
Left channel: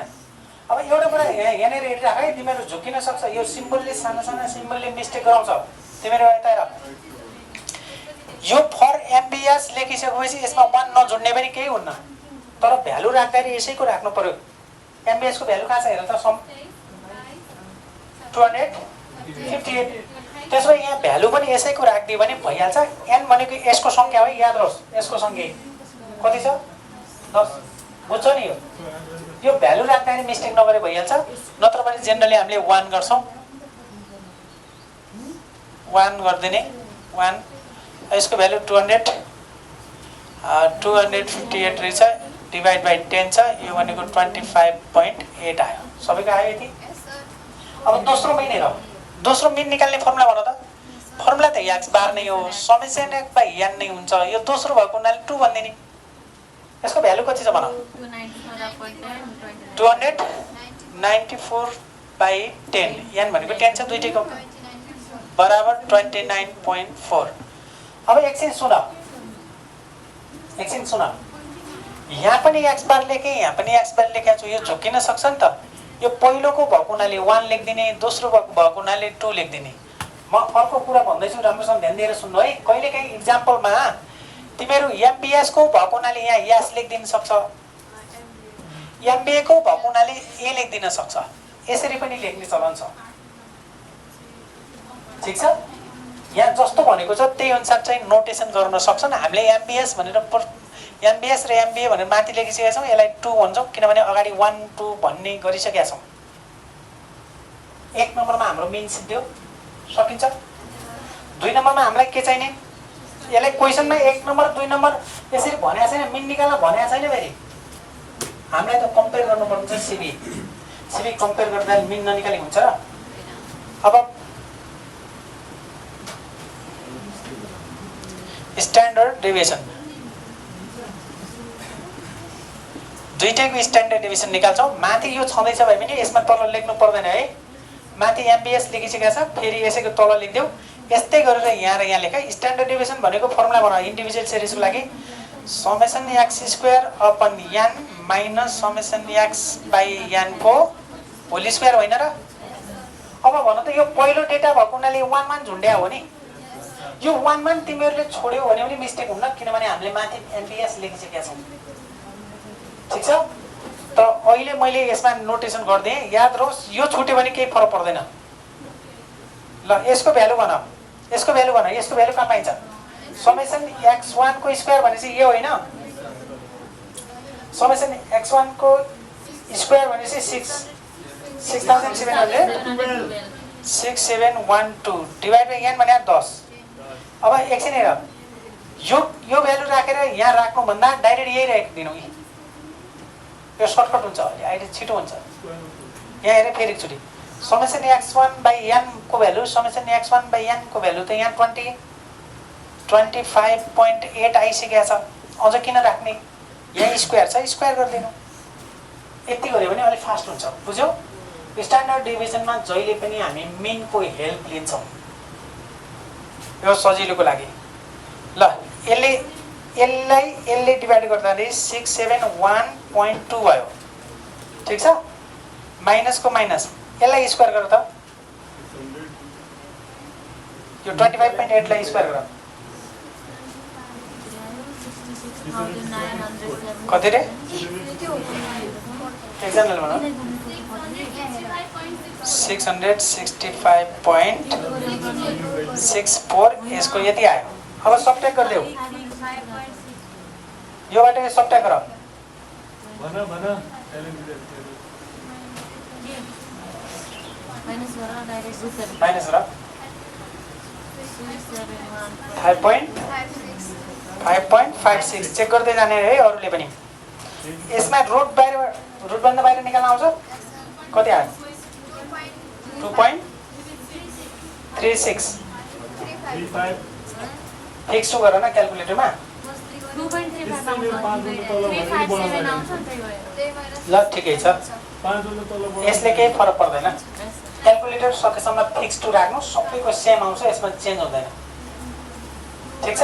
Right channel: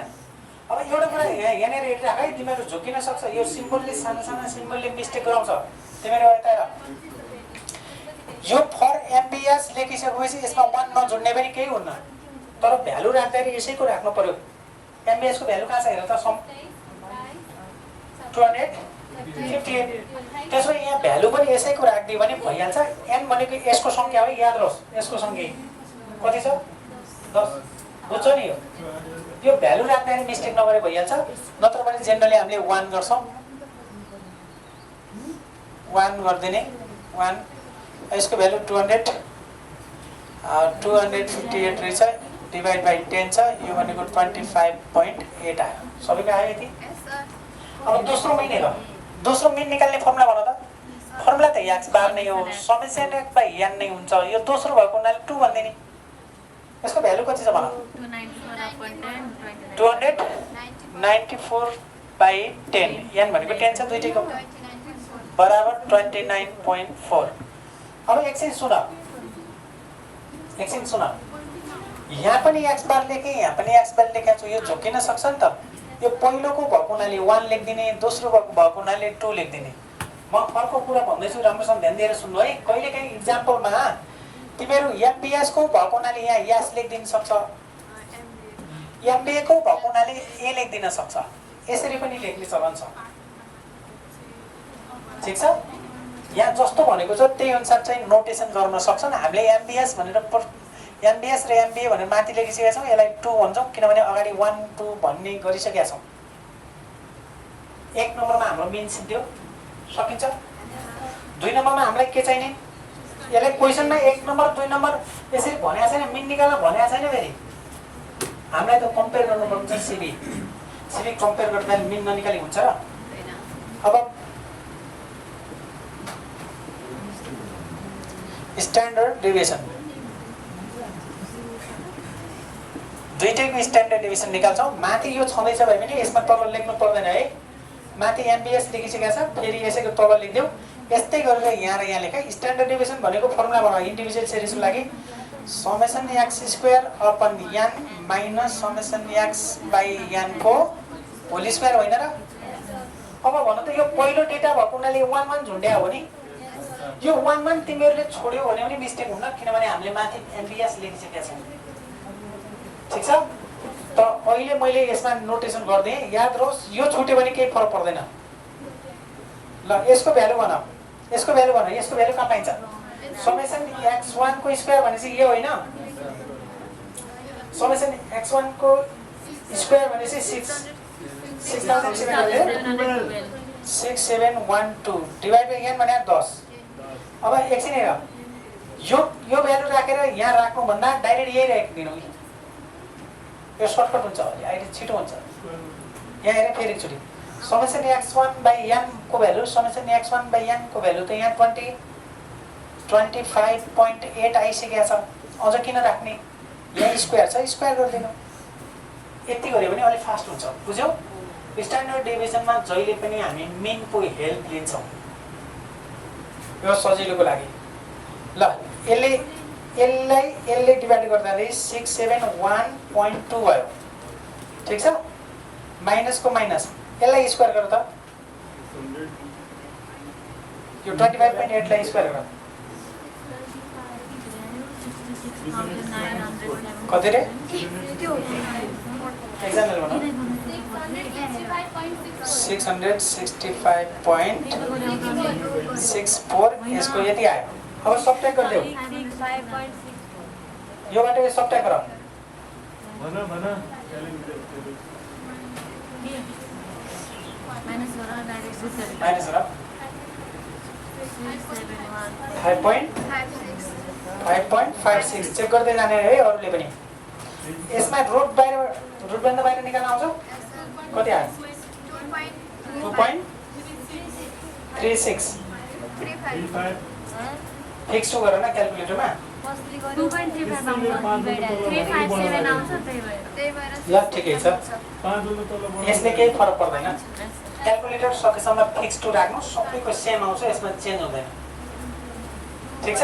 अब एउटा कुरा यहाँनिर हेरिराख है तिमीहरू झुकिन सक्छ यो सिम्बलले साना साना सिम्बलले मिस्टेक गराउँछ तिमीहरू यता हेर यो फर एमबिएस लेखिसकेपछि यसमा 1 नजुड्ने पनि केही हुन्न, तर भ्यालु राख्दाखेरि यसैको राख्नु पर्यो। एमबिएस को भ्यालु कहाँ छ हेर त, सम 258। त्यसो यहाँ भ्यालु पनि यसैको राखिदियो भने भइहाल्छ। एन भनेको यसको संख्या हो, याद रहोस् यसको संख्या कति छ 10, बुझ्छ नि। यो भ्यालु राख्दाखेरि मिस्टेक नगरे भइहाल्छ, नत्र भने जेनरली हामीले 1 गर्छौँ, 1 गरिदिने 1। यसको भ्यालु 258 रहेछ, डिभाइड बाई 10 छ, यो भनेको 25.8 आयो। सबैको आयो यति। अब दोस्रो मिन हेर, दोस्रो मिन निकाल्ने फर्मुला भन त। फर्मुला त एक्स बार नै हो, समेसन एक्स बाई एन नै हुन्छ। यो दोस्रो भएको हुनाले 2 भनिदिने। यसको भ्यालु कति छ भन, 294/10। एन भनेको 10 छ, दुईटैको बराबर 29.4। अब एकछिन सुन, एकछिन सुन। यहाँ पनि एक्स बार लेखेँ, यहाँ पनि एक्स बार लेखेको छु, यो झुक्किन सक्छ नि त। यो पहिलोको भएको हुनाले 1 लेखिदिने, दोस्रो भएको हुनाले 2 लेखिदिने। म अर्को कुरा भन्दैछु, राम्रोसँग ध्यान दिएर सुन्नु है। कहिलेकाहीँ इक्जाम्पलमा तिमीहरू एमबिएस को भएको हुनाले यहाँ एस लेखिदिन सक्छ, एमबिए को भएको हुनाले ए लेखिदिन सक्छ, यसरी पनि लेख्ने चलन छ। ठिक छ, यहाँ जस्तो भनेको छ त्यही अनुसार चाहिँ नोटेसन गर्न सक्छन्। हामीले एमबिएस भनेर एमबिएस र एमबिए भनेर माथि लेखिसकेका छौँ, यसलाई 2 भन्छौँ किनभने अगाडि 1 2 भन्ने गरिसकेका छौँ। 1 नम्बरमा हाम्रो मिन सिद्धियो, सकिन्छ। 2 नम्बरमा हामीलाई के चाहिने, यसलाई क्वेसनमा 1 नम्बर 2 नम्बर यसरी भनेको छैन, मिन निकाल्न भनेको छैन। फेरि हामीलाई त कम्पेयर गर्नुपर्ने छ, सिबी कम्पेयर गर्दा मिन ननिकाली हुन्छ र। अब स्ट्यान्डर्ड डेभिएसन, दुईटैको स्ट्यान्डर्ड डेभिएसन निकाल्छौँ। माथि यो छँदैछ भने पनि यसमा तल लेख्नु पर्दैन है। माथि एमबिएस लेखिसकेका छ, फेरि यसैको तल लेखिदेऊ। यस्तै गरेर यहाँ र यहाँ लेख। स्ट्यान्डर्ड डेभिएसन भनेको फर्मुला बना, इन्डिभिजुअल सिरिजको लागि summation x square upon n minus summation x by n को होल स्क्वायर होइन र। अब भन त, यो पहिलो डेटा भएको हुनाले 1 1 झुन्ड्या हो नि। यो 1 1 तिमीहरूले छोड्यौ भने पनि मिस्टेक हुन्न, किनभने हामीले माथि एमबिएस लेखिसकेका छौँ। ठिक छ, त अहिले मैले यसमा नोटेसन गरिदिएँ, याद रहोस्। यो छुट्यो भने केही फरक पर्दैन। ल यसको भ्यालु भन, यसको भ्यालु भन, यसको भ्यालु कहाँ पाइन्छ। समेसन x1 को स्क्वायर भनेपछि यो होइन, समेसन x1 को स्क्वायर भनेपछि 6712 डिभाइड बाई एन भने 10। अब एकछिन हेर, यो भ्यालु राखेर यहाँ राख्नुभन्दा डाइरेक्ट यही राखिदिनु, यो सर्टकट हुन्छ, अहिले अहिले छिटो हुन्छ। यहाँ हेर फेरि एकचोटि, समेसन x1 बाई एन को value, summation x1 by n को भ्यालु त यहाँ 25.8 आइसकेको छ। अझ किन राख्ने, यहाँ स्क्वायर छ, स्क्वायर गरिदिनु। यति गऱ्यो भने अलिक फास्ट हुन्छ, बुझ्यौ। स्ट्यान्डर्ड डेभिएसनमा जहिले पनि हामी मिनको हेल्प लिन्छौँ, यो सजिलोको लागि। ल यसले डिभाइड गर्दाखेरि 671.2 भयो। ठिक छ, माइनसको माइनस, यसलाई स्क्वायर गर त। यो 25.8 लाई स्क्वायर गर, कति रे एकजनाले भन। 665.64 यसको यति आयो। अब सबट्र्याक्ट गरिदेऊ, योबाट सबट्र्याक्ट गर। माइनस गर 5.56 चेक गर्दै जाने है अरूले पनि। यसमा रुटभन्दा बाहिर निकाल्न आउँछ, कति आयो 2.36 फिक्स टु गर न क्याल्कुलेटरमा। ल ठिकै छ, यसले केही फरक पर्दैन। क्याल्कुलेटर सकेसम्म फिक्स टु राख्नु, सबैको सेम आउँछ, यसमा चेन्ज हुँदैन। ठिक छ,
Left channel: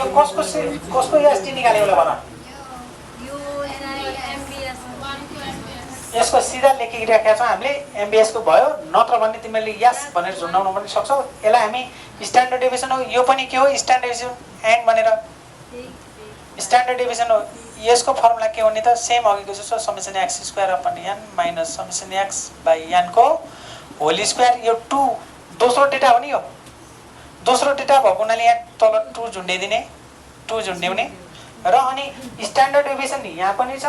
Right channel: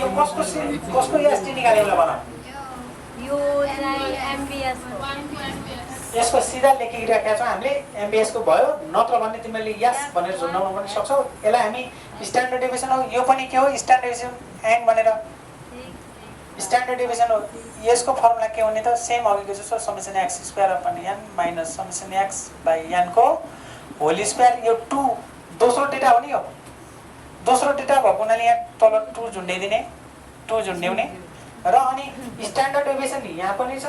यो कसको एसटी निकाल्यो होला भन। यसको सिधा लेखिराखेका छौँ हामीले एमबिएसको भयो नत्र भने तिमीले यस भनेर झुन्डाउन पनि सक्छौ। यसलाई हामी स्ट्यान्डर्ड डेभिएसन हो, यो पनि के हो स्ट्यान्डर्ड डेभिएसन एन्ड भनेर स्ट्यान्डर्ड डेभिएसन हो। यसको फर्मुला के हो नि त सेम अघिको जस्तो summation x square upon n minus summation x by एनको होल स्क्वायर। यो 2 दोस्रो डेटा हो नि, यो दोस्रो डेटा भएको हुनाले यहाँ तल 2 झुन्ड्याइदिने 2 झुन्ड्याउने र अनि स्ट्यान्डर्ड डेभिएसन यहाँ पनि छ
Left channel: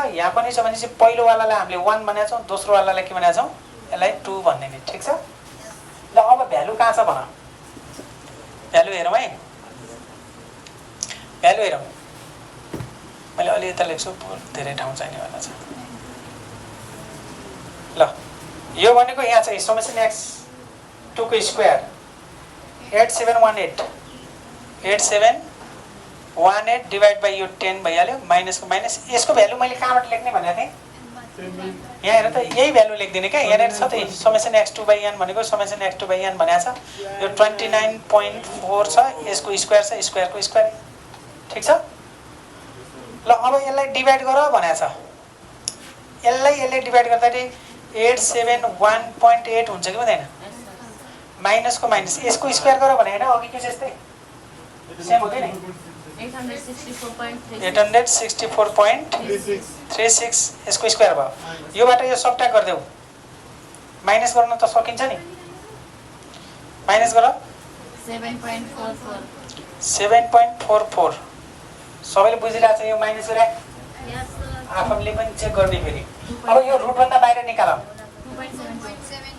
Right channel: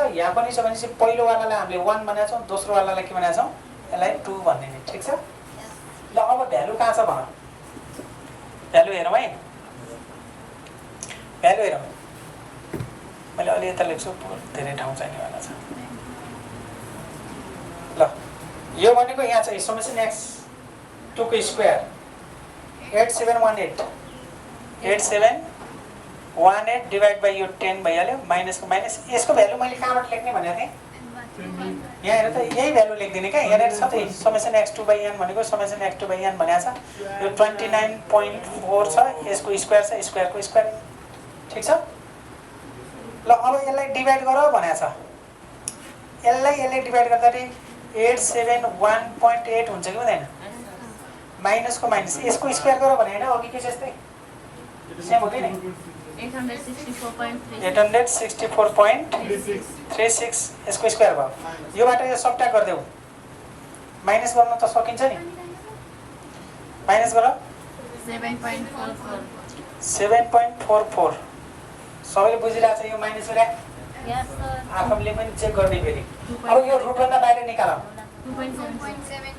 भने चाहिँ पहिलोवालालाई हामीले 1 भनेका छौँ, दोस्रोवालालाई के भनेका छौँ यसलाई 2 भन्ने नि। ठिक छ ल। अब भ्यालु कहाँ छ भन, भ्यालु हेरौँ है, भ्यालु हेरौँ। मैले अलि यता लेख्छु धेरै ठाउँ चाहिने वाला छ। ल यो भनेको यहाँ छ समेसन एक्स 2 को स्क्वायर 8718 डिभाइड बाई यो 10 भइहाल्यो माइनसको माइनस। यसको भ्यालु मैले कहाँबाट लेख्ने भनेको थिएँ यहाँ हेर त यही भ्यालु लेखिदिने क्या। यहाँनिर छ त समेसन एक्स 2 बाई एन भनेको समेसन एक्स 2 बाई एन भनेको छ। यो 29.4 छ, यसको स्क्वायर छ, स्क्वायरको स्क्वायर। ठिक छ ल। अब यसलाई डिभाइड गर भनेको छ, यसले डिभाइड गर्दाखेरि 871.8 हुन्छ कि हुँदैन, माइनसको माइनस यसको स्क्वायर गर भने होइन अघि के जस्तै सेम हो कि नि 864.36 यसको स्क्वायर भयो। योबाट यो सबट्र्याक्ट गरिदेऊ, माइनस गर्न त सकिन्छ नि, माइनस गर 7.44। सबैले बुझिरहेको छ यो माइनस गरे आफूले पनि चेक गर्ने फेरि। अब यो रुटभन्दा बाहिर निकालौँ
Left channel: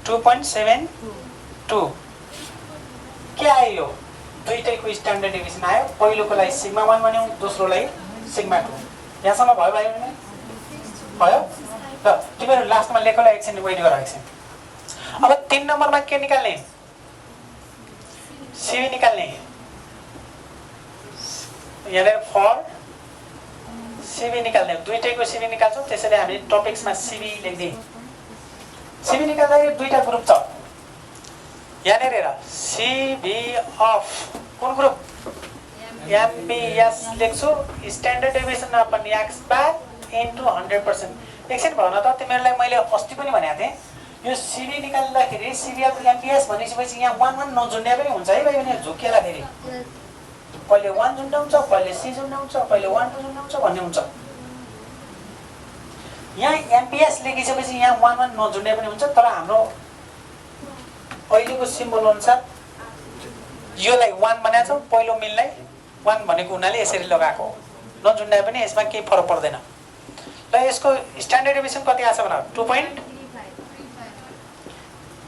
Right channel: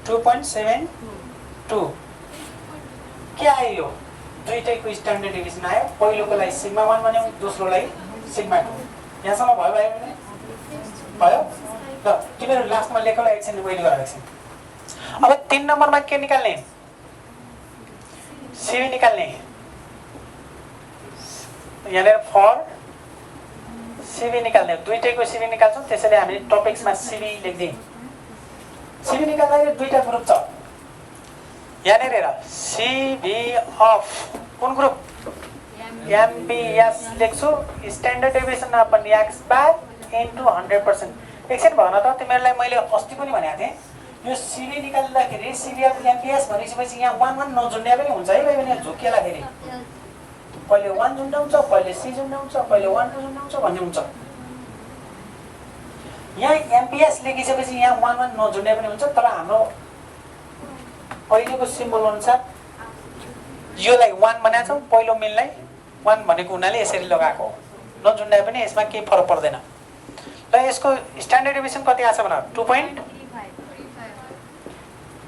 2.72 के आयो, यो दुईटैको स्ट्यान्डर्ड डेभिएसन आयो। पहिलोकोलाई सिग्मा 1 भन्यौँ, दोस्रोलाई सिग्मा 2। यहाँसम्म भयो भयो भने भयो ल। तिमीहरू लास्टमा लेखौँला एकछिन, वेट गर एकछिन। अब 3 नम्बरमा के निकाल्ने, सिबी निकाल्ने। यहाँनिर फर सिबी निकाल्ने, दुईटैको सिबी निकाल्छौँ। त्यसैले हामी टपिक्समा सिबी लेख्दियौँ। सिबी निकाल्दाखेरि दुईटा ग्रुप छ यहाँनिर हेर, सिबी अफ कुन ग्रुप एमबिएस लेख्छु स्ट्यान्डर्ड डेभिएसन अपन एक्स बार इन्टु 100%। एकछिन भन त तिमीहरूलाई मैले अस्ति पनि भनेको थिएँ यो सिबी निकाल्दाखेरि सिबी अफ एमबिएस भनेपछि यहाँ 1 नझुन्ड्या पनि हुन्छ है भाइ भने झुक्केलाखेरि पहिले 1 झुन्डाउँछ, पहिले सी झुन्डाउँछ, पहिले 1 2 झुन्डाउँछ भन्ने हुन्छ। यहाँ एमबिएस लेखिसकेपछि यहाँ 1 नझुन्ड्या पनि हुन्छ। तर हाम्रो अहिलेको सिम्बल अनुसार योलाई 1 बनाएको छौँ, पहिलो मिललाई 1 भनेको हुनाले यसरी लगाएको हो। नझुन्डाए पनि यसमा केही फरक पर्दैन। ल यसको स्ट्यान्डर्ड डेभिएसन कति आछ भन 2.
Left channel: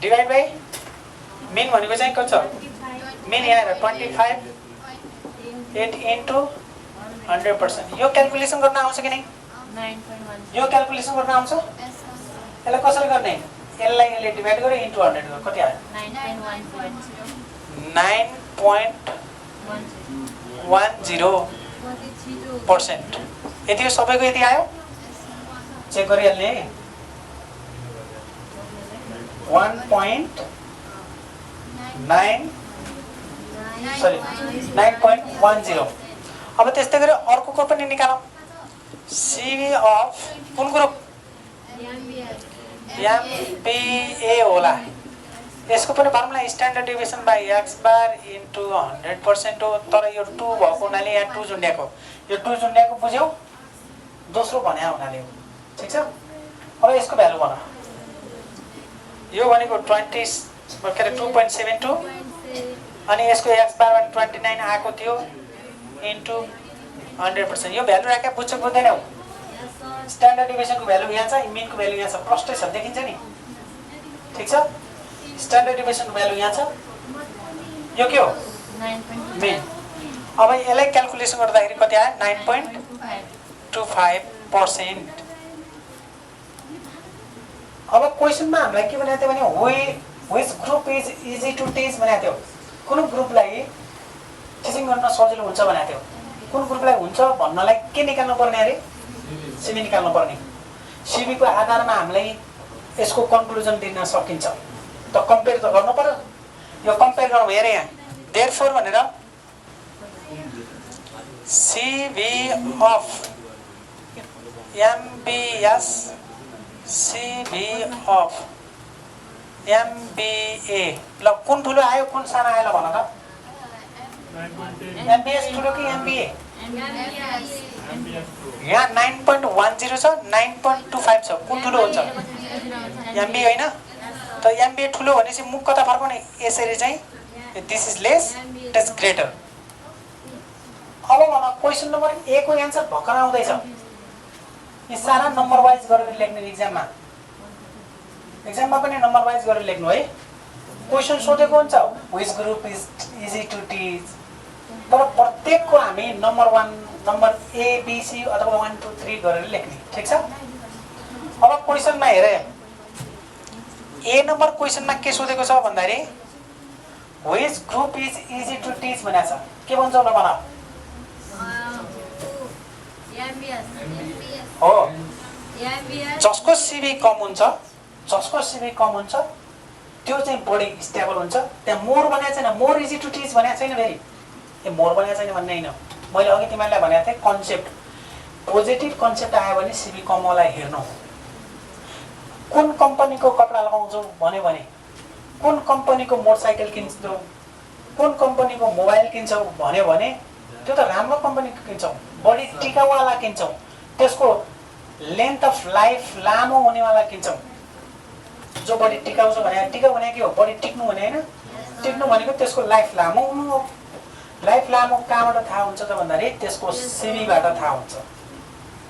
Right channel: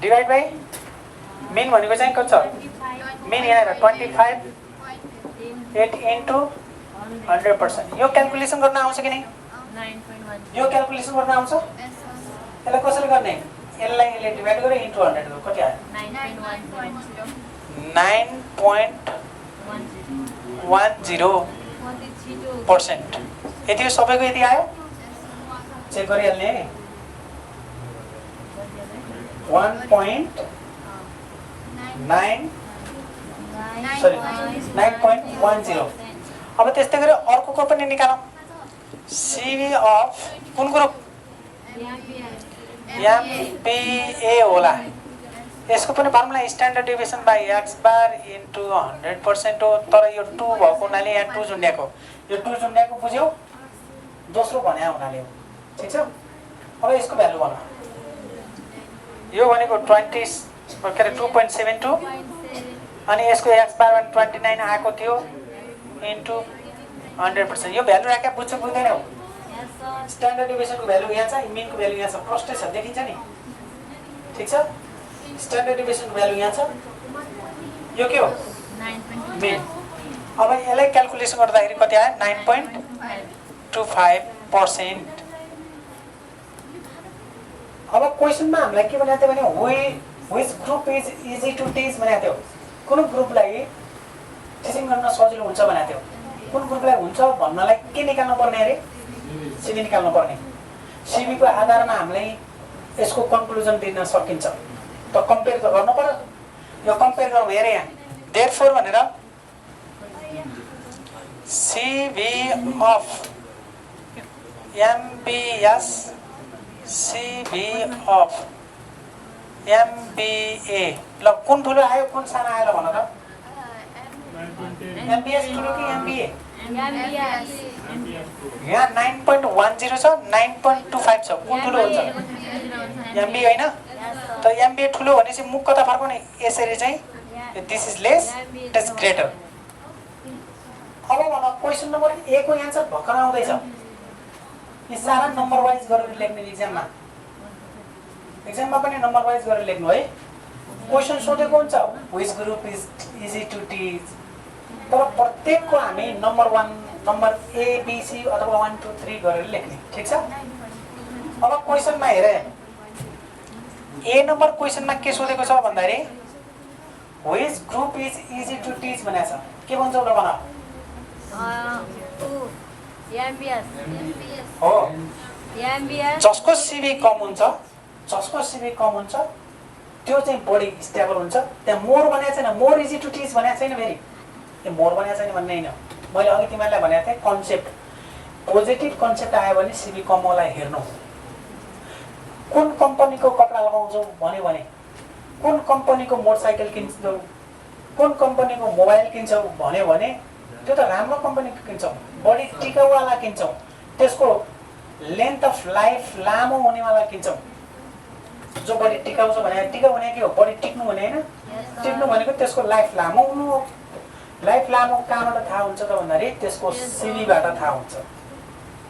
डिभाइड बाई मिन भनेको चाहिँ कति छ, मिन यहाँ हेर 25.8 इन्टु 100%। यो क्यालकुलेसन गर्न आउँछ कि नै, यो क्यालकुलेसन गर्न आउँछ। यसलाई कसरी गर्ने, यसले डिभाइड गरेर इन्टु 100 गर कति आयो 9.10%। यति हो सबैको, यति आयो चेक गरिहाल्ने 9.10। अब त्यस्तै गरी अर्को पनि निकालौँ, सिबी अफ कुन ग्रुप एमबिए होला। यसको पनि formula standard deviation by x bar into 100% हो। तर यो 2 भएको हुनाले यहाँ 2 झुन्ड्याएको, यो 2 झुन्ड्याएको बुझ्यौ, दोस्रो भन्या हुनाले हो। ठिक छ। अब यसको भ्यालु भन, यो भनेको 2.72 अनि यसको एक्स बार 29 आएको थियो इन्टु 100%। यो भ्यालु राख्या बुझ्छ बुझ्दैनौ। स्ट्यान्डर्ड डेभिएसनको भ्यालु यहाँ छ, मिनको भ्यालु यहाँ छ, प्रष्टै छ देखिन्छ नि। ठिक छ। स्ट्यान्डर्ड डेभिएसनको भ्यालु यहाँ छ, यो के हो मिन। अब यसलाई क्यालकुलेसन गर्दाखेरि कति आयो 9.25%। अब क्वेसनमा हामीलाई के भनेको थियो भने which group is easy to teach भनेको थियो। कुन ग्रुपलाई टिचिङ गर्न सजिलो हुन्छ भनेको थियो। कुन ग्रुपलाई हुन्छ भन्नलाई के निकाल्नु पर्ने अरे, सिबी निकाल्नु पर्ने। सिबीको आधारमा हामीलाई यसको कन्क्लुजन दिन सकिन्छ। त कम्पेयर त गर्नु पर्यो। यो कम्पेयर गरौँ, हेर यहाँ देयरफोर भनेर CV of MBS CV of MBA ल कुन ठुलो आयो कुन सानो आयो ल भन त एमबिएस ठुलो कि एमबिए यहाँ 9.10 छ 9.25 छ कुन ठुलो हुन्छ एमबिए होइन त एमबिए ठुलो भनेपछि मुख कता फर्काउने यसरी चाहिँ this is lace it is greater अब भन क्वेसन नम्बर ए को एन्सर भर्खर आउँदैछ यी सारा नम्बर वाइज गरेर लेख्ने एक्जाममा पनि नम्बर वाइज गरेर लेख्नु है क्वेसन सोधेको हुन्छ which group is easy to teach तर प्रत्येकको हामी number 1 number A B C अथवा 1 2 3 गरेर लेख्ने ठीक छ अब क्वेसनमा हेरे ए नम्बर क्वेसनमा के सोधेको छ भन्दाखेरि which group is easy to teach भनेको छ के भन्छ ल भन हो जसको सिबी कम हुन्छ त्यो चाहिँ बढी स्टेबल हुन्छ त्यहाँ मोर भनेको छैन मोर इजी टु टिच भनेको छैन फेरि ए मोर भनेको छैन भन्ने होइन मैले अघि तिमीलाई भनेको थिएँ कन्सेप्ट पोजिटिभ कन्सेप्ट आयो भने सिबी कमलाई हेर्नु कुन कम्पनीको कपडा लगाउँछौ भन्यो भने कुन कम्पनीको मोटरसाइकल किन्छौ कुन कम्पनीको मोबाइल किन्छौ भन्यो भने त्यो त राम्रो कम्पनीको किन्छौ बढी टिकाउवाला किन्छौ त्यसको लेन्थ अफ लाइफ लामो हुनेवाला किन्छौ जो बढी टिकाउ छ भने टिकाउ भने के हो बढी टिक्नु भने हैन टिक्नु भनेको त्यसको लाइफ लामो हुनु हो लाइफ लामो कहाँबाट थाहा हुन्छ त भन्दाखेरि त्यसको सिबीबाट थाहा हुन्छ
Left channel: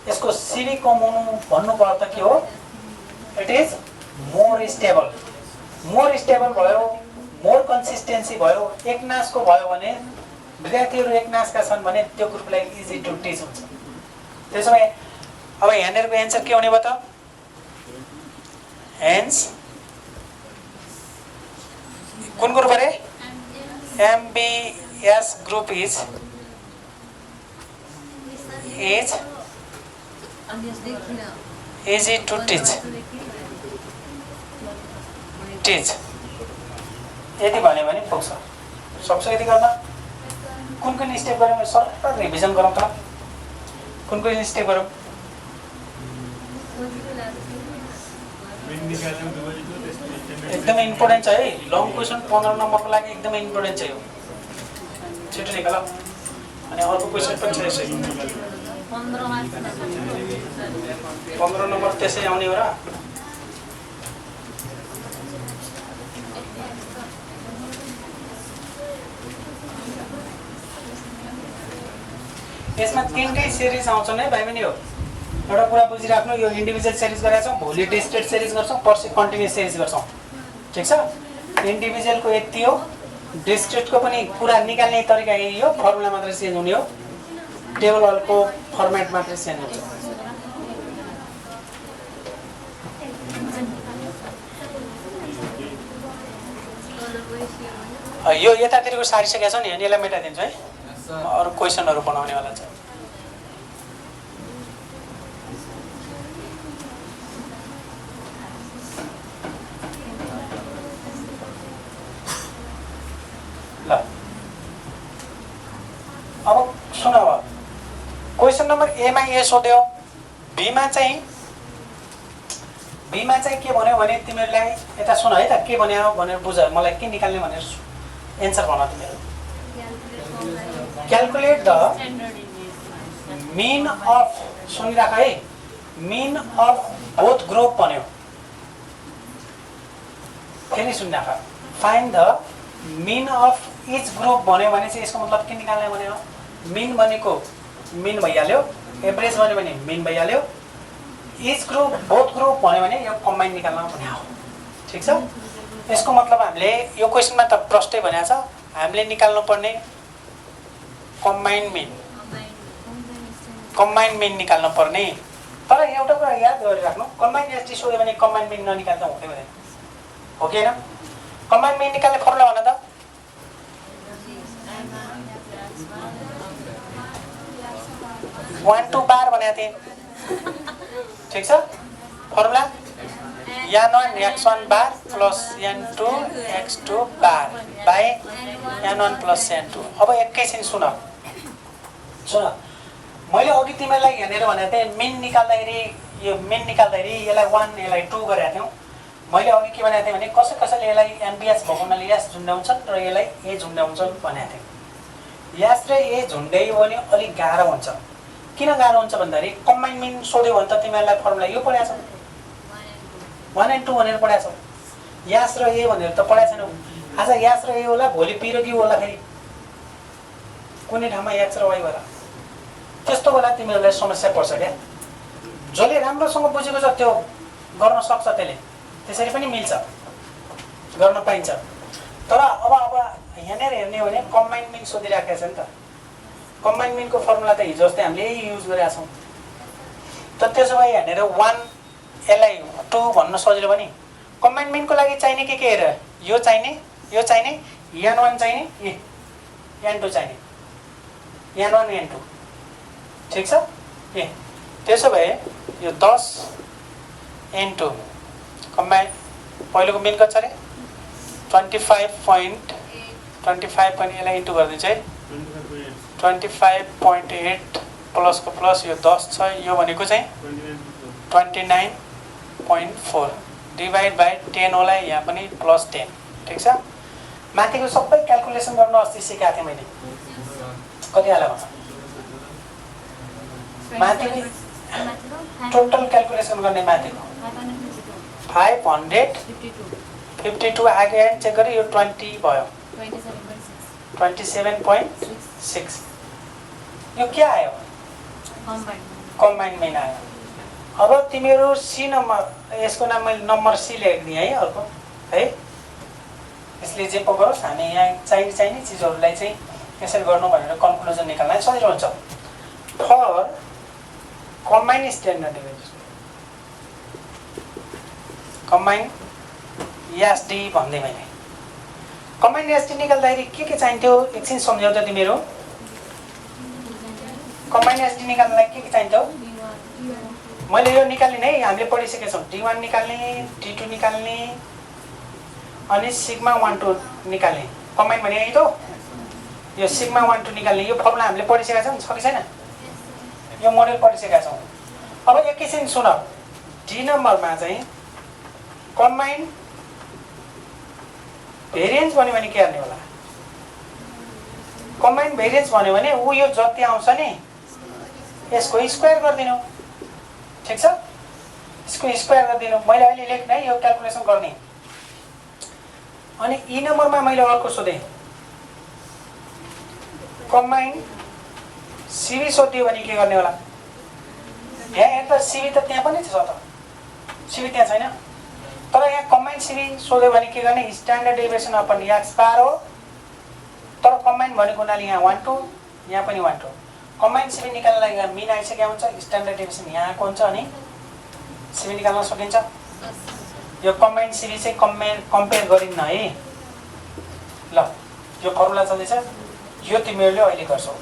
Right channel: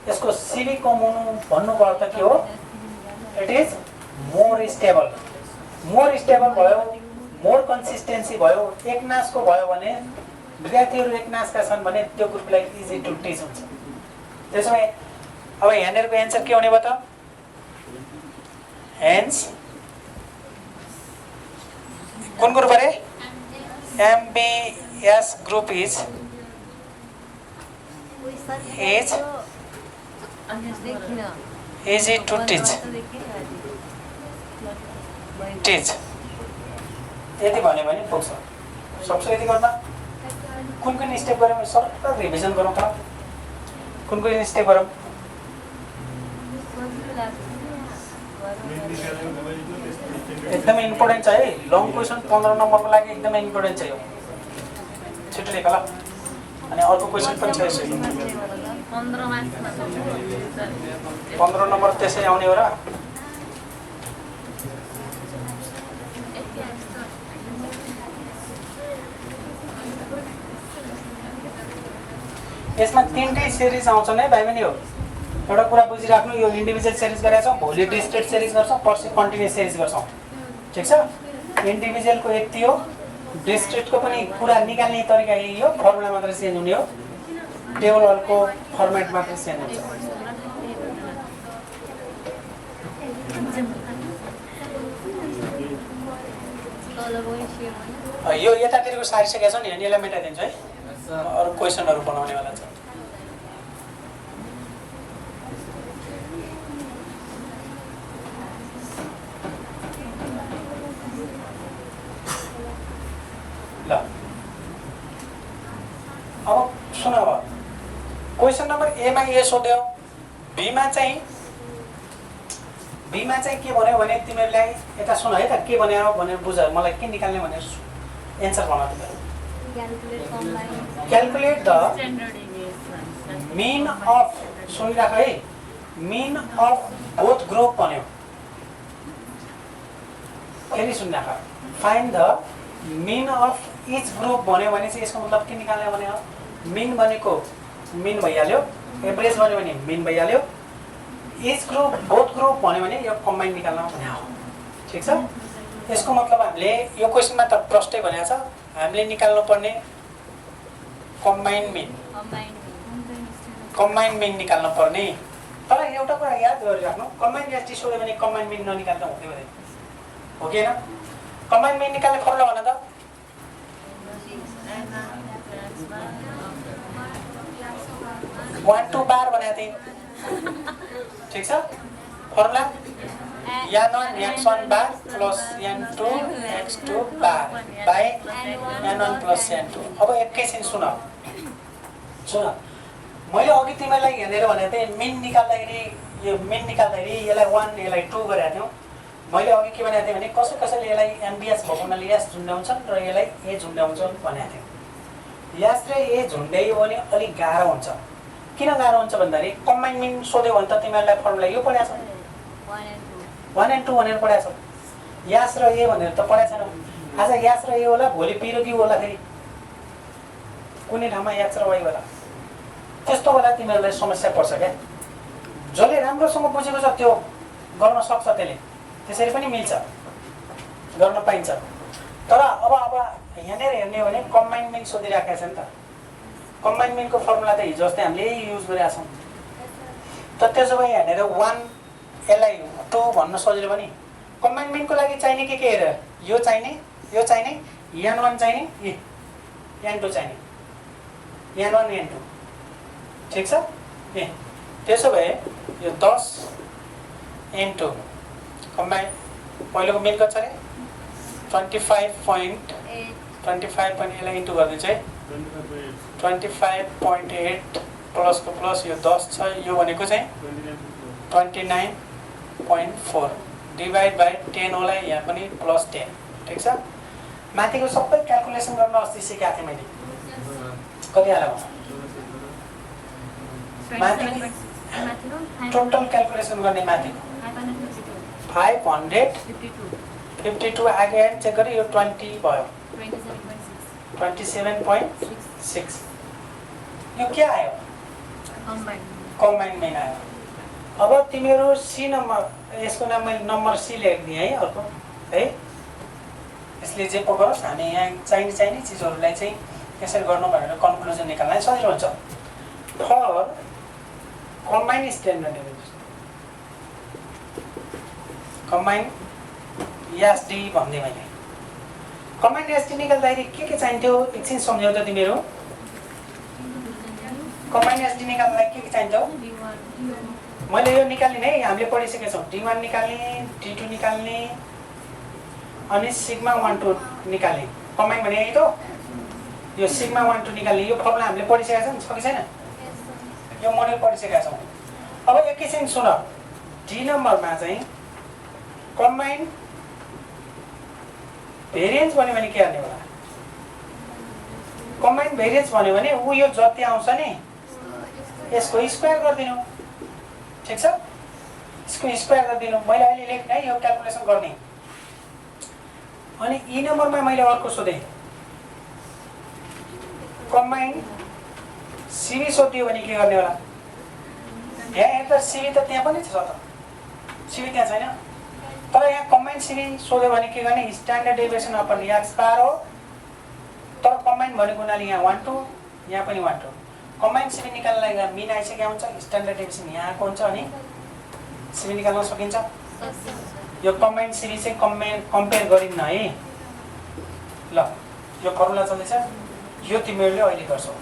यसको सिबी कम हुनु भन्नुको अर्थ के हो इट इज मोर स्टेबल भयो मोर कन्सिस्टेन्सी भयो एकनासको भयो भने विद्यार्थीहरू एकनासका छन् भने त्यो ग्रुपलाई इजी टु टिच हुन्छ त्यसो भए अब यहाँनिरको एन्सर के हुने भयो त हेन्स कुन ग्रुप अरे MBS group is easy to teach यति भन्यो भने पुग्छ सक्छ यति गर्न कुन स्टेप गरौँ सर्ट रिभिजन गरौँ त कुन स्टेप गरौँ एकदमै इम्पोर्टेन्ट छ है लङ क्वेसन 15 नम्बरको लागि एकदमै इम्पोर्टेन्ट छ यो छिटो लेख ल अनि अर्को क्वेसन पनि छ यसरी 15 नम्बर त्यसै आउने हो र यसमा तीनटै सिरिज आउँछन् है भाइ बहिनी हो एउटा कुरा बुझिराख्नु यो इन्डिभिजुअल सिरिज गरेका छौँ भोलि डिस्ट्रिक्ट सिरिज गर्छौँ पर्सि कन्टिन्युस सिरिज गर्छौँ ठिक छ इन्डिभिजुअलको यति हो डिस्ट्रिक्टको पनि कुरा निकाल्ने तरिका यही हो फर्मुला मात्रै चेन्ज हुने हो टेबलको फर्मेट मात्रै चेन्ज हुन्छ यो यतातिरको सारिसकेका छौँ नि यसलाई मेटाइदिन्छु है अरू क्वेसनहरू बनाउनेवाला छ ल अब सुन अब क्वेसन नम्बर एमा ए सोध्यो बीमा चाहिँ के भन्यो भने तिमीहरूलाई यता सुन है त के भन्यो भनेर बुझ मलाई के निकाल्ने भनेर एन्सर भन तिमीहरू क्याल्कुलेट द मिन अफ सुनिराख है मिन अफ बोथ ग्रुप भन्यो फेरि सुनिराख find the mean of each group भन्यो भने चाहिँ यसको मतलब के निकाल्ने भन्यो मिन भनेको मिन भइहाल्यो एभरेज भन्यो भने मिन भइहाल्यो इच ग्रुप बोथ ग्रुप भन्यो भने यो कम्बाइन निकाल्न भने हो ठिक छ यसको मतलब हामीले यो क्वेसनमा त प्रष्टै भनेको छ हामीले निकाल्नु पर्ने कम्बाइन मिन निकाल्नु पर्ने तर एउटा कुरा याद गरिराख्नु कम्बाइन एसटी सोध्यो भने कम्बाइन मिन ननिकाल्दा हुँदैन हो कि होइन कम्बाइन मिन निकाल्ने फर्मुला भन त 1 2 बार भनेको थिएँ ठिक छ formula n1 x1 bar plus n2 x2 bar by n1 plus n2 अब एकैछिन सुन मैले अघि तिमीलाई हेरेर भनेको थिएँ मिन निकाल्दाखेरि यो मेन निकाल्दाखेरि यसलाई 1 यसलाई 2 गरेका थियौँ। मैले अघि के भनेको थिएँ भने कसैले यसलाई एमबिएच भएको हुनाले यास झुन्ड्याउँछन् र यसलाई ए झुन्ड्याउँछन् भनेको थिएँ। यास र ए झुन्ड्यायो भने अलिक गाह्रो हुन्छ। किन गाह्रो हुन्छ भन्दाखेरि कम्बाइन मिन सोध्यो भने त तिमीहरूलाई फर्मुला यो पढाएको छौ, 1 and 2 भनेर पढाएको छौ। यास र ए भनेर त पढाएको छैनौ। आज यास र ए होला, भोलि पी र क्यू होला, फेरि कुनै ठाउँमा एक्स र वाइ होला। त्यस्तो बेला तिमीहरूलाई समस्या पर्छ क्या। जसले राम्रोसँग बुझेको छ त्यो गर्न सक्छ, त्यसरी पनि मिल्छ, गर्न पाइन्छ। तर अब यहाँनिर हेर्ने हो भने कम्बाइन मिन सोधिराखेको छ नि त। कम्बाइन मिनको फर्मुला त हिजो जस्तै हामीले युज गरेका छौँ। त त्यसो भए यहाँनिर 1 यसलाई 2 भन्न सजिलो पनि। कम्बाइन मिनको लागि चाहिने के हेर, यो चाहिने, यो चाहिने, n1 चाहिने, n2 चाहिने, n1 n2, ठिक छ। त्यसो भए यो 10 n2 कम्बाइन पहिलोको मिन कति छ अरे 25.25 यसलाई इन्टु गरिदिन्छ है 25.8 प्लसको प्लस यो 10 छ, यो भनेको चाहिँ 29.4 डिभाइड बाई 10 होला, यहाँ पनि प्लस 10, ठिक छ। माथिको सबै क्यालकुलेसन गर्न अस्ति सिकाएको थिएँ मैले, कति हाल्यो माथिको टोटल क्यालकुलेसन गर्ने माथिको 552 आगे चेक गरेँ, यो 20 भयो 27.6। यो के आयो कम्बाइन मिन आयो। अब तिमीहरू सी नम्बर, यसको नाम मैले नम्बर सी लेखिदिएँ है अर्को है। यसले जे पो गरोस्, हामी यहाँ चाहिने चिजहरूलाई चाहिँ यसरी गर्नु भनेर कन्क्लुजन निकाल्न सजिलो हुन्छ। For combine standard deviation, combine SD भन्दै मैले कम्बाइन एसडी निकाल्दाखेरि के चाहिन्थ्यो एकछिन सम्झाउ त तिमीहरू। कम्बाइन एसडी निकाल्नलाई के चाहिन्थ्यो मैले यो निकाल्ने है, हामीले पढिसकेका छौँ। D1 निकाल्ने, D2 निकाल्ने अनि सिग्मा 1 2 निकाल्ने। कम्बाइन भने यही त, यो सिग्मा 1 2 निकाल्ने, यो फर्मुला हामीले पढिसकेका छौँ, छ कि छैन? यो मोडेल पढिसकेका छौँ। अब एकैछिन सुन, डी नम्बरमा चाहिँ कम्बाइन भेरिएन्स भन्यो भने के गर्ने होला? कम्बाइन भेरिएन्स भन्यो भने ऊ यो जति आउँछ नि यसको स्क्वायर गरिदिनु, ठिक छ। यसको स्क्वायर गरिदिनु, मैले अहिले लेख्ने है यो क्यालकुलेसन गर्ने। अनि ई नम्बरमा मैले अर्को सोधेँ, कम्बाइन सिबी सोधियो भने के गर्ने होला? यहाँ त सिबी त त्यहाँ पनि छ त, सिबी त्यहाँ छैन। तर यहाँ कम्बाइन सिबी सोध्यो भने के गर्ने? स्ट्यान्डर्ड डेभिएसन अपन एक्स बार हो, तर कम्बाइन भनेको हुनाले यहाँ 1 2, यहाँ पनि 1 2। कम्बाइन सिबी निकाल्नलाई यहाँ मिन आइसकेको हुन्छ, स्ट्यान्डर्ड डेभिएसन यहाँको हुन्छ, अनि सिबी निकाल्न सकिन्छ। यो कम्बाइन सिबी चाहिँ कम्पेयर गरिन्न है। ल यो फर्मुला चल्दैछ, यो तिमीहरूले अहिले गर्छौ,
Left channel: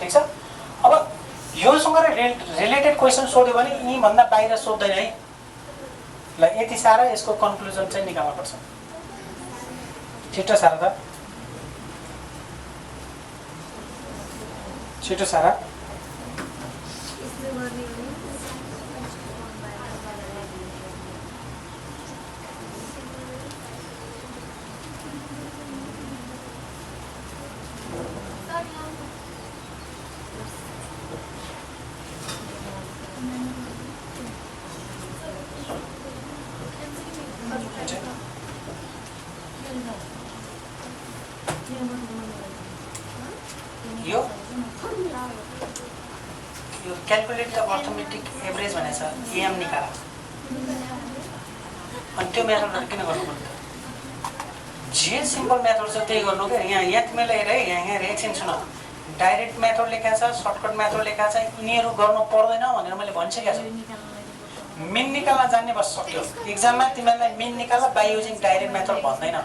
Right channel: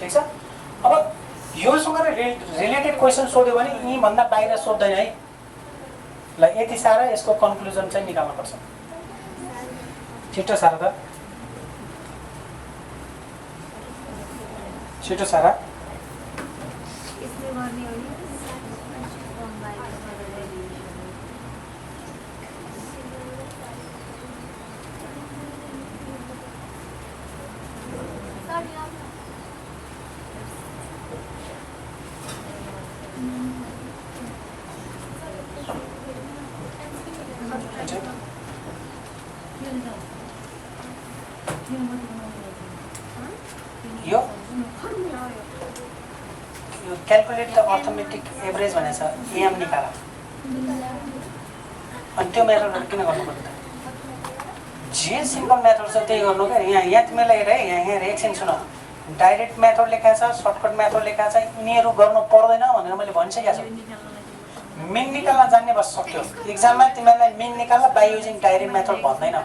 ठिक छ। अब योसँग रिलेटेड क्वेसन सोध्यो भने यहीँभन्दा बाहिर सोध्दैन है। ल यति साह्रो यसको कन्क्लुजन चाहिँ निकाल्नुपर्छ, छिटो साह्रो त, छिटो सारा। यो क्यालकुलेट द अर्थमेटिक एभरेज भनेछ, एएम निकाल। अनि त्यो मेथडबाट किन गर्नु पर्यो त? जे सिम्पल मेथड छ त्यही गर्नु क्या। यहाँ तिमीलाई हेर है, यहाँ एकछिन सुन, डाइरेक्ट मेथड लेखा छ, सर्टकट मेथड लेखा छ, यिनीहरू गर्नु पर्दैन भनेर मैले भनिसकेको छु। मिन निकाल्न जान्ने बस सक्यो। एक्जाममा तिमीहरूलाई मिन निकाल्न बाई युजिङ डाइरेक्ट मेथड भन्दैन।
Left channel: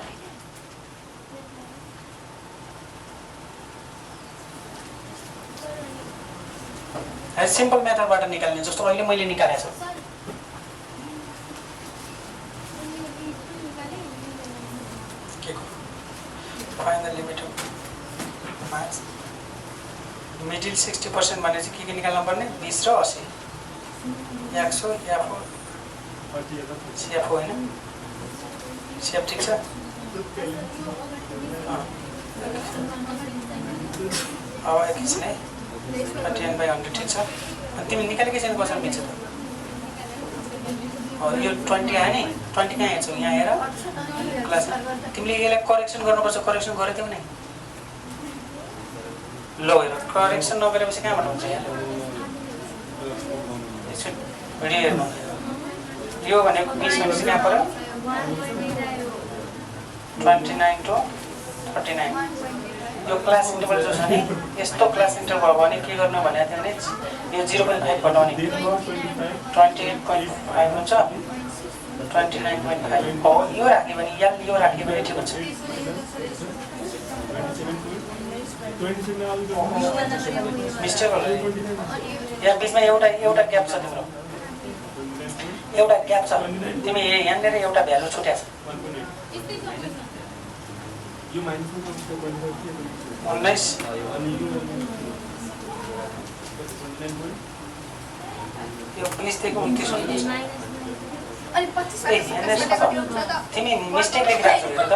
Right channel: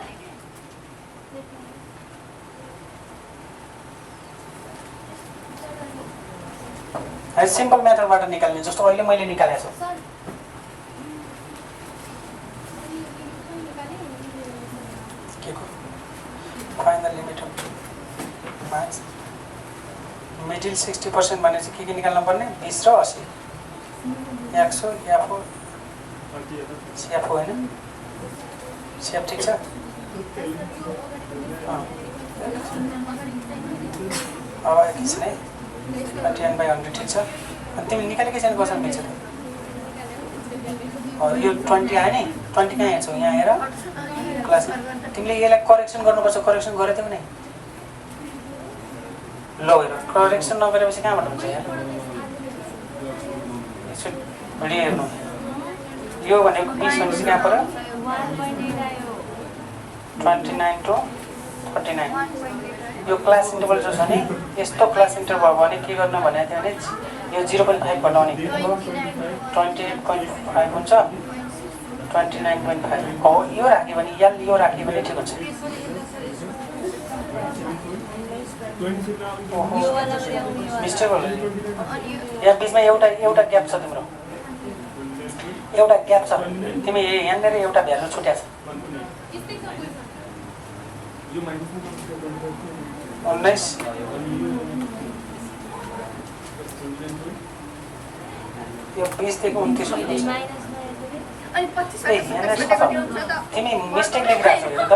सिम्पल मेथडबाट निकाल्ने, जस्तो अहिले मैले निकालेको छु। के को find the limit of marks middle 60% भने चाहिँ के निकाल्नु पर्ने? 20 र 80। एक्सो एफओ सेफो होइन सेफ ठिक छ अब एकछिन है 10/100 ठिक छ तिमी निकालेकै छैन कसरी मिल्छ त यो 20 आयो नि 20 कहाँ हेर्छौ यहाँ आएर क्लासमा तिमीले यसलाई करेक्सन गर्नुपर्छ करेक्सन गरेथ्यौ नि ल हेर करेक्सन नगरेपछि कहाँबाट हुन्छ यहाँ भिडियो हेर्नु यो भनेको 20 भनेपछि यहाँ पर 29 to 39 यो क्लास इन्टरभल जो छ नि यस्तो क्लास इन्टरभल भने के गर्नु भनेको थियो भने यो 0.5 घटाउने 28.5 हुन्छ 29.5 हो यो राख्यो भने यो राख्यो भने ठिक हुन्छ मिस्टेक हो यहाँ बिचमा एउटा ग्याप छ तिम्रो एउटा ग्याप छ तिमी यहाँनिर एउटा भ्यालु छुट्याछ 19 यो 20 देखि 29 हुन्छ अनि 25 तिमी मिस्टेक लेखिरहेको छौ त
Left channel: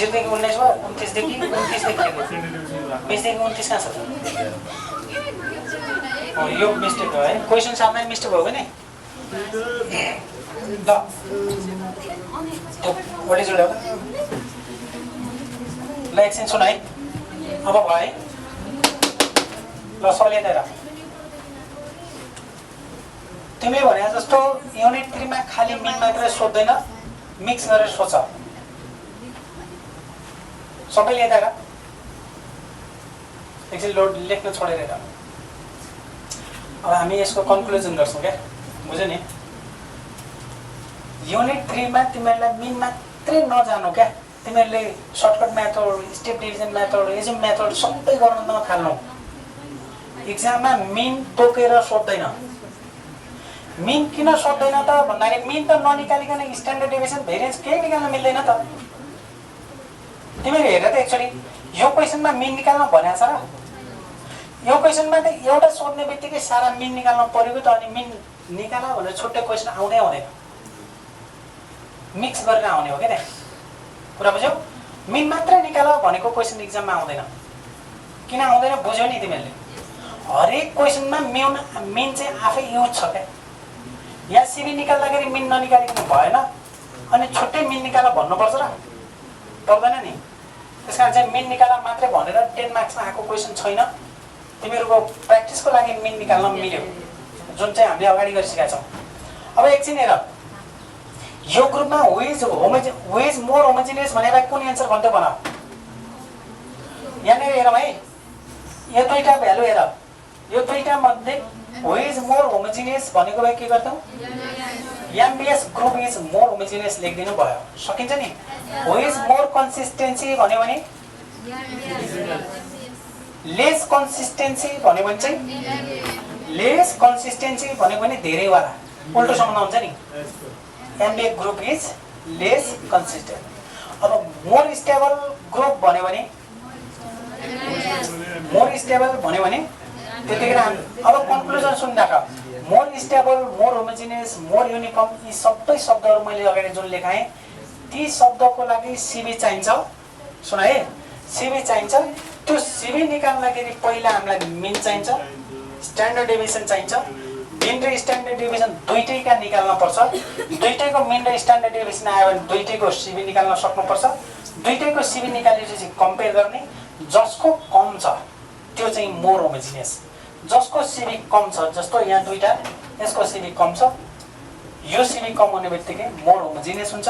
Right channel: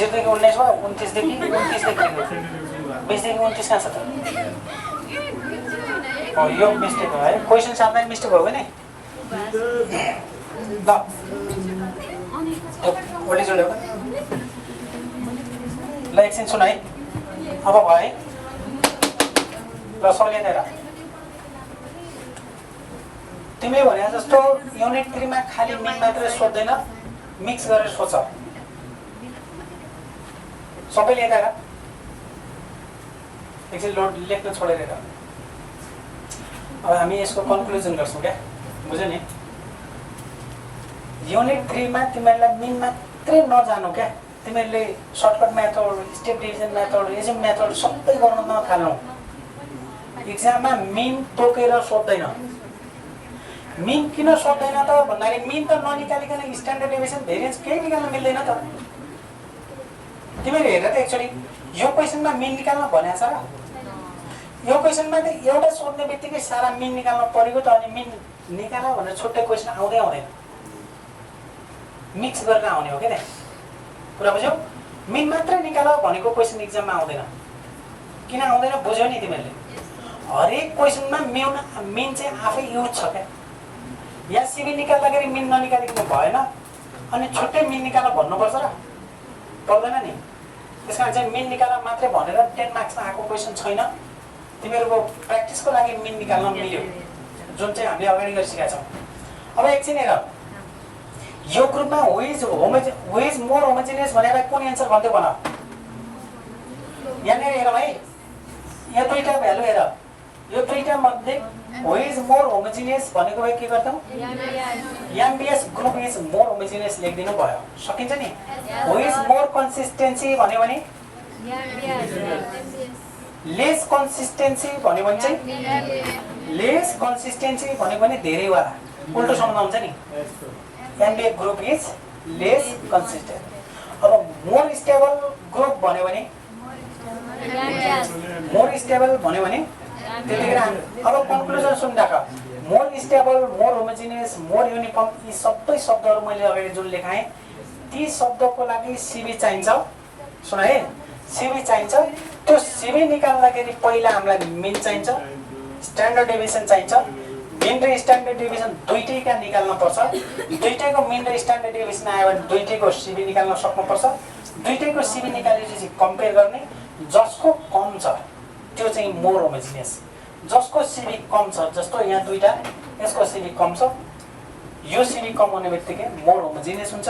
0 देखि 19 हो 29 देखि 20 देखि 29 कहाँ छ त यो मिस्टेक हो है क्वेसन सामने मिस्टेक हो भने ल व्हाट इज योर ल एकछिन सुन है अब भयो है ल सलिँदैन तिमीले भने जस्तो युनिट 3 मा खाली मिन मात्र सोध्दैन मिक्स गरेर सोच सबैले यता हेर एकछिन लोड लेख्न छोडेर हेर अब हामी यसको कन्क्लुजन गर्छौँ क्या बुझ्यो नि युनिट 3 मा तिमीहरूलाई मिन मात्रै नजानु क्या तिमीहरूले shortcut method step division method assumed method सबै गर्नु नथाल्नु इक्जाममा मिन तोकेर सोध्दैन मिन किन सोध्दैन त भन्दाखेरि मिन त ननिकालिकन स्ट्यान्डर्ड डेभिएसन भेरिएन्स केही निकाल्न मिल्दैन त तिमीले हेर त एकचोटि यो क्वेसनमा मिन निकाल्न भनेको छ र यो क्वेसनमा त एउटा सोध्ने बित्तिकै सारा मिन निकाल्न परेको त अनि मिन निकाल भनेर छुट्टै क्वेसन आउँदै आउँदैन मिक्स गरेर आउने हो क्या त्यहाँ कुरा बुझ्यौ मिन मात्र निकाल भनेको क्वेसन इक्जाममा आउँदैन किन आउँदैन बुझ्यौ नि तिमीहरूले हरेक क्वेसनमा मिन चाहिँ आफै युज छ क्या यहाँ सिबी निकाल्दाखेरि मिन ननिकालिकन भएन अनि छुट्टै मिन निकाल भन्नुपर्छ र पर्दैन नि त्यस कारण चाहिँ मिन निकाल मात्रै भनेर 10 मार्क्समा आएको क्वेसन छैन तिमीहरूको प्र्याक्टिसको लागि मिन निकाल्न मिल्यो जुन चाहिँ हामीले अगाडि गरिसकेका छौँ अब एकछिन हेर यो ग्रुपमा हु इज मोर होमोजिनियस भनेर कुन एन्सर भन्दै भन यहाँनिर हेरौँ है यो दुईटा भ्यालु हेर यो दुईटा मध्ये हु इज मोर होमोजिनियस भनेको भए के गर्छौँ MBS group is more homogeneous लेखिदिनु भयो सकिन्छ नि हु इज मोर कन्सिस्टेन्सी भन्यो भने लेस कन्सिस्टेन्सी भन्यो भने चाहिँ लेस कन्सिस्टेन्सी भनेको भने धेरैवाला उल्टो सम्बन्ध हुन्छ नि MBA group is less consistent अब मोर स्टेबल ग्रुप भन्यो भने मोर स्टेबल भन्यो भने त्यतिखेर अब कन्क्लुजन सुन्दाका more stable more homogeneous more uniform यी सबै शब्दहरू मैले अगाडि जुन लेखाएँ ती शब्दको लागि सिबी चाहिन्छ सुन है सिबी चाहिन्छ त्यो सिबी निकाल्दाखेरि पहिला हामीलाई मिन चाहिन्छ स्ट्यान्डर्ड डेभिएसन चाहिन्छ मिन र स्ट्यान्डर्ड डेभिएसन दुईटैका निकाल्न पर्छ दुईटैको मिन र स्ट्यान्डर्ड डेभिएसन आयो भने दुईटैको सिबी निकाल्न सक्नुपर्छ दुईटैको सिबी निकालेपछि कम्पेयर गर्ने जसको कम छ त्यो चाहिँ मोर होमोजिनियस जसको सिबी कम छ जस्तो यहाँ दुईटा यसको सिबी कम छ यो सिबी कम हुने बित्तिकै मोर होमोजिनियस हुन्छ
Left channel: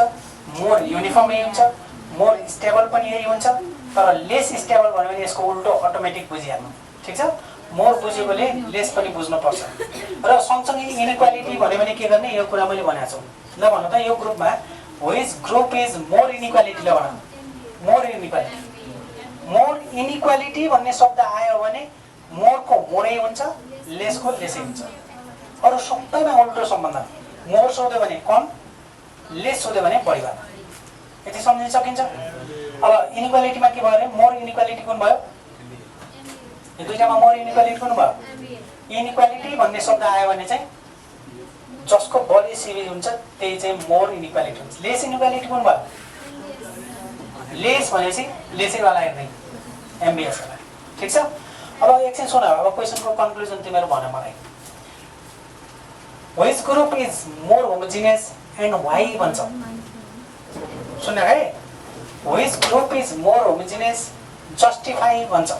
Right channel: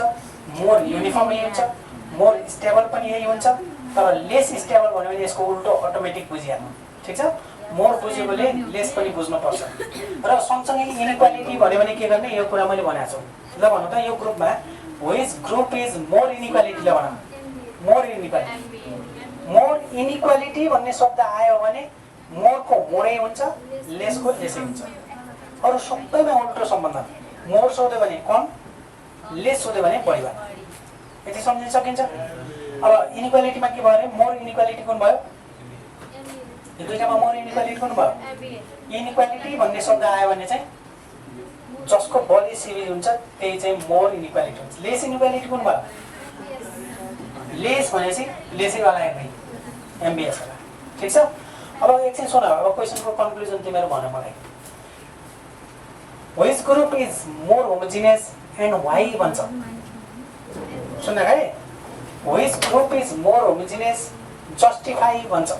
मोर युनिफर्म यही हुन्छ मोर स्टेबल पनि यही हुन्छ तर लेस स्टेबल भन्यो भने यसको उल्टो अटोमेटिक बुझिहाल्नु ठिक छ मोर बुझेकोले लेस पनि बुझ्नुपर्छ र सँगसँगै इनइक्वालिटी भन्यो भने के गर्ने यो कुरा मैले भनेको छु ल भन्नु त यो ग्रुपमा which group is more inequality ल भन मोर इनइक्वालिटी भन्ने शब्द आयो भने मोरको मोरै हुन्छ लेसको लेसै हुन्छ अरू सबैमा उल्टो सम्बन्ध मोर सोध्यो भने कम लेस सोध्यो भने बढी भयो यति सम्झिन सकिन्छ अब इनइक्वालिटीमा के भयो अरे मोर इनइक्वालिटी कुन भयो यो दुईटामा मोर इनइक्वालिटी कुन भयो इनइक्वालिटी भन्ने शब्द आयो भने चाहिँ जसको बढी सिभी हुन्छ त्यही चाहिँ मोर इनइक्वालिटी हुन्छ। लेस इनइक्वालिटी कुन भयो? लेस भनेपछि लेसैवाला हेर्ने एमबिएस वाला। ठिक छ। अब एकछिन सुन, अब क्वेसनको कन्क्लुजन तिमीहरू भन्यो मलाई। Which group is more homogeneous and why भन्छ। सुन है, which group is more homogeneous justify भन्छ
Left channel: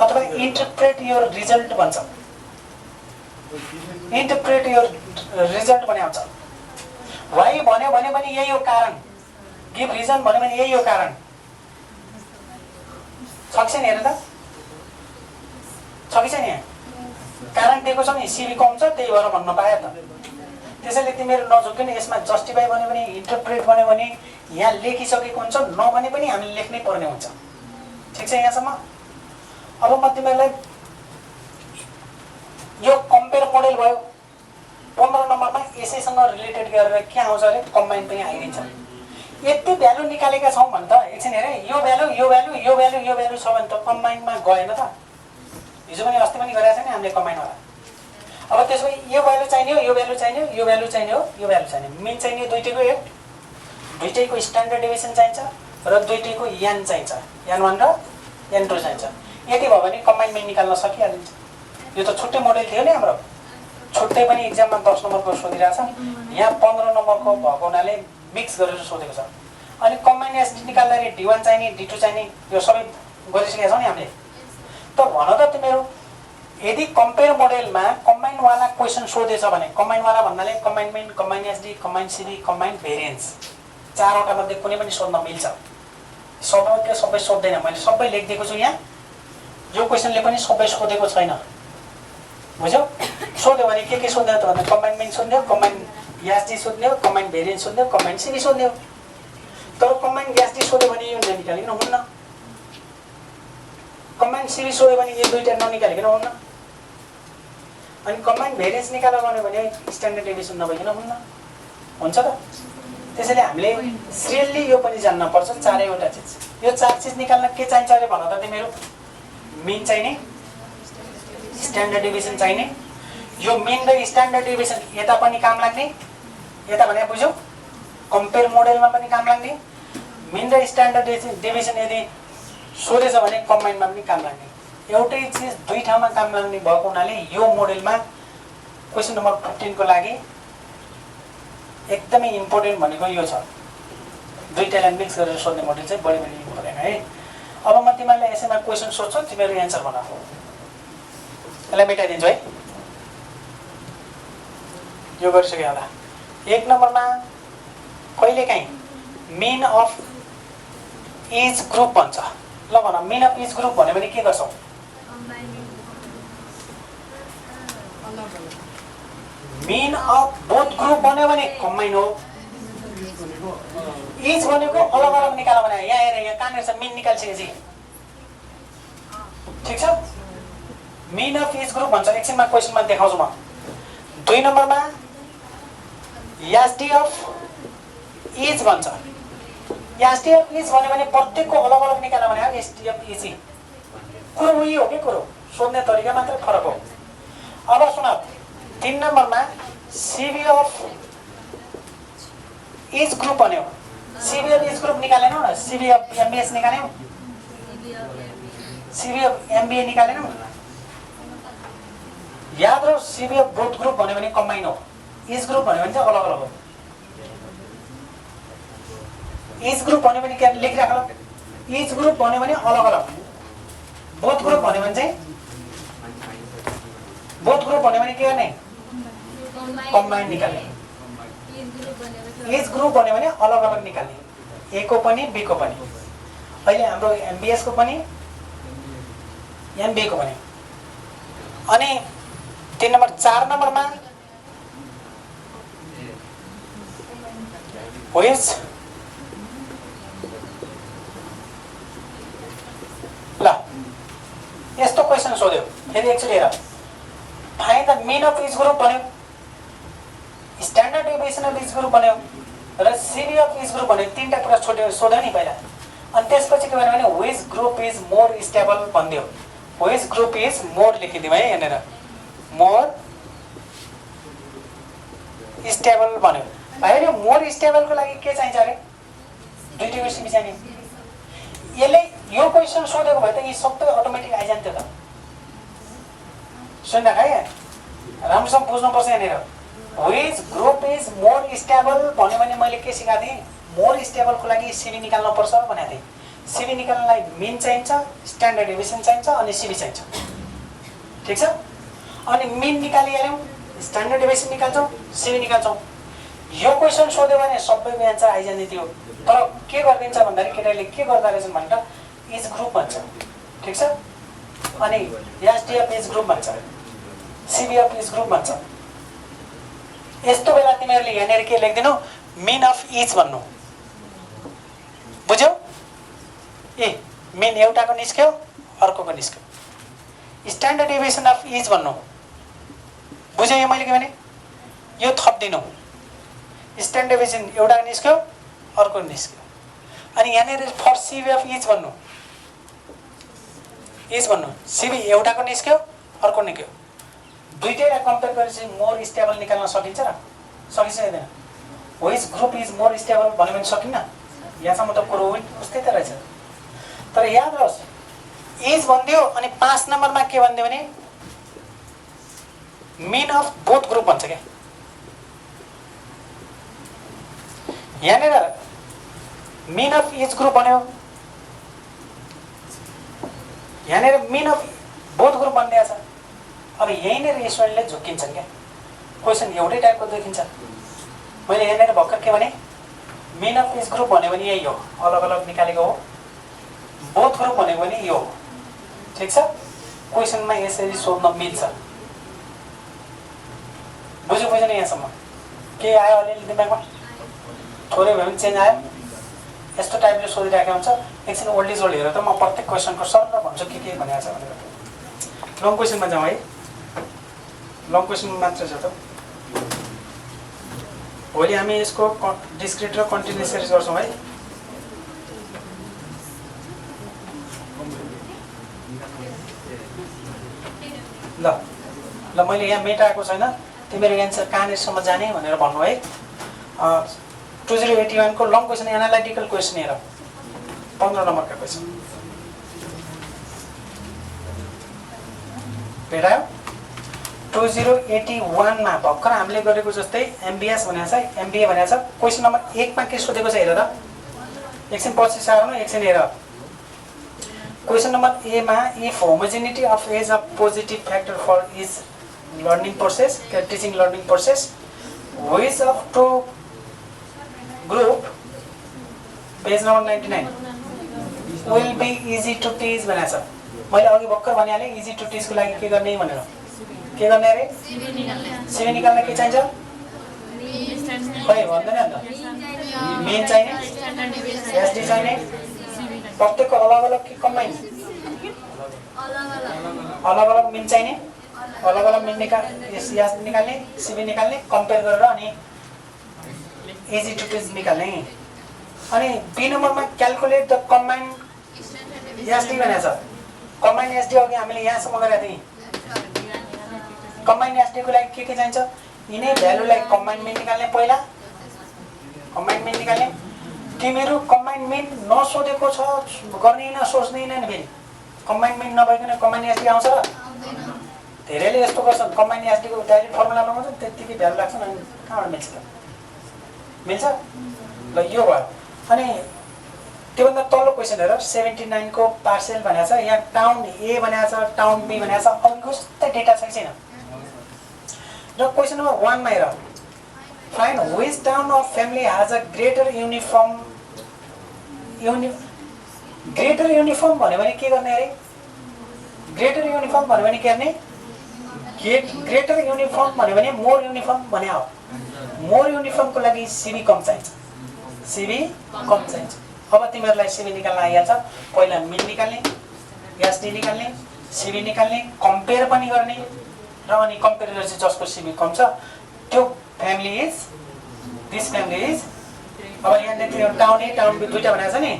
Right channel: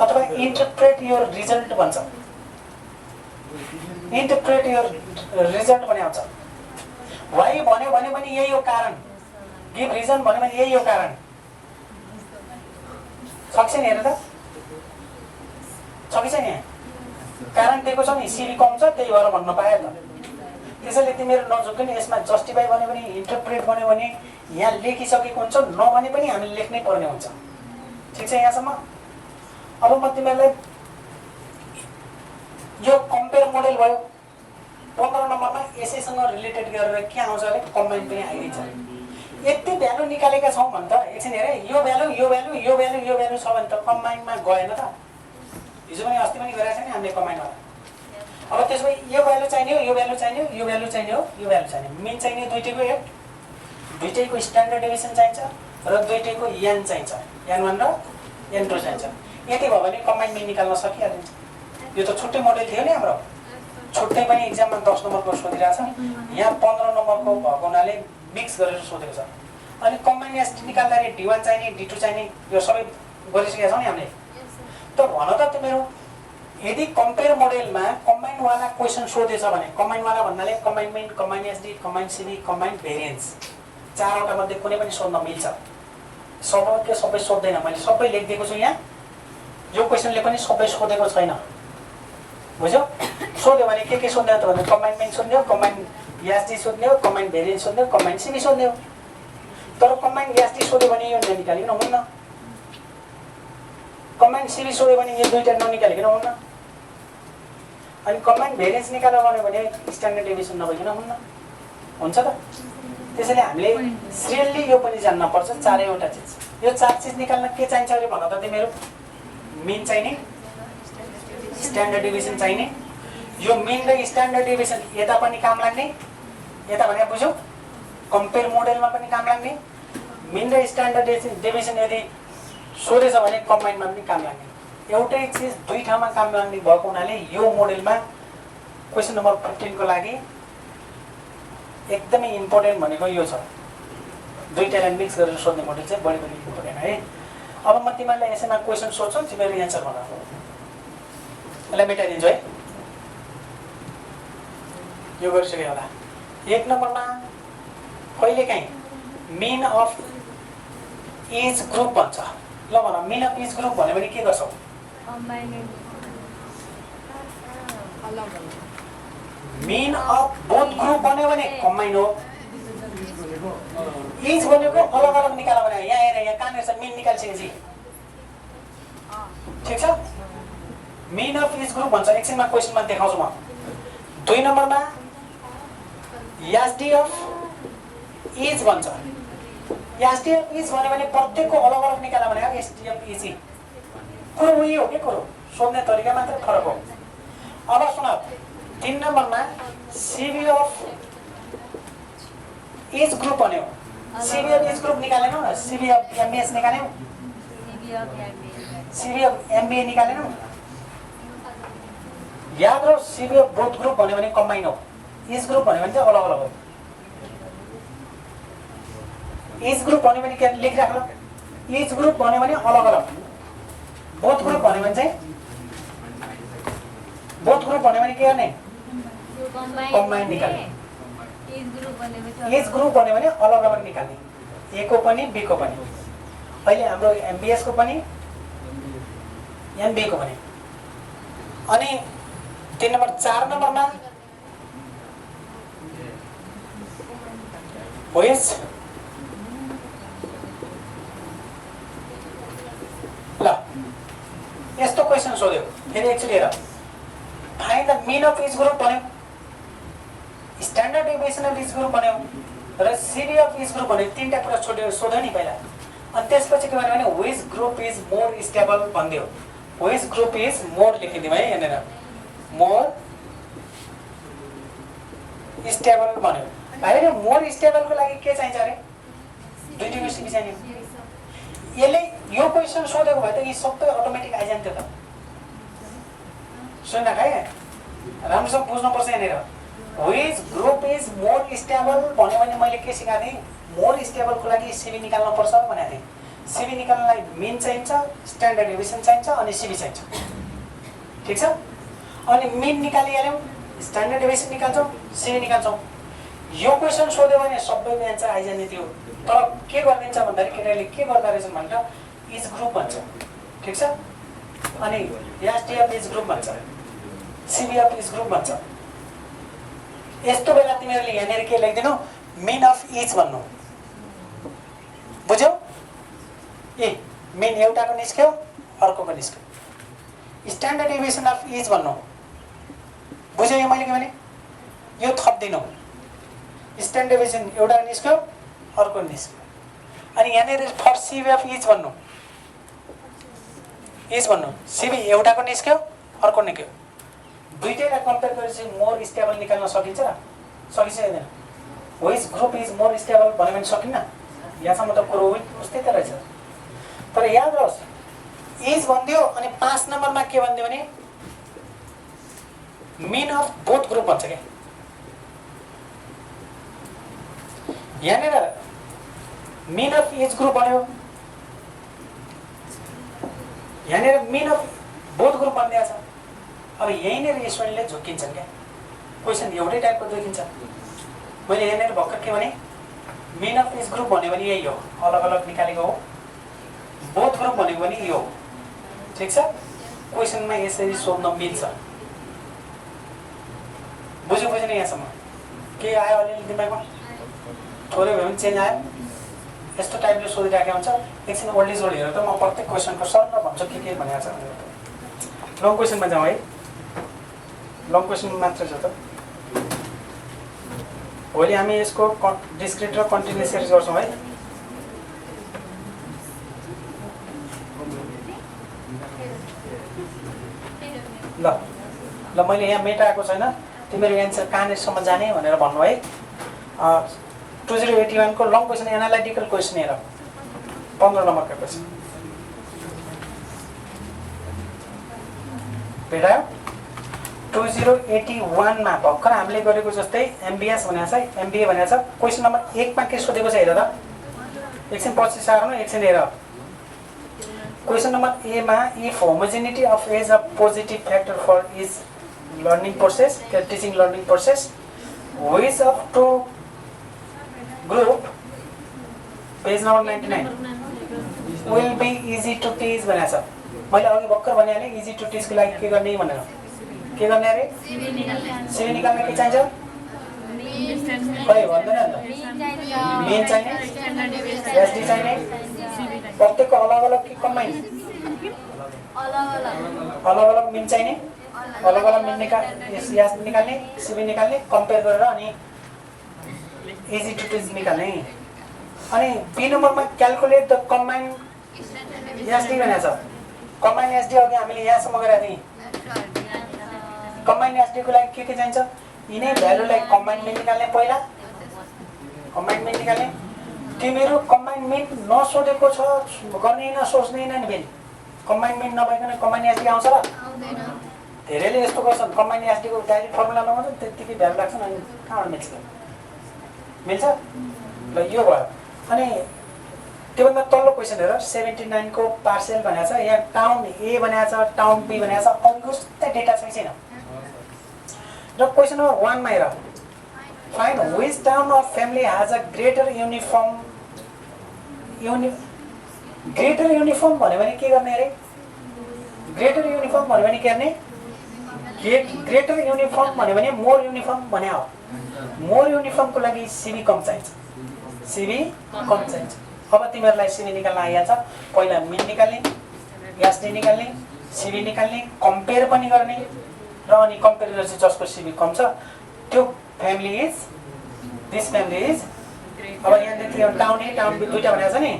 अथवा इन्टरप्रेट योर रिजल्ट भन्छ। इन्टरप्रेट योर रिजल्ट भने आउँछ। वाइ भन्यो भने पनि यही हो कारण, गिभ रिजन भन्यो भने यही हो कारण। छ कि छैन हेर त, छ कि छैन? कारण दिएको छ नि, सिबी कम छ त्यही भएर भन्न पायो त। त्यसैले तिमीहरू नझुक्किन, यसमा जस्टिफाई भन्यो भने इन्टरप्रेट भन्यो भने यहाँ लेखिसकेको हुन्छ, नभने पनि हामीले लेख्नै पर्ने हुन्छ। ठिक छ यहाँसम्म? अब म तिमीहरूलाई यो कम्पेयर मोडेल भयो। 15 नम्बरमा यसैसँग रिलेटेड गरेर के आउँछ अरे कम्बाइन पनि आइदिन्छ। यति भ्यालु निकालेका छौँ भने त एकछिन हेर, यो भ्यालु यो भ्यालु यो भ्यालु यो भ्यालु छ भने त कम्बाइनमा गएन त। हिजो पनि अस्ति पनि गरेको छ नि हामीले कम्बाइनवाला। अब त्यसो भए यो भ्यालु चाहिने हो, यो भ्यालु चाहिने हो, यो भ्यालु चाहिने हो, यो भ्यालु चाहिने। मिन चाहिने दुईटैको एट, दुईटैको स्ट्यान्डर्ड डेभिएसन चाहिन्छ र दुईटैको यान चाहिन्छ, यान 1 र यान 2 चाहिन्छ। यति भयो भने कम्बाइन मिन निकाल्न सकिहालिन्छ। यो त छुट्टै मोडेल थियो नि हाम्रो, छुट्टै पनि इक्जाममा 10 नम्बरको सोधिरहेको छ। यहाँ 15 नम्बरको भएको हुनाले मिक्स गरेर सोधेको छ। अनि कम्बाइन एसडी निकाल्दाखेरि D1 चाहिने, D2 चाहिने, यो सबै गरिसकेका छौँ नि हामीले। त भन त तिमीहरू, यदि कम्पेयर मोडेलमा कम्बाइनवाला क्वेसन सोधेछ भने, कम्बाइनवाला भन्नाले combine mean, combine SD, combine CV, combine variance, चारवटा मध्ये कुनै पनि सोध्न मिल्छ। सबै सोध्दैन, मैले सबै लेखिदिएको छु यहाँ। यो क्वेसनले पनि सबै सोधेको छैन, बुझ्यौ? सोध्यो भने के सोध्ने हो त भन्दा कम्बाइन मिन सोध्ने हो, कम्बाइन एसडी सोध्ने हो, कम्बाइन भेरिएन्स सोध्ने हो, कम्बाइन सिबी सोध्ने हो। तर कम्बाइन एसडी सोध्यो भने यो ननिकालिकन हुन्न, कम्बाइन सिबी सोध्यो भने यो दुईटा ननिकालिकन हुन्न, अनि कम्बाइन भेरिएन्स निकाल्न भन्यो भने स्ट्यान्डर्ड डेभिएसन नभइकन हुन्न, हुन्छ त? त्यसैले हामीले सिरियल्ली यो पनि जान्न पर्छ, चारैवटा चिज। यो चार चिज निकाल्न के चाहिन्छ अरे भन त तिमीहरू? मिन चाहिने, स्ट्यान्डर्ड डेभिएसन चाहिने। यो मिन र स्ट्यान्डर्ड डेभिएसन यता पनि काम लाग्ने, यता भने बुझ्यौ? कम्पेयर मोडेलमा पनि काम लाग्ने। मिन र स्ट्यान्डर्ड डेभिएसन यदि सोधेछ भने कम्बाइनमा पनि काम लाग्ने। एउटै चिज दुई ठाउँमा काम लाग्ने भएको हुनाले यो मोडेलमा क्वेसन नम्बर 15 को लागि एकदमै इम्पोर्टेन्ट भनेको यो छ। दुईटालाई मिक्स गरेर सोध्ने मोडेल चाहिँ बढी इम्पोर्टेन्ट है। अब म तिमीहरूलाई यसैमा क्वेसन सोध्छु, तिमीहरू एन्सर भन। यसलाई मेटाइदिन्छु है, यो गरिसक्यो होला। 1 नम्बरमा कहिलेकाहीँ मिन अफ इच ग्रुप भन्छ। ल भन, मिन अफ इच ग्रुप भन्यो भने के गर्छौ? मिन अफ बोथ ग्रुप भन्यो भने कम्बाइन हो। इच भनेको अलग अलग निकाल भने, यहाँ हेर, यहाँ कहाँनिर छ मिन निकालिसकेपछि, ठिक छ? मिन अफ इच ग्रुप भन्छ। एकछिनमा क्वेसनमा देखाउँछु म। 2 नम्बरमा एसडी अफ इच भन्छ। एसडी अफ इच भन्यो भने प्रत्येकको अलग अलग निकाल भने एसडी अफ इच। कुरो उही हो कि कुरो, सोध्ने तरिका मात्रै फरक हो। अब सुन, 3 नम्बरमा सिबी अफ इच ग्रुप भन्यो। सिबी अफ इच ग्रुप निकालेनौ न, सिबी अफ एमबिएस निकाल्यौ, सिबी अफ एमबिए निकालेनौ। याद रहो, सिबी अफ बोथ ग्रुप भन्यो भने कम्बाइन हो, इच ग्रुप भन्यो भने चाहिँ अलग अलग हो। इच ग्रुप भन्यो भने के लेखिराख ल, इच ग्रुप भन्यो भने अलग अलग, बोथ ग्रुप भन्यो भने चाहिँ, बोथ ग्रुप भन्यो भने के गर्ने? कम्बाइन निकाल्ने। इच ग्रुप भन्यो भने अलग अलग निकाल्ने, ए को पनि बी को पनि। अहिले हाम्रो एमबिएस को पनि एमबी को पनि। अनि 3 नम्बर 4 नम्बरमा व्हिच ल यस्तो क्वेसन सोध्यो फेरि एकचोटि हेर। Find the mean of each group भन्यो, standard deviation of each group भन्यो र सिबी अफ इच ग्रुप भन्यो। तीनटा कुरा सोध्यो नि पहिला, अनि त्यसपछि के भन्यो भने which group is more stable भनिदियो। व्हिच ग्रुप इज मोर लेखिदिउँ है यहाँनिर, मोर स्टेबल भन्यो होइन मोर स्टेबलको लागि के चाहिन्छ अरे दुईटैको सिबी चाहिने यसले यो क्वेसन सोधेको भए त यी सबै अटोमेटिक आइजान्थ्यो त सुन्न है राम्रोसँग बुझ्नुपर्छ यहाँनिर which group is more stable भन्यो भने मैले के सिकाएको थिएँ मोर स्टेबलको लागि सिबी निकाल्नु पर्छ भनेको थिएँ सिबी निकाल्नलाई मिन चाहिन्छ स्ट्यान्डर्ड डेभिएसन चाहिन्छ अनि सिबी चाहिन्छ ठिक छ अनि मिन निकालिहाल्यौँ स्ट्यान्डर्ड डेभिएसन निकाल्छौँ सिबी निकाल्छौँ यो क्वेसन सोध्यो भने सबैको एन्सर आइजाने थियो तर के गरिदिन्छ भन्दाखेरि केटाले के गर्दा रहेछन् भनेर इज ग्रुप भन्छ ठिक छ अनि एसडिएफ इज ग्रुप भन्छ सिबिएफ इज ग्रुप भन्छ यस्तो बेला तिमीहरूले यहाँनिर के लेख्दिनौ मिन अफ इच भन्नु बुझ्यौ ए मिन एउटाको निस्क्यो अर्कोको निस्क्यो स्ट्यान्डर्ड डेभिएसन अफ इच भन्नु बुझ्यौ यो मैले के भने यो थप्दिनौ स्ट्यान्डर्ड डेभिएसन एउटाको निस्क्यो अर्को निस्क्यो अनि यहाँनिर फर सिबिएफ इच भन्नु सिबी एउटाको निस्क्यो अर्को निस्क्यो दुईटैलाई कम्पेयर गरेपछि मोर स्टेबल निकाल्न सकिन्छ र सकिँदैन which group is more stable भन्यो भने सकिन्न यहाँसम्म त कुरो उस्तै त रहेछ तर याद रहोस् इज भनिदियो अनि 5 नम्बरमा के भनिदियो भने मिन अफ बोथ ग्रुप भन्छ क्या यहाँनिर मिन अफ इच ग्रुप भन्यो यहाँनिर मिन अफ बोथ ग्रुप भनिदिएको छ अब यहीँनिर स्टुडेन्टले झुक्किन्छन् क्या क्वेसन एउटै टाइपको देखिन्छ मैले यहाँनिर भर्खर के भने मिन अफ इच ग्रुप भन्यो भने यही हो अलग अलग निकालेको हो बोथ ग्रुप भनेको पनि यो हो ठिक छ क्वेसनमा यसरी सोध्न मिल्छ बुझ्यो बुझेन यहाँसम्म के आयो अलिअलि दिमागमा थोरै भए पनि चेन्ज आयो यस्तो टाइपले सोधिराखेको हुन्छ एकछिन ओल्ड इज ओल्ड हेरेर त म प्रत्येक क्वेसनको सर भन्छु के भनेको छ भनेर लङ क्वेसनमा जाउँ है लङ क्वेसन मात्र छ त भोलि हामी यसको डिस्क्रिट र कन्टिन्युस सिरिज गर्छौँ है ल ल मैले यहाँ मेटाएको छैन तिमीहरू एन्सर कहाँनिरसम्म जाने भनेर भन्नु है 2081 को लङ क्वेसन एनालाइटिकल क्वेसन हेर 15 नम्बरको क्वेसन भेटायो 2081 मा भर्खर हामीले गरेको जस्तै एमबीएस भनेको छ एमबीए भनेको छ क्वेसन नम्बर 1 मा के सोधेको छ हेर त एकछिन पछि सार्नु एकछिन हेर क्वेसन नम्बर ए मा if homogeneity of age a positive factor for is learning process teaching learning process which of two group page number 99 will be easy to teach भनेको छ मैले अघि भर्खर भनिहालेँ इजी टु टिचको लागि के गर्ने भनेर के गर्ने अरे सिबी निकाल्न के चाहिन्छ खै भन्दैन नि मेन चाहिने एसडी चाहिने प्रत्येकको अलग अलग कि कम्बाइन अलग अलग मिन चाहिने अलग अलग मिन निकाल्ने सिबी निकाल्ने कम्पेयर गरेर अनि इजी टु टिच निकाल्ने अनि बी नम्बरमा क्याल्कुलेट द कम्बाइन एसडी भनेको छ कम्बाइन एसडी अघि हामीले यहाँसम्म गरेका थियौँ कम्बाइन एसडी को लागि के चाहिन्छ यिनै भ्यालुलाई कम्बाइन मिन निकाल्ने पहिला कम्बाइन मिन निकाल्ने तिमीहरू कम्बाइन मिन नसोधेको छ गर्ने न सोच्दैन नि फेरि कम्बाइन मिन नभइकन कम्बाइन एसडी आउँछ र धेरैले यस्तो गर्छन् कम्बाइन एसडी को डाइरेक्ट फर्मुला लगाउँछ त्यतिकै भ्यालु लाग्छन् अनि कहाँबाट मिल्छ ल यो भयो अनि त्योभन्दा तल्लो क्वेसन हेर 79 को पार्सियल भनेको छ यहाँ टाउन ए भनेको छ टाउन बी भनेको छ अघिको जस्तै डेटा छैन र क्वेसन नम्बर 1 मा हेर find which town of family has a greater uniform greater uniform भन्यो भने के गर्ने अरे ग्रेटर युनिफर्म भन्यो भने के गर्ने ग्रेटर युनिफर्म भन्यो भने मोर युनिफर्म भने हो मोर युनिफर्मको लागि सिबी कम चाहिन्छ सिबी कम चाहिन्छ अब तिमीहरूलाई सिबी निकाल्न आइहाल्छ पहिला मिन निकाल्ने एसडी निकाल्ने सिबी निकाल्ने कम्पेयर पनि गर्ने र अनि कम्पेयर गरेपछि जसको सिबी कम छ त्यो family is this family is अब यहाँ देखियो टाउन ए टाउन बी दुईटा भनेको छ नि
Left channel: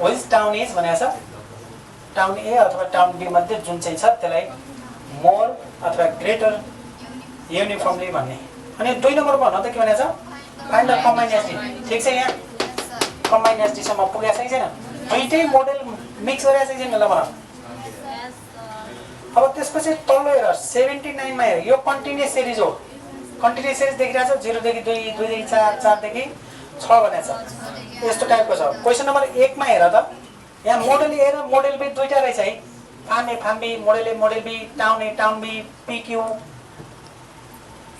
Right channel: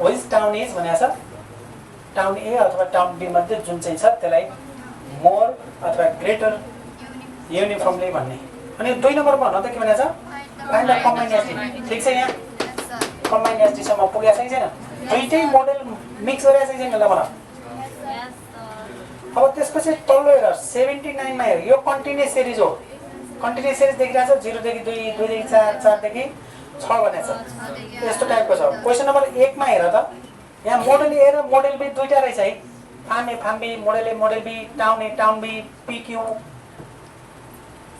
व्हिच टाउन इज भनेको छ टाउन ए अथवा टाउन बी मध्ये जुन चाहिँ छ त्यसलाई मोर अथवा ग्रेटर युनिफर्मली भन्ने अनि 2 नम्बर भन्नु त के भनेछ फाइन्ड द कम्बाइन्ड एसडी ठीक छ यहाँ कम्बाइन्ड एसडी सम्म पुगेछ कि छैन दुईटै मोडल मिक्स गरेछ कि छैन ल भन अब त्यसपछि तल्लो हेर 79 मा हेर यो कन्टिन्युअस सिरिज हो कन्टिन्युअस सिरिज देखिरहेछ 0 देखि 2 2 देखि 4 4 देखि 6 भनेछ यस्तो टाइपको छ क्वेशन नम्बर 1 मा हेर त यहाँ मोडल ए र मोडल बी दुईटा रहेछ है farm A farm B model A model B town A town B PQ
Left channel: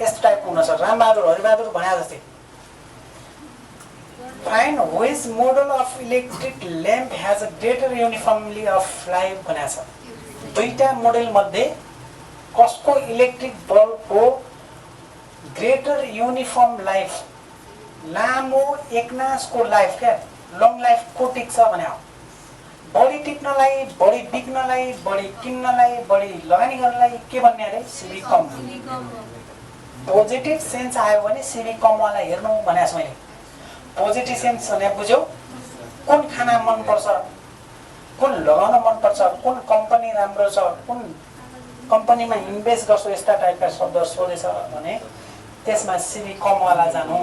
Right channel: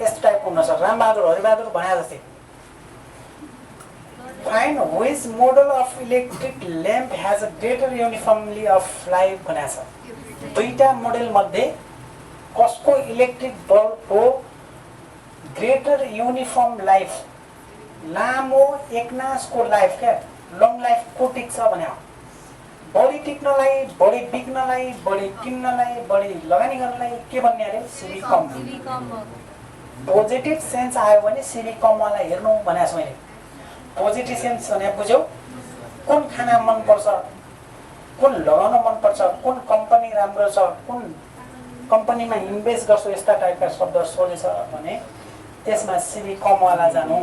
यस्तो टाइपको हुन सक्छ रामबहादुर हरिबहादुर भने जस्तै find which model of electric lamp has a greater uniformly of life भनेछ दुईटा मोडल मध्ये कसको इलेक्ट्रिक बल्बको ग्रेटर युनिफर्म लाइफ लामो एकनासको लाइफ क्या लङ लाइफ को टिक्छ भने बढी टिक्नलाई बढी बिक्नलाई बढी किन्नलाई बढी लगानी गर्नलाई के भन्ने अरे सिबी कम पोजिटिभ सेन्स आयो भने सिबी कमवाला हेर्नु भनेको छु मैले पोजिटिभ सेन्स भने बुझ्यौ कुन खाना मन पर्छ कुन लगाउन मन पर्छ कुन कम्पनी राम्रो छ कुन कम्पनीमा इन्भेस्ट गर्छु यस्ता टाइपका शब्द सोधेछ भने त्यसमा सिबी कमवाला जानु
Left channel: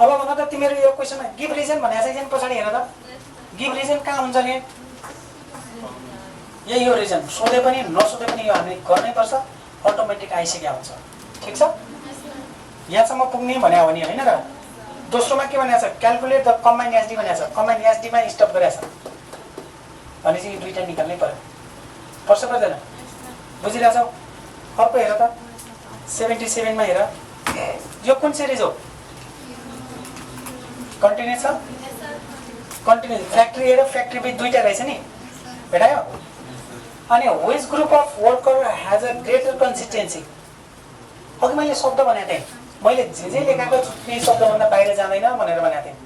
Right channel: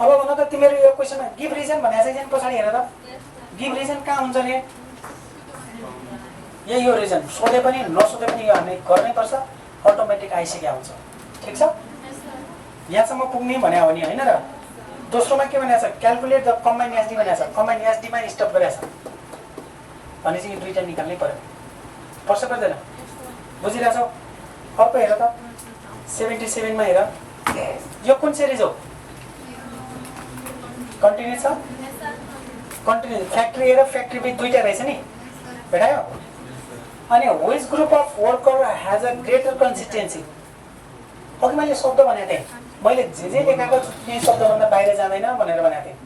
अब भन त तिमीहरू यो क्वेशनमा गिभ रिजन भनेको चाहिँ पछाडि हेर त गिभ रिजन कहाँ हुन्छ नि यही हो रिजन सोधे पनि नसोधे पनि यो हामीले गर्नै पर्छ अटोमेटिक आइसकेको हुन्छ ठीक छ यहाँसम्म पुग्ने भने हो नि हैन र दोस्रोमा के भनेको छ क्याल्कुलेट द कम्बाइन्ड एसडी भनेको छ कम्बाइन्ड एसडी मा स्टप गरेछ भनेपछि यो दुईटा निकाल्नै पर्यो पर्छ पर्दैन बुझिरहेछौ अर्को हेर त 77 मा हेर यो कुन सिरिज हो कन्टिन्युअस छ कन्टिन्युअस फ्याक्ट्री ए र फ्याक्ट्री बी दुईटा रहेछ नि भेटायो अनि which group of worker has a greater consistency अघि मैले शब्द भनेको थिएँ मैले जे लेखाएको छु ती शब्दभन्दा बाहिर जाँदैन भनेर भनेको थिएँ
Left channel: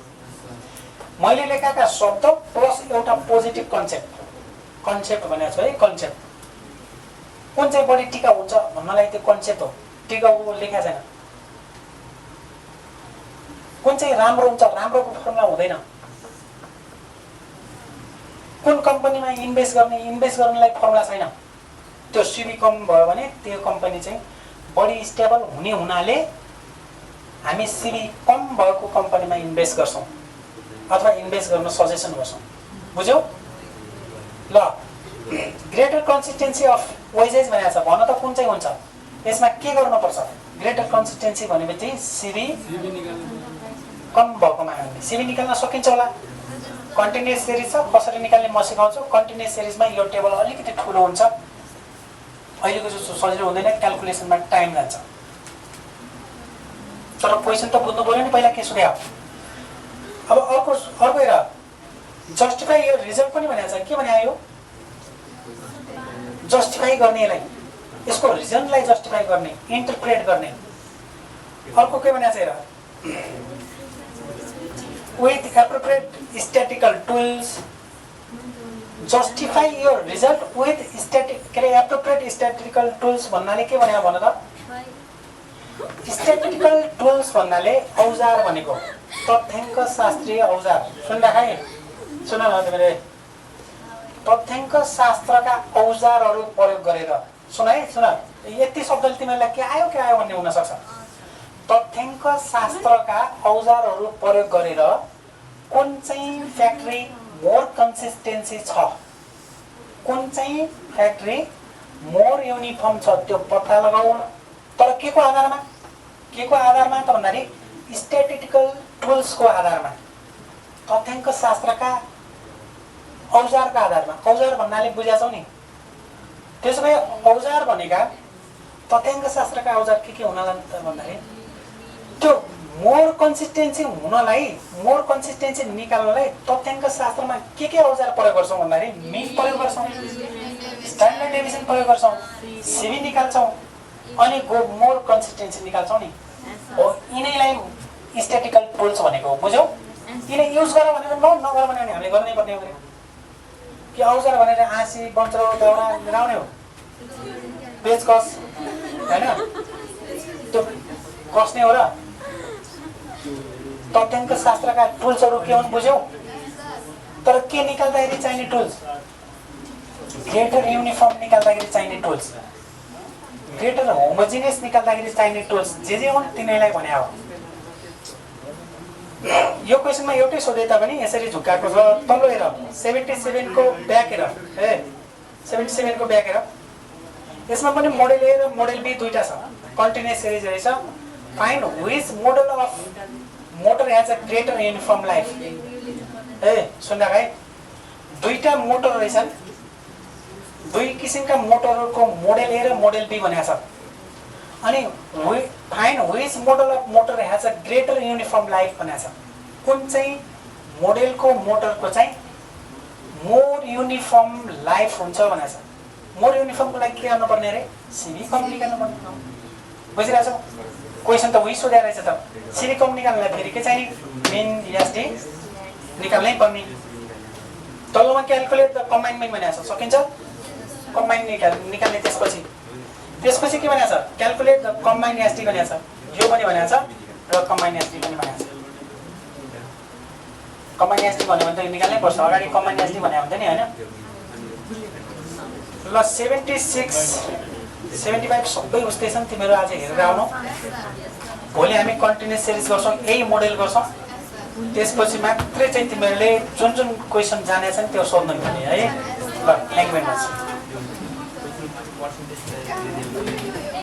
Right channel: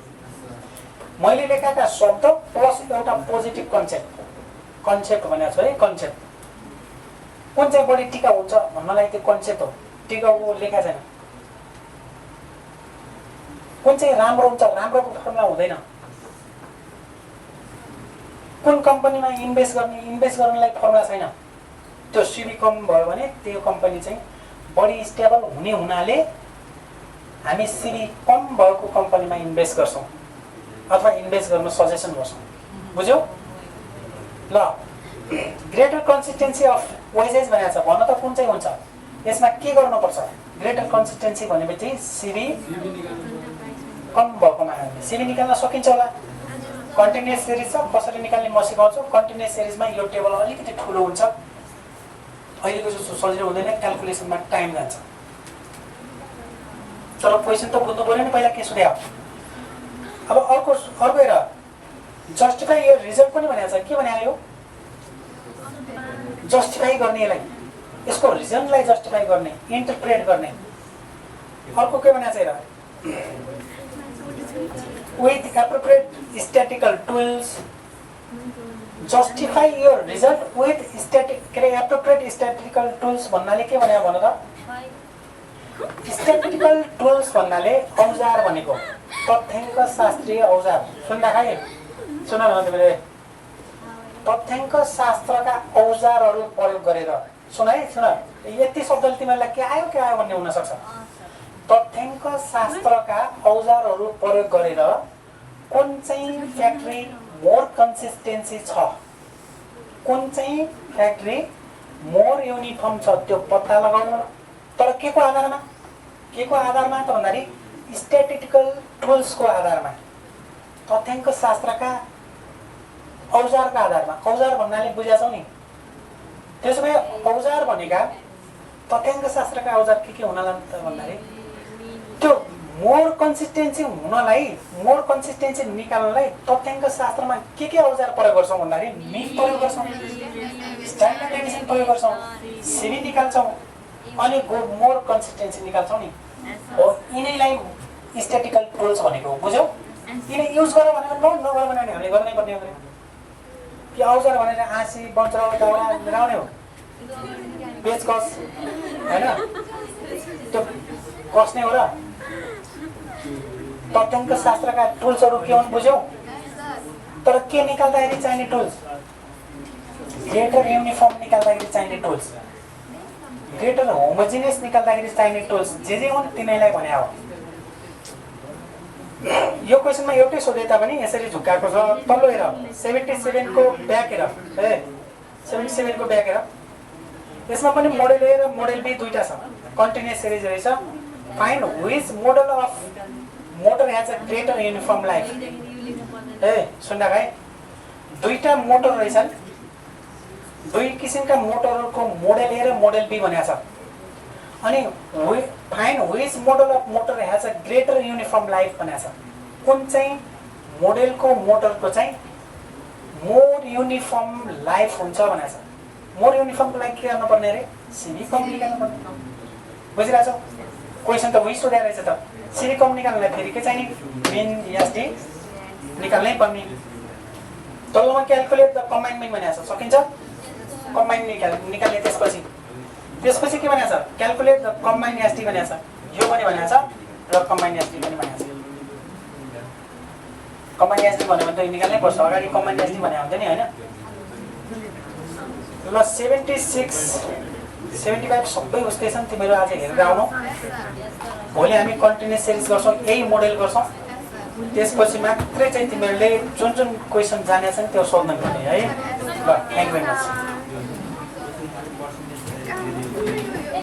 मैले लेखाएका शब्द प्लस एउटा पोजिटिभ कन्सेप्ट भनेको छु है कन्सेप्ट कुन चाहिँ बढी टिका हुन्छ भन्नलाई त्यो कन्सेप्ट हो टिकाउ लेखा छैन कुन चाहिँ राम्रो हुन्छ राम्रोको फर्मुला हुँदैन कुन कम्पनीमा इन्भेस्ट गर्नलाई फर्मुला छैन त्यो सिबी कम भयो भने त्यो कम्पनी चाहिँ बढी स्टेबल हुने हुनाले हामी सिबी कम भएको कम्पनीमा इन्भेस्ट गर्छौं अथवा इन्भेस्ट गर्न सजेसन गर्छौं बुझ्यौ ल ग्रेटर कन्सिस्टेन्सी अफ वेजेस भनेको छ भन्न त कुन चाहिँ हुन्छ यसमा के गर्नुपर्छ ग्रेटर कन्सिस्टेन्सी भनेपछि सिबी कम भएकोमा हामीले सिबी निकाल्न सकिन्छ होला कन्टिन्युअस सिरिज छ कसरी निकाल्ने म सिकाउँछु कन्टिन्युअस सिरिजमा यो टेबल अलिकति ठुलो हुन्छ अहिलेको जस्तो सजिलो हुँदैन क्याल्कुलेसनमा टाइम जान्छ तर क्वेशन त बुझ्नु पर्यो नि पहिला के सोध्यो अब अर्को हेर जस्टिफाई यो रिजल्ट पनि भनेको छ के भने यो जस्टिफाई गर्ने यसलाई यसको रिजनलाई जस्टिफाई गर्ने इन्टरप्रेट गर्ने अर्को के भनेको छ हेर with appropriate statistical tools justify your result with appropriate statistical tools भन्नाले के भने भन त statistical tools भन्नाले औजार भनेको तथ्याङ्क शास्त्रीय औजार सुन्दा खाइ सुन न तिमीले तथ्याङ्क शास्त्रका औजारहरू प्रयोग गरेर सुन है सुन यति शब्दले तिमीलाई के आयो भन्ने हुन सक्छ तथ्याङ्क शास्त्रका औजारहरू प्रयोग गरेर कुन चाहिँ फ्याक्ट्री मोर कन्सिस्टेन्सी छ कुन चाहिँ फ्याक्ट्री मोर युनिफर्म छ त्यो पत्ता लगाऊ तर के को आधारमा त भन्दाखेरि स्ट्याटिस्टिकल टुल्सको आधारमा तथ्याङ्क शास्त्रका औजारका आधारमा औजार भन्नाले बुझाछौ नि त्यसो भए औजार भनेका तथ्याङ्क शास्त्रका औजार के हुनला त भन्दाखेरि त्यो मोर कन्सिस्टेन्सी निकाल्नलाई तथ्याङ्क शास्त्रमा के औजार प्रयोग गर्छौं भन्दाखेरि मिन प्रयोग गर्छौं स्ट्यान्डर्ड डेभिएसन प्रयोग गर्छौं सिबी निकाल्छौं अनि मोर कन्सिस्टेन्सी निकाल्छौं नि हो यिनैलाई स्ट्याटिस्टिकल टुल्स भनेको हो बुझ्यौ यिनै युज गर भनेर नगर भने हामीले गर्नै पर्ने हो कि औजार भनेर आँसी बन्चरो दाउरा लगाउने हो पेचकस हैन त्यो कसने हो र तथ्याङ्क शास्त्रका टुल्सहरू के हुन् बुझ्यौ तर के निकाल्दाखेरि चाहिने टुल्स ग्रेटर युनिफर्म निकाल्दाखेरि चाहिने टुल्स ग्रेटर होमोजिनियस निकाल्दाखेरि चाहिने टुल्स जे हुन् तिनीलाई भने हो। यो क्वेसनमा एउटै सोधे तापनि यसरी झुक्काएको छ, तल्लो हेर 77 को ब्याक हेर, 77 को ब्याक हेर। यसमा पनि मोडेल ए र मोडेल बी दुईटा छ, कन्टिन्युअस सिरिज रहेछ। Find which model of motor has a greater uniform life. सुन्दा है, दुईटा मोटर रहेछन्, दुई किसिमका मोटरहरूको मोडेल ए र मोडेल बी भनेको छ। अनि find which model of motor has a greater uniform life भनेको छ। कुन चाहिँ मोडेलको मोटरको चाहिँ मोर युनिफर्म लाइफ हुन्छ भनेको छ। मोर युनिफर्मको लागि के गर्नुपर्ने अरे? सिभी कम निकाल्नुपर्ने। बुझिरहेछौ? क्वेसन त उही सोधेको रहेछ त। सिभी कम निकाल्नलाई फेरि के चाहिने? मिन एसडी निकाल्नै पर्ने। तल्लोमा क्याल्कुलेट द कम्बाइन मिन भनेको छ, सकिन्छ? कम्बाइन निकाल्ने त्यसपछि के भनेको छ? क्याल्कुलेट द कम्बाइन एसडी भनेको छ। यो पनि भनेको छ र कम्बाइन एसडी पनि भनेको छ। कम्बाइन एसडी भन्यो भने त निकाल्नै पर्छ, अगाडि कम्बाइन एसडी भने हुन्थ्यो नि, हैन? ल 76 75 सबै उस्तै छन्। तिमीहरू आज हेरेर आउनु। भोलि हामी कन्टिन्युअस सिरिज गर्छौँ, यही मोडेल गर्छौँ। त्यसपछि मात्रै चाहिँ तिमीहरूले जुन जुन क्वेसन जानेछ नि त्यो सोध्नु पर्ने है। ल, थ्याङ्क यू भेरी मच।